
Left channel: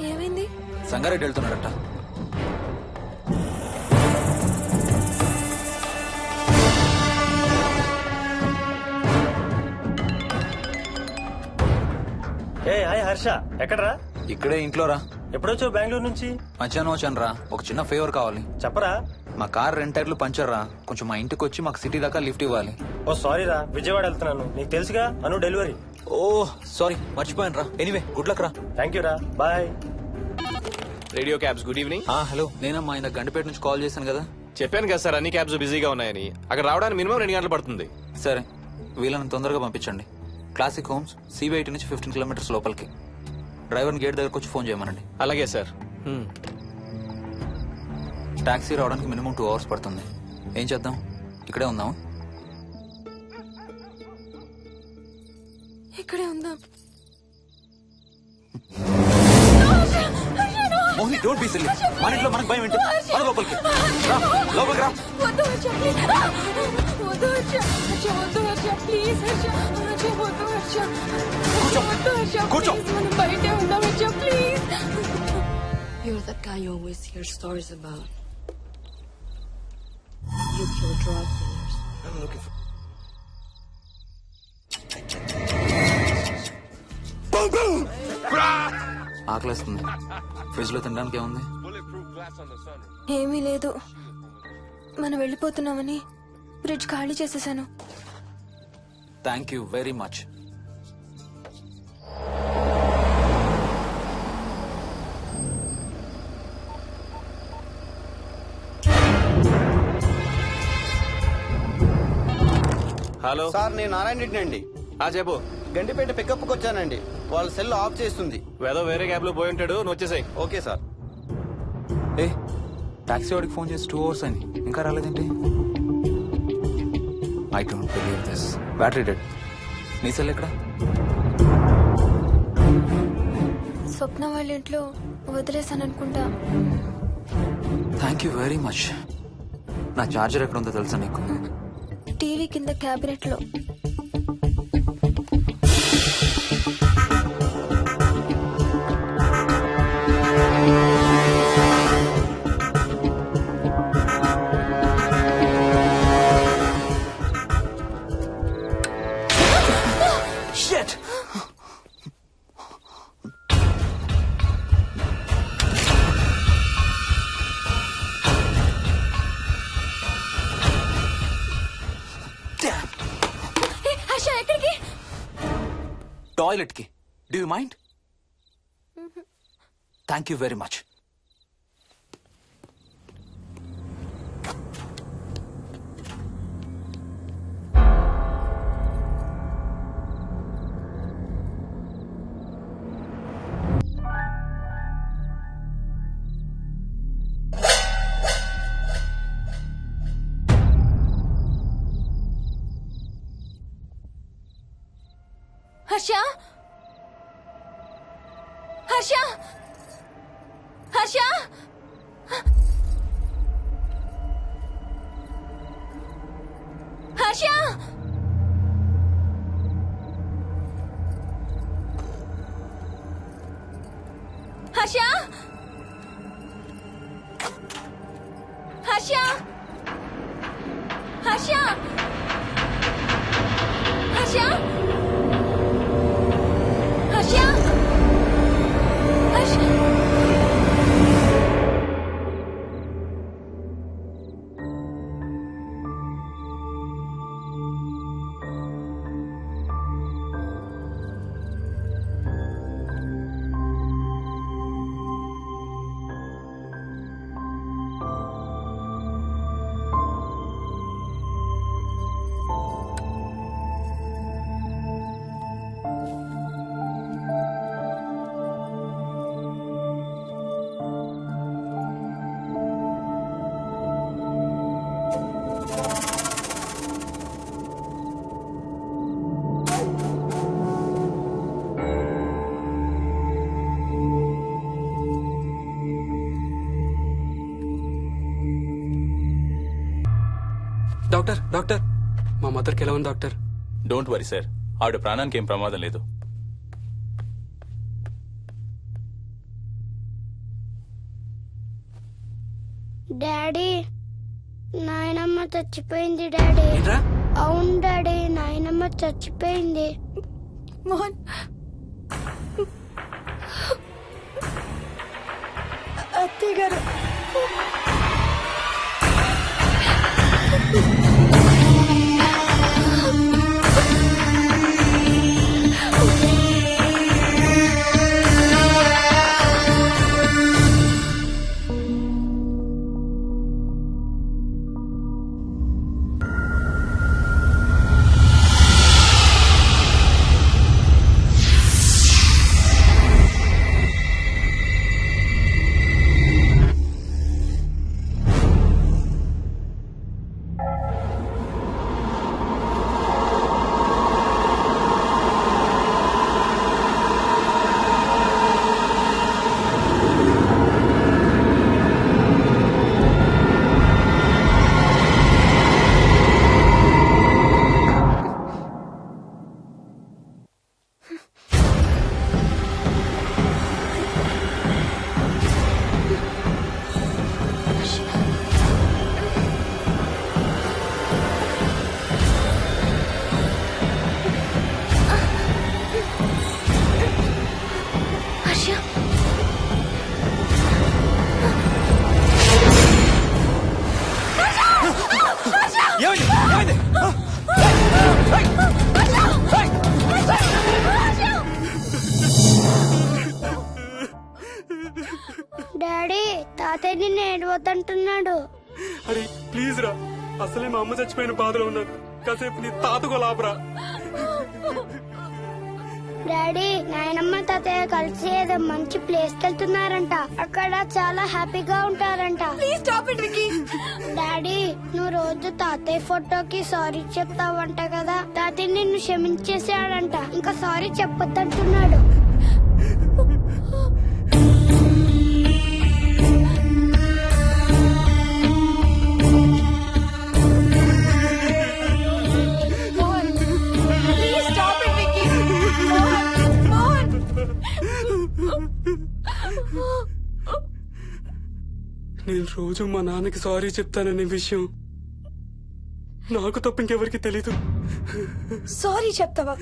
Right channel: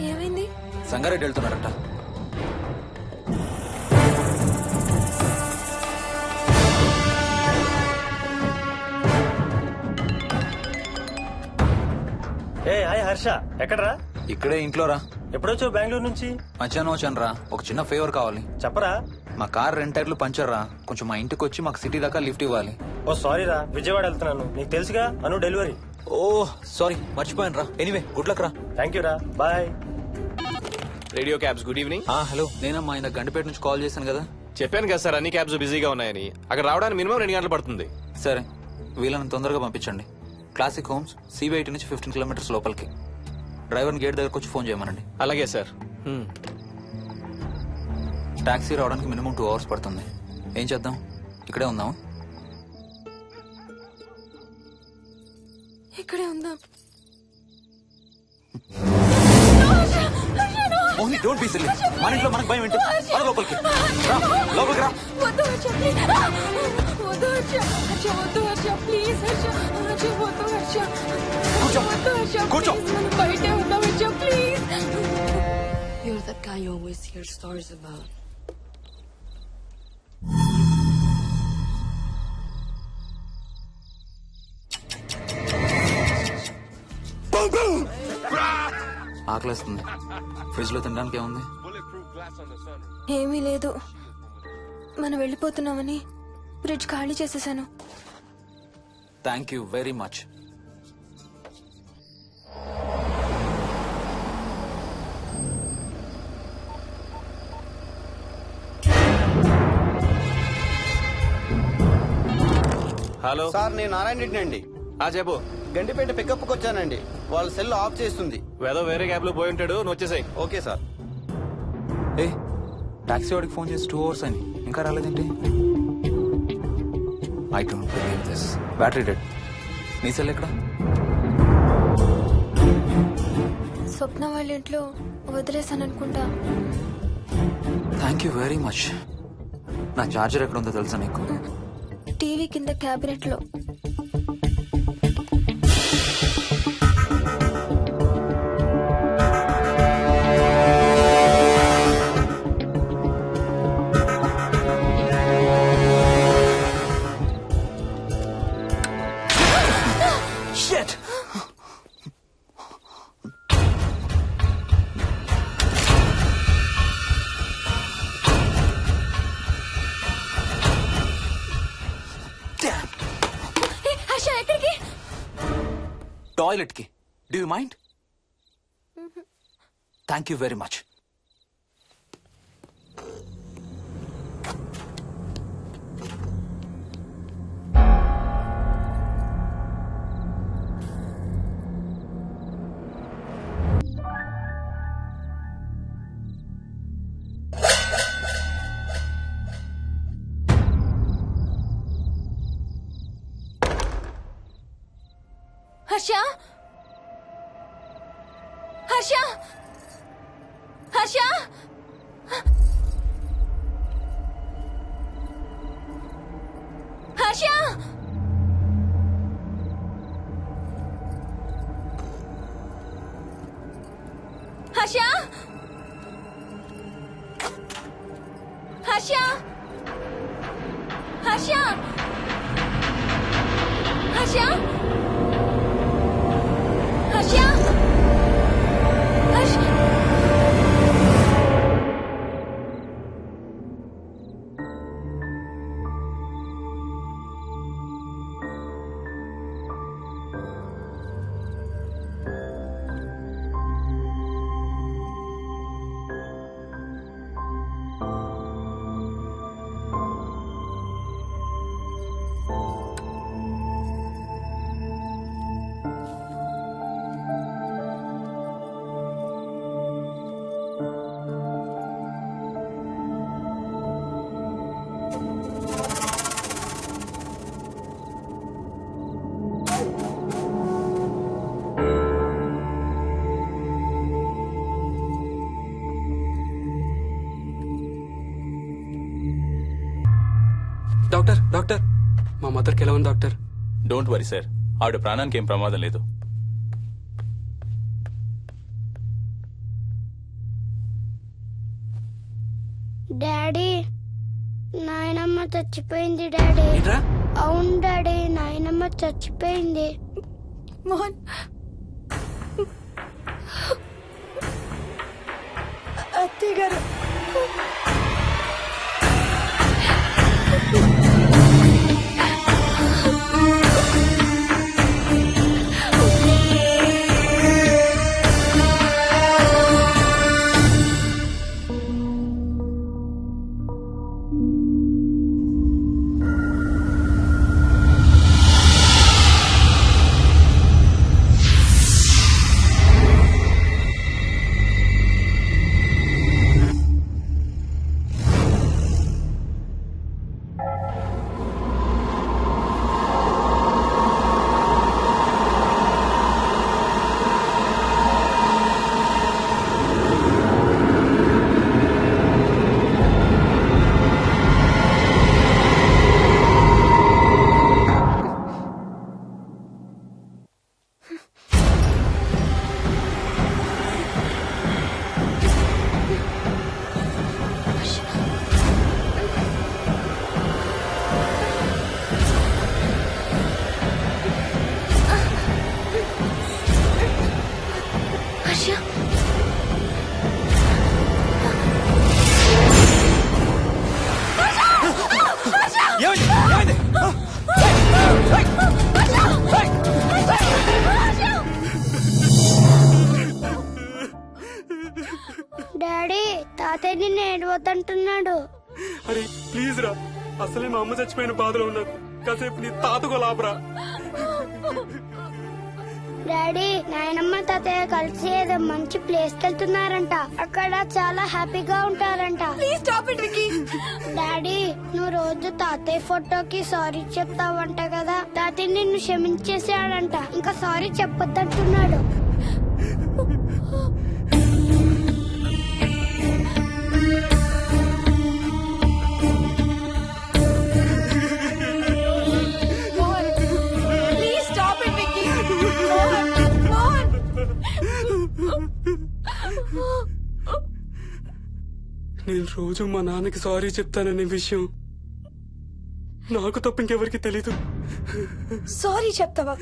ఏమైంది? సంగారెడ్డి వెళ్తున్నాడట. ఏ హాయ్ హర్ష, ఎక్కడరా? ఇక్కడే ఇంట్లో రా. ఎప్పుడొచ్చావు బెంగళూరు నుంచి? మధ్యాహ్నం వచ్చాను రా. ఒక చిన్న ఫేవర్ కావాలి. చెప్పరా. మా కార్ 2 టైర్లు పంచర్ రా. కొంచెం మా ఇంటికి వచ్చి మాకు సిటీ దాకా లిఫ్ట్ ఇవ్వాలి. ఓ సారీ రా, విజయవాడ వెళ్తున్నాను. నీకు తెలుసుగా, అను డెలివరీ. ఓ సారీ, మర్చిపోయాను రా. ఎనీవే, గుడ్ లక్ రా. థ్యాంక్ యూ రా, bye. Radio cabs, good evening. Hello, నేనమ్మా ఇందాక గండిపేట నుంచి కాల్ చేశాను కదా. చెప్పాను కదా సార్, అన్ని క్యాబ్స్ బిజీగా ఉన్నాయని. అక్కడ రావడానికి మినిమం 2 గంటలు పడుతుంది. సరే, వీళ్ళని తొందరగా పంపించండి. క్లాసిక్ హోమ్స్, సిబిఐటి నుంచి 15 కిలోమీటర్స్ లోపలికి. డ్రైవర్ని గేట్ దగ్గరకు వచ్చి ఫోన్ చేయమనండి. అలాగే సార్. టాక్సీ రావడానికి మినిమం 2 అవర్స్ పడుతుంది. ఏం చేద్దాం? ఇక్కడే ఉందాం. ఇక్కడే ఉందాం. Mohini don't be silly. మన ఇంట్లో మనకు భయం ఏంటి? మన లోపలికి రా, లోపలికి రా. వద్దు హర్ష ప్లీజ్ వద్దు హర్ష హర్ష వద్దు హర్ష ప్లీజ్ హర్ష హర్ష వద్దు హర్ష కూర్చో. వద్దు హర్ష కూర్చో. ప్లీజ్ మనం బయటే ఉందాం Harsha please. You're that guy you always hear stories about. ఆకలేస్తుంది. ఫ్రిడ్జ్ లో తినడానికి ఏముంది? ఏమీ లేదు. మనం వెళ్ళిపోతున్నామని ఫ్రిడ్జ్ ఖాళీ చేసేసాను. Thank you very much. Hello sir నేను నారాయణ రెడ్డి అండి. చెప్పు. గండిపేట పికప్ కి వచ్చానండి. వాళ్ళ సెల్ ఆఫ్ చేస్తుంది. ఏదో వేరే క్యాబ్ లో పోయి ఉంటాడు, నువ్వు వచ్చేసాయి. Okay sir. ఏ టాక్సీ వాడికి ఫోన్ చేసి 2 hours అని ఇంకా రాలేదేంటి? I don't believe this. Battery dead. నీ సెల్ ఎక్కడ? స్వప్న వాళ్ళ ఇంట్లో వదిలేసాను అనుకుంటా. Thank you very much. నా చార్జర్ ఎక్కడ ఉందో తెలుసా నీకు? టీవీ కింద క్యాబినెట్ లో. Shit! Damn! హర్ష ఎక్కడికి? టాయిలెట్ కి. Do you mind? Thank you very much. Harsha Harsha Harsha Harsha Harsha Harsha Harsha Harsha Harsha Harsha doctor doctor మా మదర్కి ఎలా ఉంది డాక్టర్? డోంట్ వరీ సార్, ఆవిడ ప్రాణానికి ఏం ప్రమాదం లేదు. డాడీ నాయనమ్మ చచ్చిపోయింది డాడీ. ఏంట్రా? అవును డాడీ, నాయనమ్మ చచ్చిపోయింది. మోహన్ అత్తయ్య గారు డాడీ తాతయ్య నిన్ను ఏడవద్దంటున్నాడు. అరే ప్లీజ్ రా, అసలే మా అమ్మ చచ్చిపోయిన బాధలో ఉన్నాను. కాసేపు నీ తాతకు లాభరా. డాడీ నాయనమ్మ తాతయ్య కలిసి ఏదో మంచి ప్లేస్ కి వెళ్తున్నారంట. అక్కడ చాలా హ్యాపీగా ఉంటారంట. డాడీ నువ్వు రోజు తాతయ్య ఫోటోకి సారీ చెప్తావంట కదా. తాతయ్య నిన్ను క్షమించేసాడంట. ఇంకా సారీ చెప్పొద్దంటున్నాడు. నేను రోజు మా నాన్నకి సారీ చెప్తాననే విషయం నాకు తప్ప ఇంకెవరికి తెలీదు. సారీ చెప్తావా?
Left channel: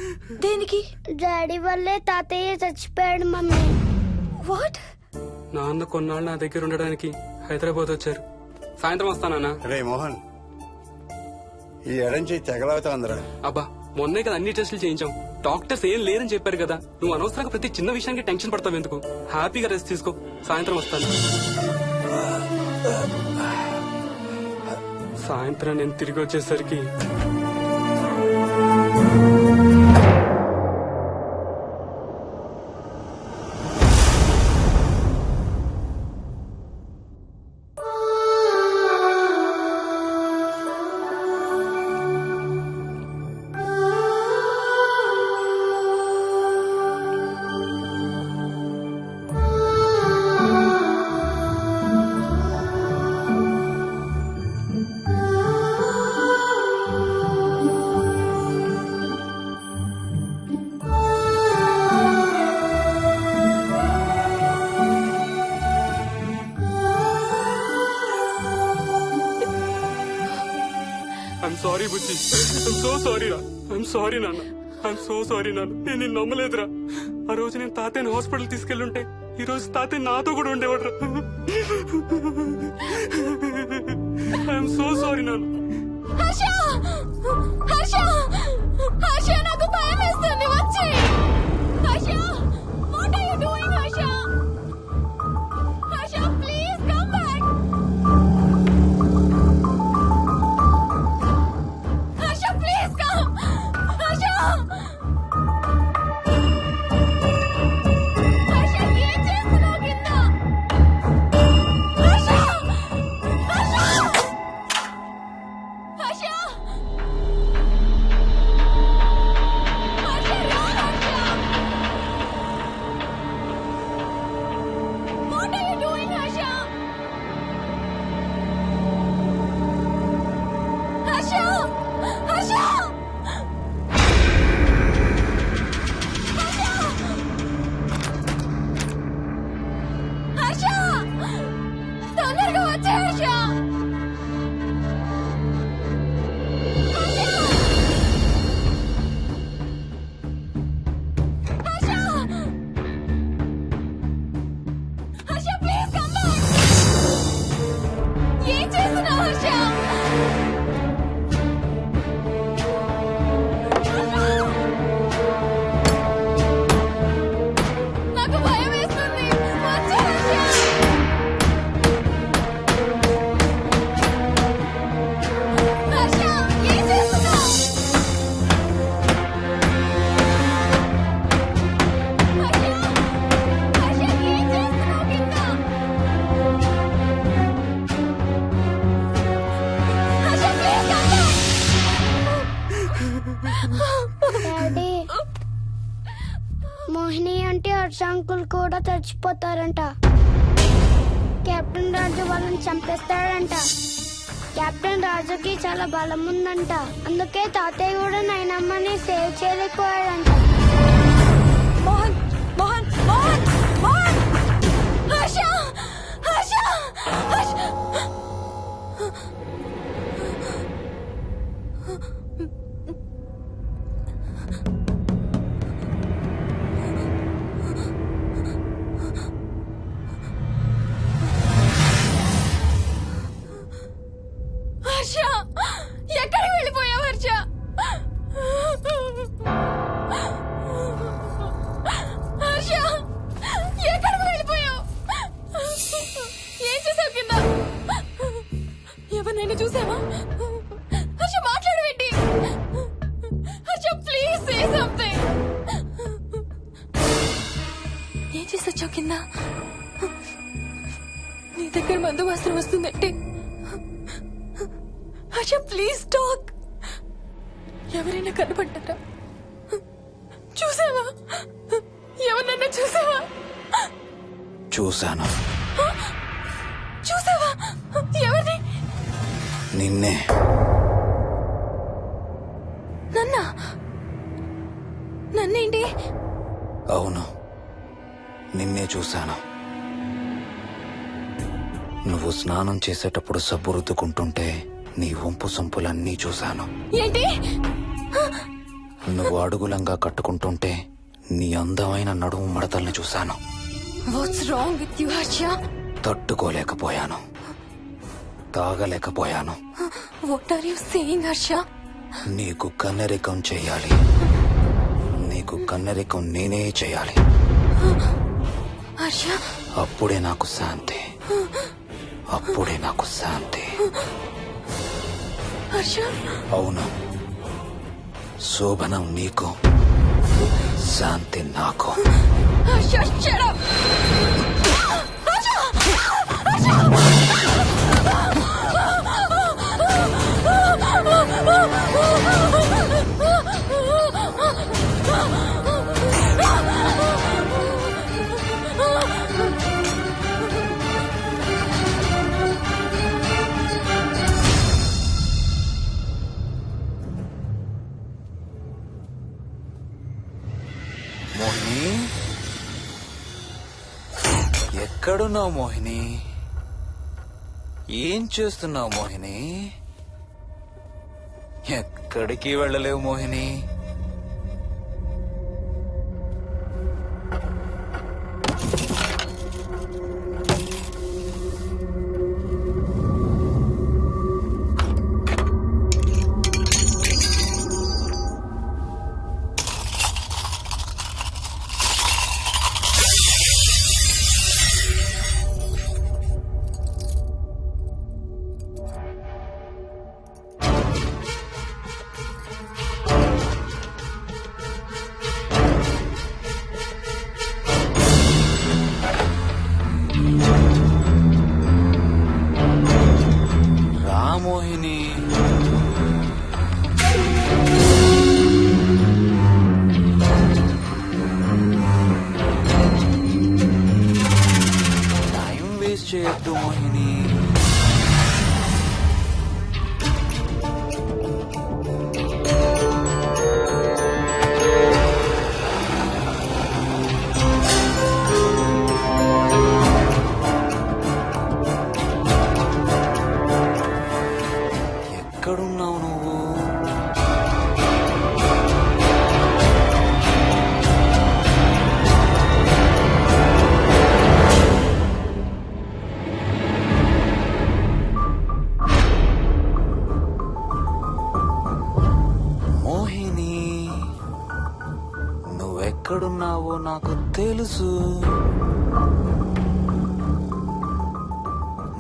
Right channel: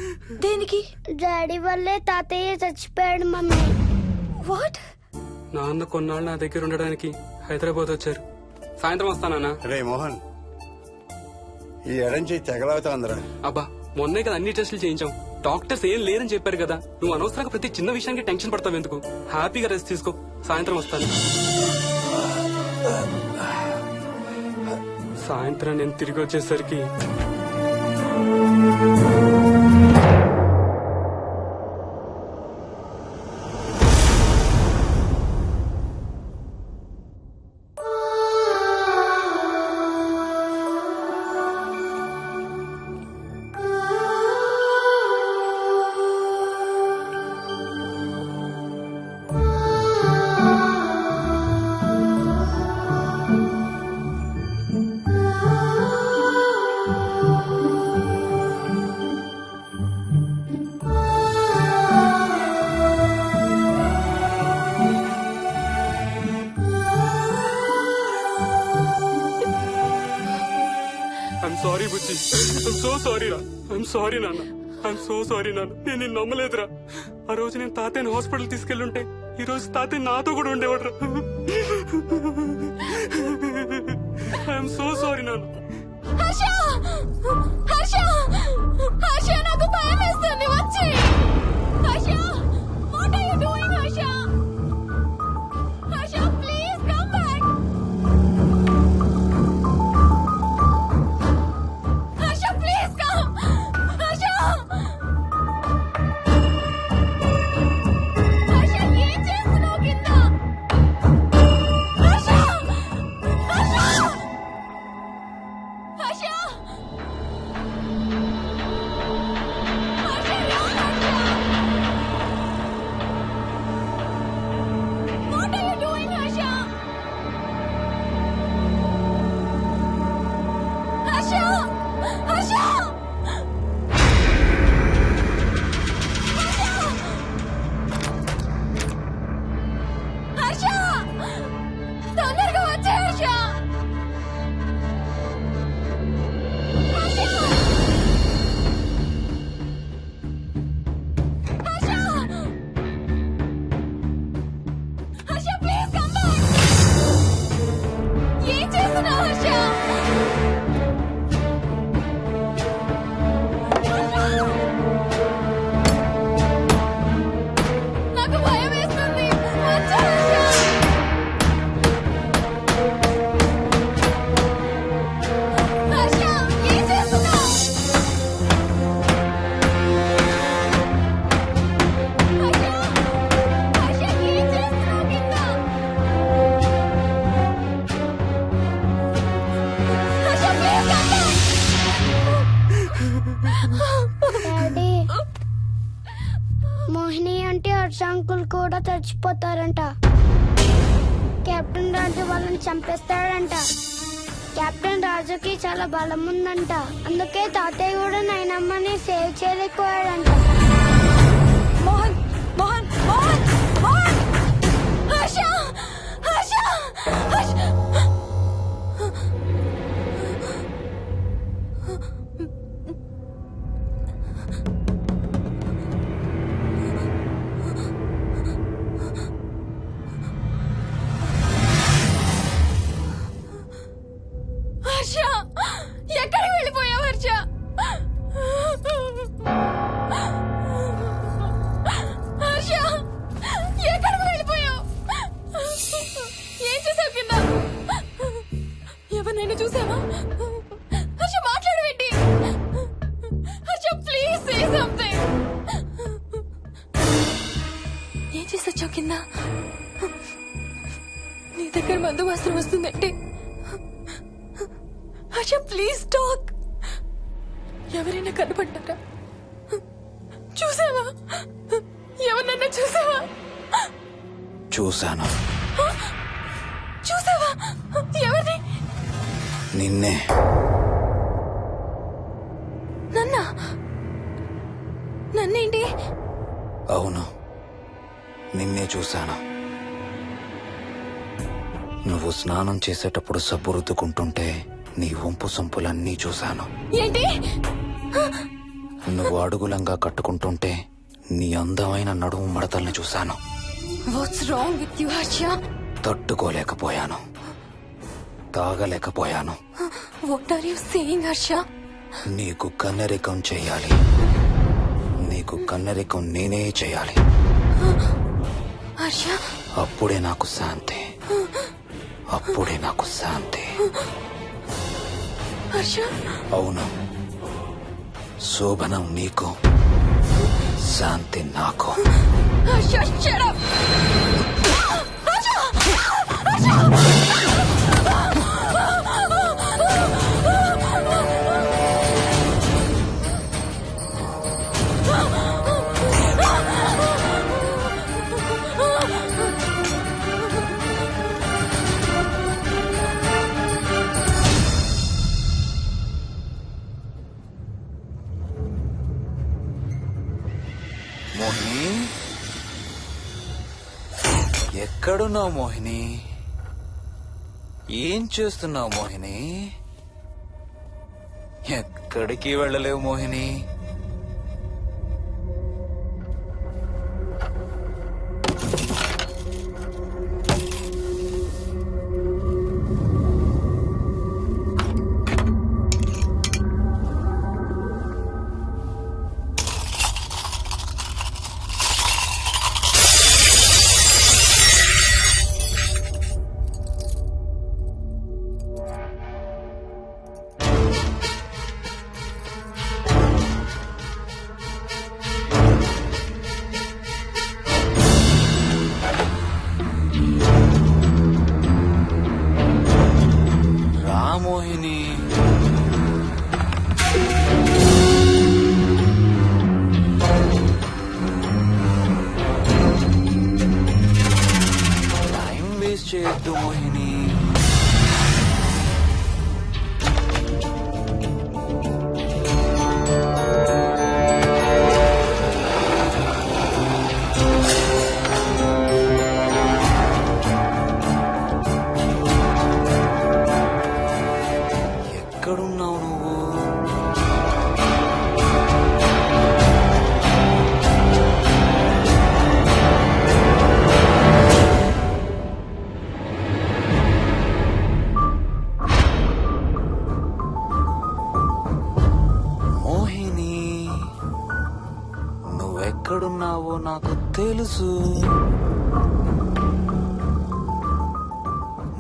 దేనికి? డాడీ వల్లే తాతయ్య చచ్చిపోయాడు మమ్మీ. వాట్? నాన్న కొన్నాళ్ళు నా దగ్గర ఉండడానికి హైదరాబాద్ వచ్చారు. సాయంత్రం వస్తానా? రే మోహన్, ఈ ఎడం చేయి తెగలవుతాందిరా. అబ్బా మొన్నే కదా అన్ని టెస్టులు చేయించాం. డాక్టర్స్ ఏం లేరని చెప్పారు కదా. నువ్వు అనవసరంగా ప్రతి చిన్న విషయానికి టెన్షన్ పడతావు ఎందుకు? హ్యాపీగా రెస్ట్ తీసుకో. సాయంత్రం వస్తాను. సాయంత్రం నేను తిరిగి వచ్చేసరికి I'm sorry Bujji. I'm so sorry రా. ఐఎమ్ సారీ నాన్న. ఐఎమ్ సో సారీ నాన్న. నేను నిన్ను నమ్మలేదురా. ఆ రోజు నేను తాతయ్యని హాస్పిటల్ తీసుకెళ్ళుంటే ఈ రోజు తాతయ్య నాతో కూడా ఉండేవాడు రా. ఐఎమ్ సో సారీ నాన్న. నాకు భయం వేస్తుంది. వచ్చి తొందరగా వచ్చే హర్ష. ఏం చేస్తున్నావు హర్ష? నాకు భయం వేస్తుంది. వచ్చే హర్ష. హర్ష ఏం చేస్తున్నావు? హర్ష ప్లీజ్ డాడీ మోహిని అంటే హర్ష అంకుల్ కూడా చచ్చిపోతారంట. కెప్టెన్ రాజు వాళ్ళని చంపేస్తాడంట. కెప్టెన్ రాజుకి చాలా బలం ఉందంట. అందుకే తాతయ్య కూడా నాయనమ్మని సేవ్ చేయలేకపోయాడంట. మోహన్ మోహన్ మోహన్ మోహన్. హర్ష హర్ష హర్ష. హర్ష ఎక్కడికి వెళ్ళిపోయావు హర్ష? హర్ష ఎక్కడికి వెళ్ళిపోయావు? చూసావా? హర్ష మాట్లాడవేంటి? Harsha please say something. ఏం చేసొచ్చావు కింద? నీ దగ్గర మందు వాసన వస్తుందంటే హర్ష ప్లీజ్ టాక్. ఎవరైనా కనపడ్డారా? చూసావా? ఎవరన్నా చూసావా? చూశాను. చూసావా? ఎవరిని? నిన్నే. నన్నేంటి? అవును, నిన్నే చూశాను. నువ్వు స్నానం చేసేటప్పుడు సబ్బు రుద్దుకుంటుంటే నీ వంపు సొంపులన్నీ చూశాను. ఏంటి? నువ్వు అడుగులంగా కట్టుకుంటుంటే నీ అందమైన నడుము మడతల్ని చూశాను. What's wrong with you Harsha? తట్టుకోలేకపోయాను, తాగలేకపోయాను. What are you saying Harsha? నీకు కన్నరికం చెయ్యాలి. నీకు కన్నరికం నేనే చేయాలి. హర్ష, అప్పుడే నాకు శాంతి. అప్పుడే నాకు శాంతి. హర్ష, అవును, శోభనం నీకు, శాంతి నాకు. Harsha, shut up. మోహిని, ఎక్కడున్నావు మోహిని? ఏం చేస్తున్నావు మోహిని? ఎక్కడికి వెళ్ళలేవు మోహిని. మోహిని, టైం వేస్ట్ చేయొద్దు మోహిని. ఎక్కడున్నావు నువ్వు? మోహిని, నువ్వెక్కడున్నావో నాకు తెలుసు.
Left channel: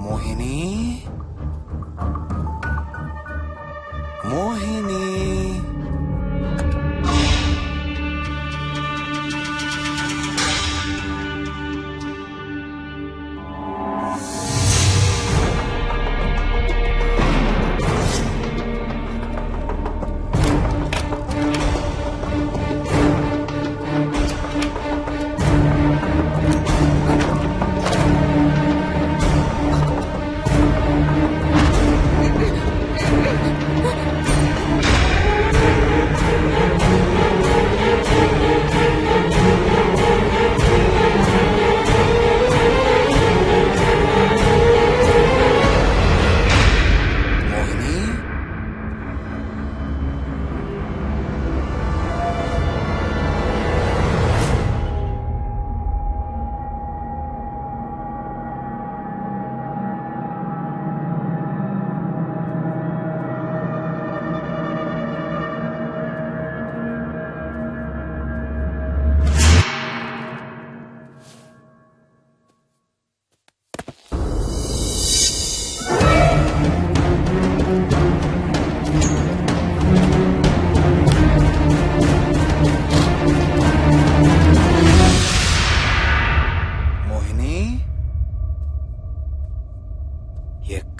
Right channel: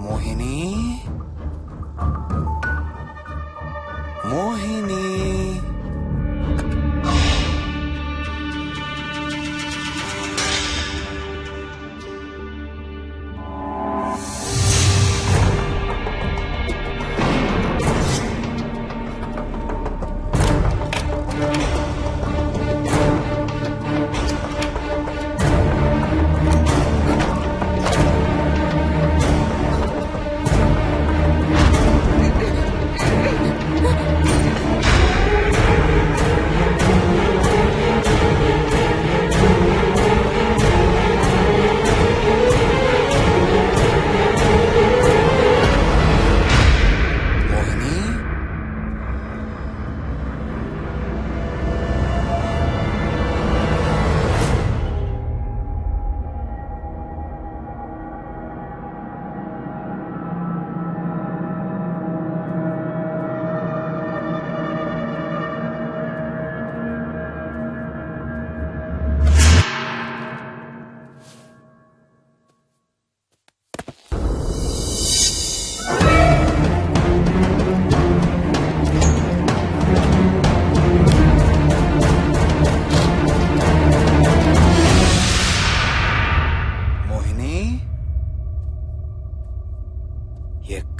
మోహిని, మోహిని,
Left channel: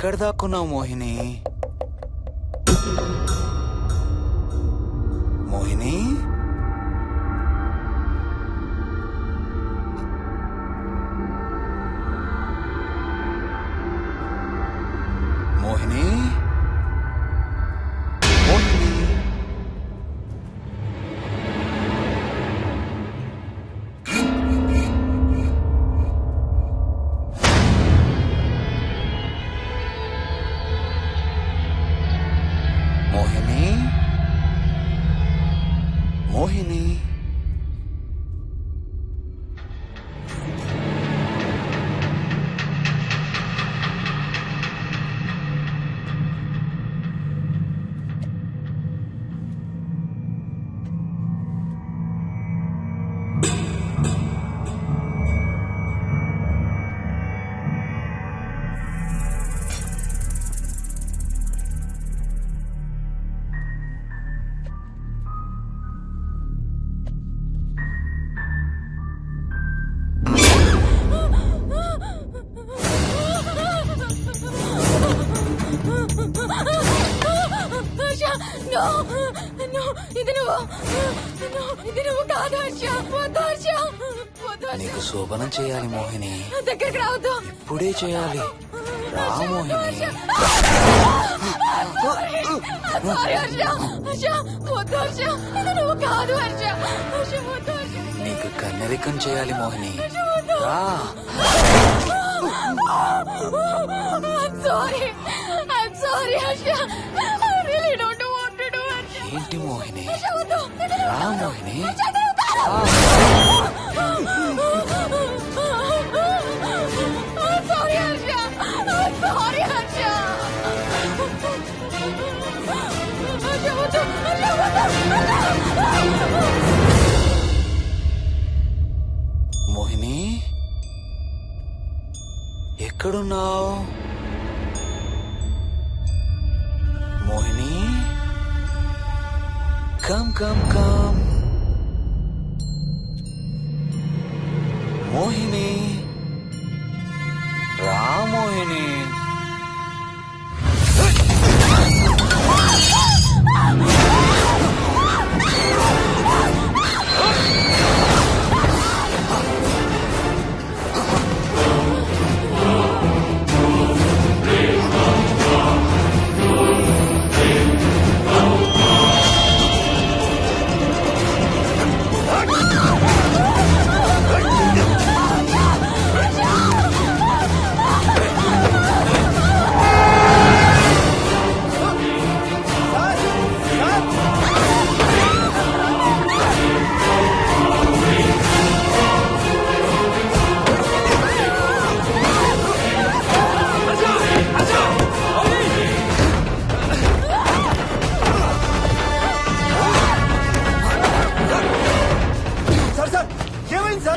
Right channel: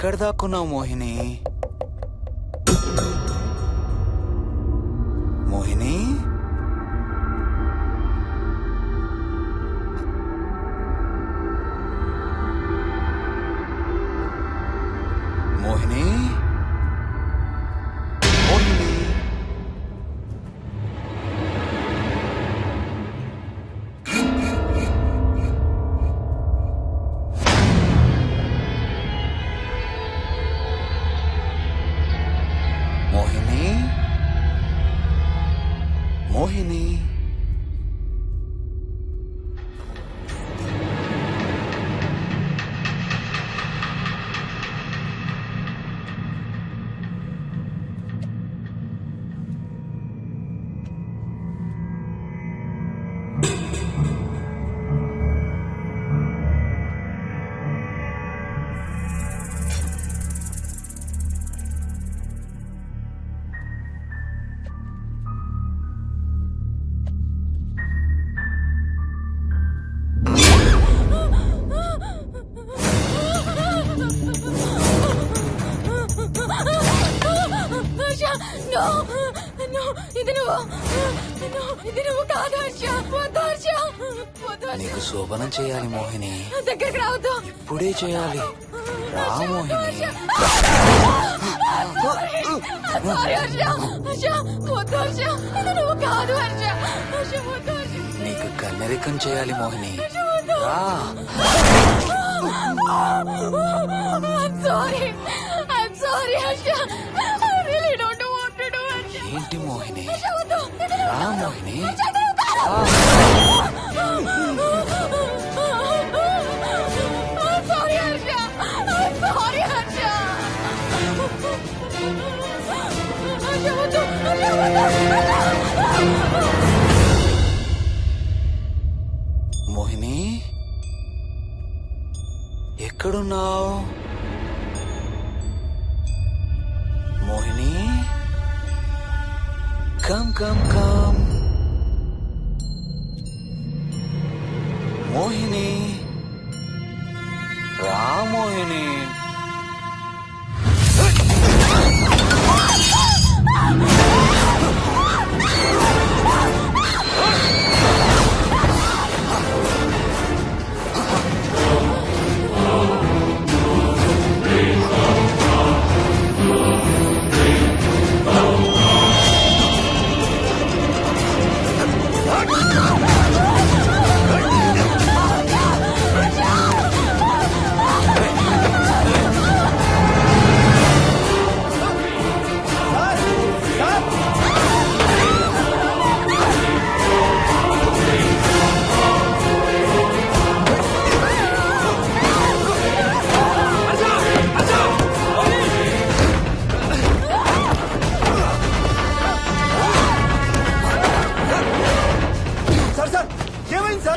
ఎక్కడ దాక్కున్నావు మోహిని? మోహిని, మోహిని, మోహిని. మోహిని, మోహిని. నీకు శోభనం చేయాలి మోహిని. దగ్గరికి రావద్దు. ఇప్పుడే చేయాలి. రా మోహిని. నీకు కన్నరికం చేయాలి మోహిని. రా. ఏంటి మోహిని? రా మోహిని. మోహిని, ఎక్కడున్నావు Mohini? Come come come Mohini. రా మోహిని.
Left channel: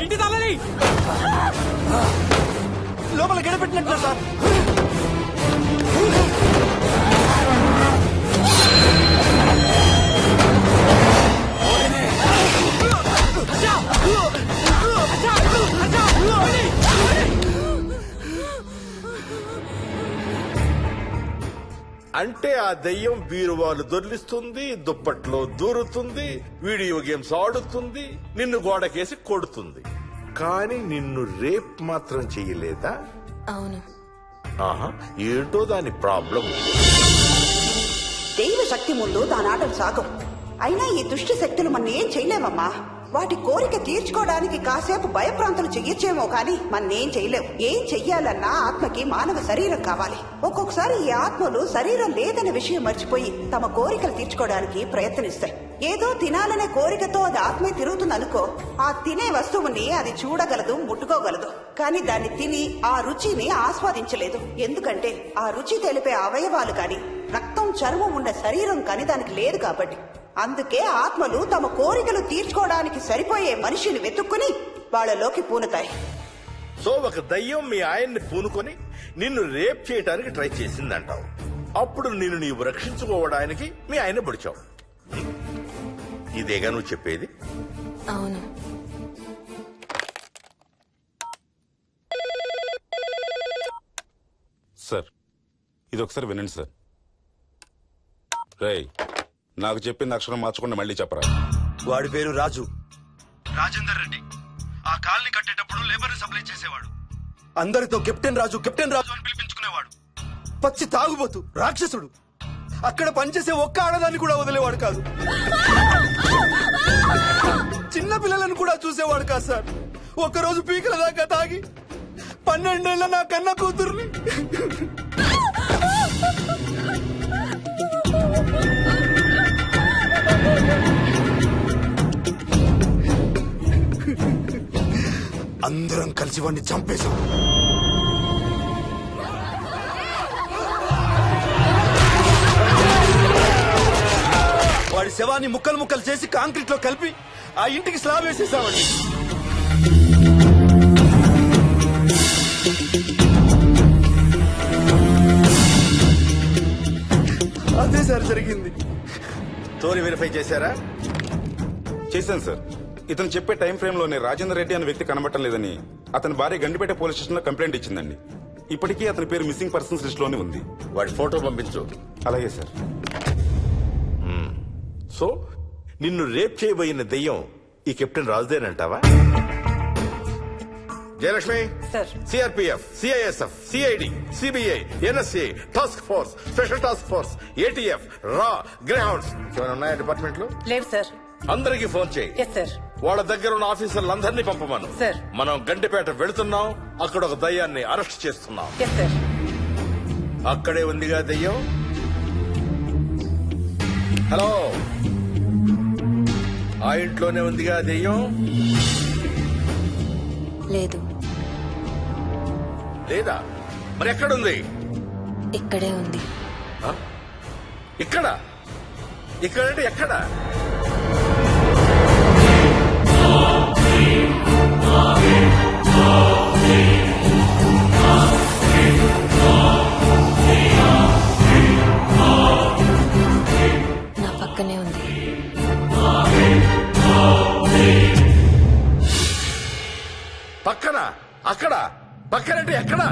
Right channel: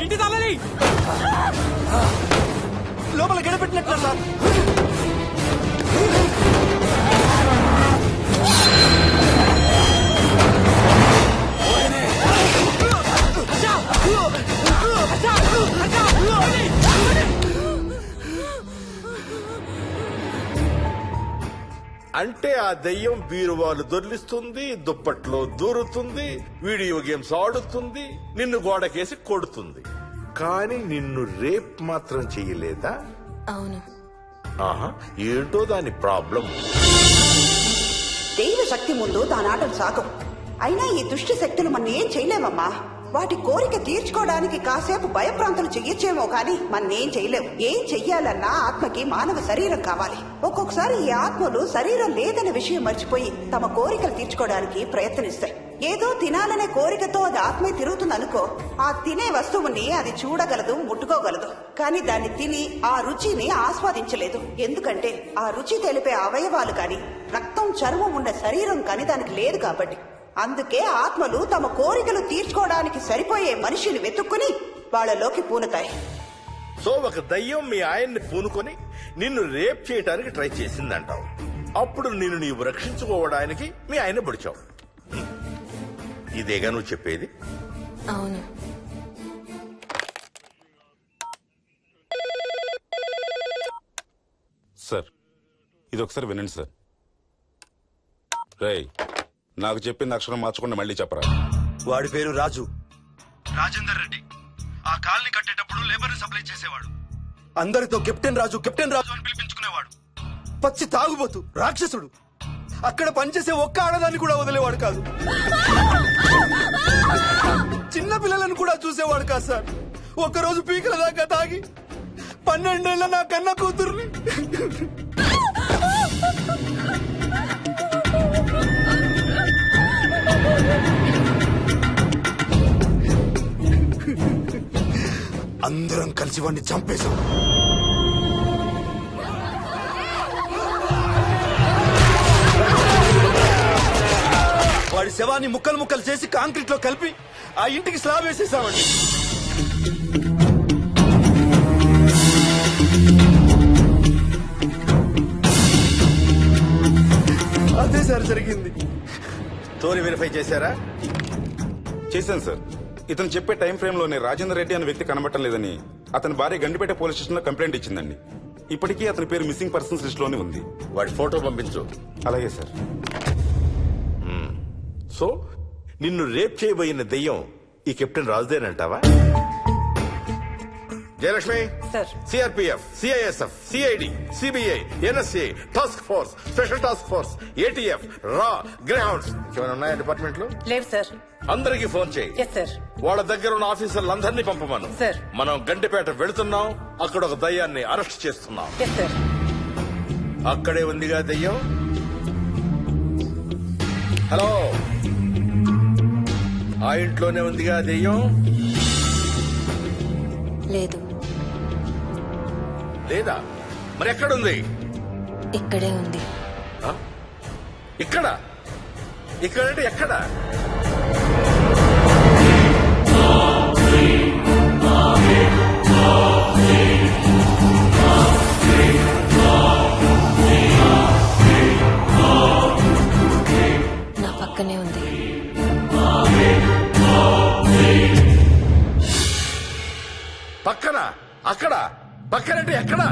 ఇంటి తాళాలి. లోపల గడపెట్టినట్టు సార్. అంటే ఆ దెయ్యం బీరువాలు దొర్లిస్తుంది, దుప్పట్లో దూరుతుంది, వీడియో గేమ్స్ ఆడుతుంది, నిన్ను గోడకేసి కొడుతుంది. కానీ నిన్ను రేప్ మాత్రం చెయ్యలేదా? అవును. ఆహా, ఏంటో దాని ప్రాబ్లం. దైవ శక్తి ముందు దానాటలు సాగం. అయినా ఈ దుష్ట శక్తులు మన ఏం చేయలేమమ్మా. వాటి కోరిక తీర్చుకోవడానికి కాసేపు భయప్రాంతులు చెయ్యొచ్చేమో కానీ మన్నేం చేయలేవు. ఏం చెయ్యాలన్నా ఆత్మకి మానవ శరీరం కావాలి. ఒక్కొక్కసారి ఈ ఆత్మలు శరీరం లేదనే విషయం మర్చిపోయి తమ కోరికలు తీర్చుకోవడానికి ప్రయత్నిస్తాయి. ఏదో తినాలనే కోరికతో అది ఆత్మే తిరుగుతుందనుకో, ఆ తినే వస్తువుని అది చూడగలదు, ముట్టుకోగలదు. కానీ దాన్ని తిని ఆ రుచిని ఆస్వాదించలేదు. ఎందుకంటే ఆ రుచి తెలిపే అవయవాలు కాని, రక్తం చర్మం ఉన్న శరీరం కాని దానికి లేదు కాబట్టి. అందుకే ఆత్మలు తమ కోరికలు తీర్చుకోవడానికి సరిపోయే మనిషిని వెతుక్కుని వాళ్ళలోకి పూనుతాయి. సో ఒక దయ్యం మీ ఆయన్ని పూనుకొని నిన్ను రేప్ చేయడానికి ట్రై చేసిందంటావు. అప్పుడు నిన్ను నీవు రక్షించుకోవడానికి మీ ఆయన పొడిచావు. ఇదేగా నువ్వు చెప్పేది? అవును. సార్, ఇది ఒకసారి వినండి సార్. రేయ్, నాకు చెప్పింది అక్షరం మార్చకుండా మళ్ళీ చెప్పరా. వాడి పేరు రాజు. రాజేందర్ రెడ్డి ఆ కాలనీ కట్టేటప్పుడు లేబర్ సప్లై చేసేవాడు. అందరితో కెప్టెన్ రాజు కెప్టెన్ రాజు అని పిలిపించుకునేవాడు. పచ్చి తాగుబోతు రాక్షసుడు. అక్కడ పనిచేసే ఒక్క ఆడదాన్ని కూడా వదిలేవాడు కాదు. చిన్న పిల్లలను కూడా చూసేవాడు కాదు సార్. ఒక్కరోజు పీకల దాకా తాగి 12 ఏళ్ల నా కన్న కూతుర్ని అందరం కలిసి వాడిని చంపేశాం. వాడి శవాన్ని ముక్కలు ముక్కలు చేసి కాంక్రీట్ లో కలిపి ఆ ఇంటికి స్లాబ్ వేసేసామండి. అదే సార్ జరిగింది. స్టోరీ వెరిఫై చేశారా? చేశాను సార్. ఇతను చెప్పే టైం ఫ్రేమ్ లోనే రాజేందర్ రెడ్డి అనే వ్యక్తి కనబడటం లేదని అతని భార్య గండిపేట పోలీస్ స్టేషన్ లో కంప్లైంట్ ఇచ్చిందండి. ఇప్పటికీ అతని పేరు మిస్సింగ్ పర్సన్స్ లిస్ట్ లోనే ఉంది. వాడి ఫోటో పంపించు. అలాగే సార్. సో నిన్ను రేప్ చేయబోయిన దెయ్యం ఈ కెప్టెన్ రాజుదేనంటావా? Jayalakshmi, CRPF, CISF, CID, CBI, NSA, task force, special task force, ATF, రా, గ్రౌండ్స్ ఏమైనా ఉన్నాయా డిపార్ట్మెంట్ లో? లేదు సార్. అందరికీ ఫోన్ చేయి. Yes sir. వాళ్ళ దగ్గర ఉన్న ఆఫీసర్లందరినీ పంపమను. సార్. మనం గండిపేట వెళుతున్నాం. అక్కడ ఒక దయ్యాన్ని అరెస్ట్ చేస్తున్నాం. Yes sir. అక్కడే ఉందిగా దయ్యం. హలో, ఆ ఇంట్లోనే ఉందిగా దెయ్యం? లేదు. లేదా? మరి ఎక్కడుంది? ఇక్కడే ఉంది. ఇక్కడ? ఇక్కడంటే ఎక్కడ? నా పక్కనే ఉంది. పక్కన? అక్కడ? పక్కనంటే ఎక్కడ?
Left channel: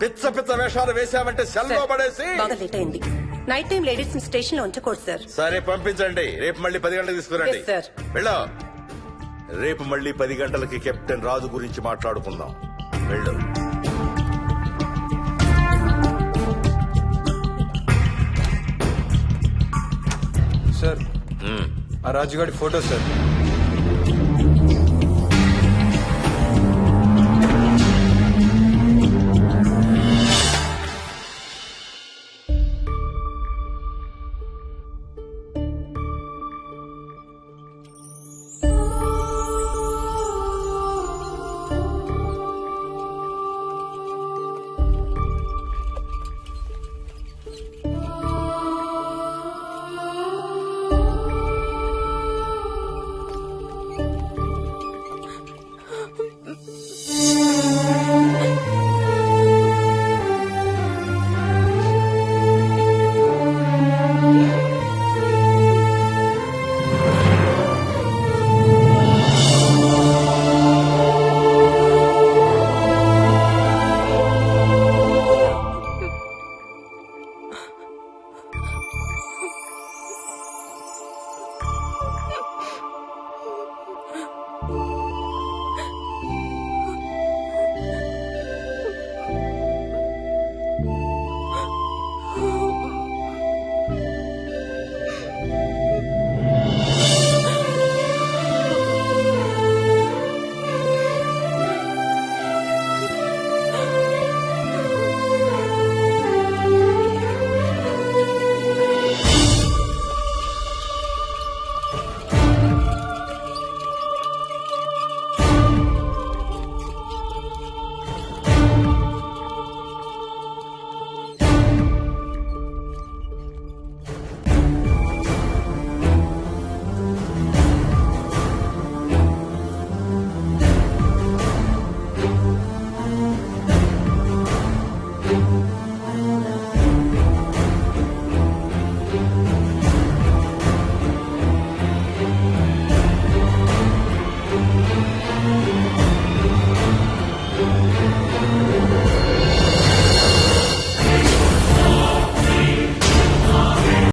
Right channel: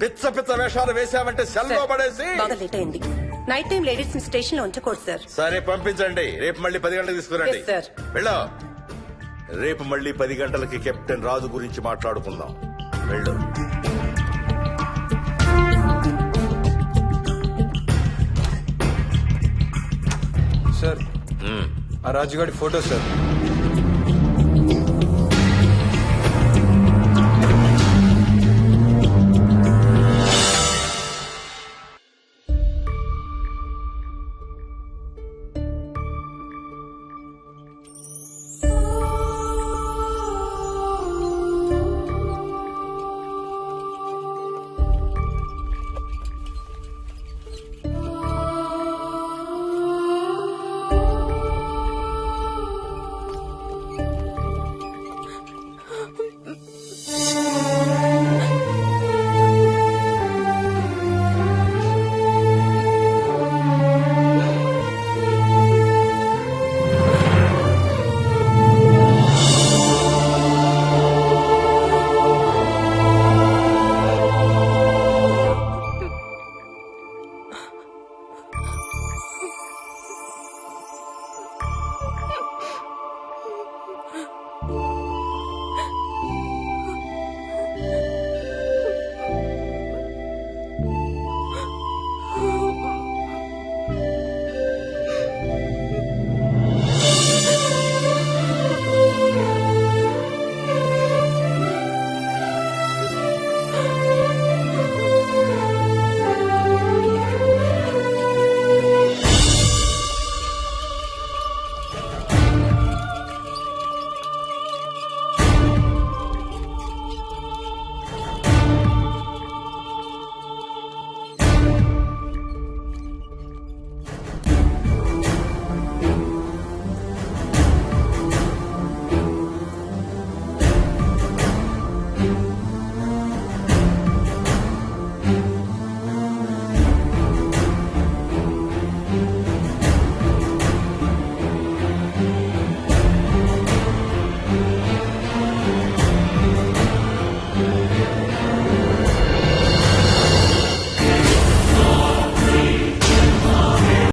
పిచ్చ పిచ్చ వేషాలు వేశామంటే సెల్లో పడేసి. బాగా లేట్ అయింది. నైట్ టైం లేడీస్ స్టేషన్ లో ఉంచకూడదు సార్. సరే పంపించండి. రేపు మళ్ళీ 10 గంటలకు తీసుకురండి. Yes, sir. వెళ్ళు. రేపు మళ్ళీ 10 గంటలకి కెప్టెన్ రాజు గురించి మాట్లాడుకుందాం. వెళ్ళు. సార్, ఆ రాజుగాడి ఫోటో సార్.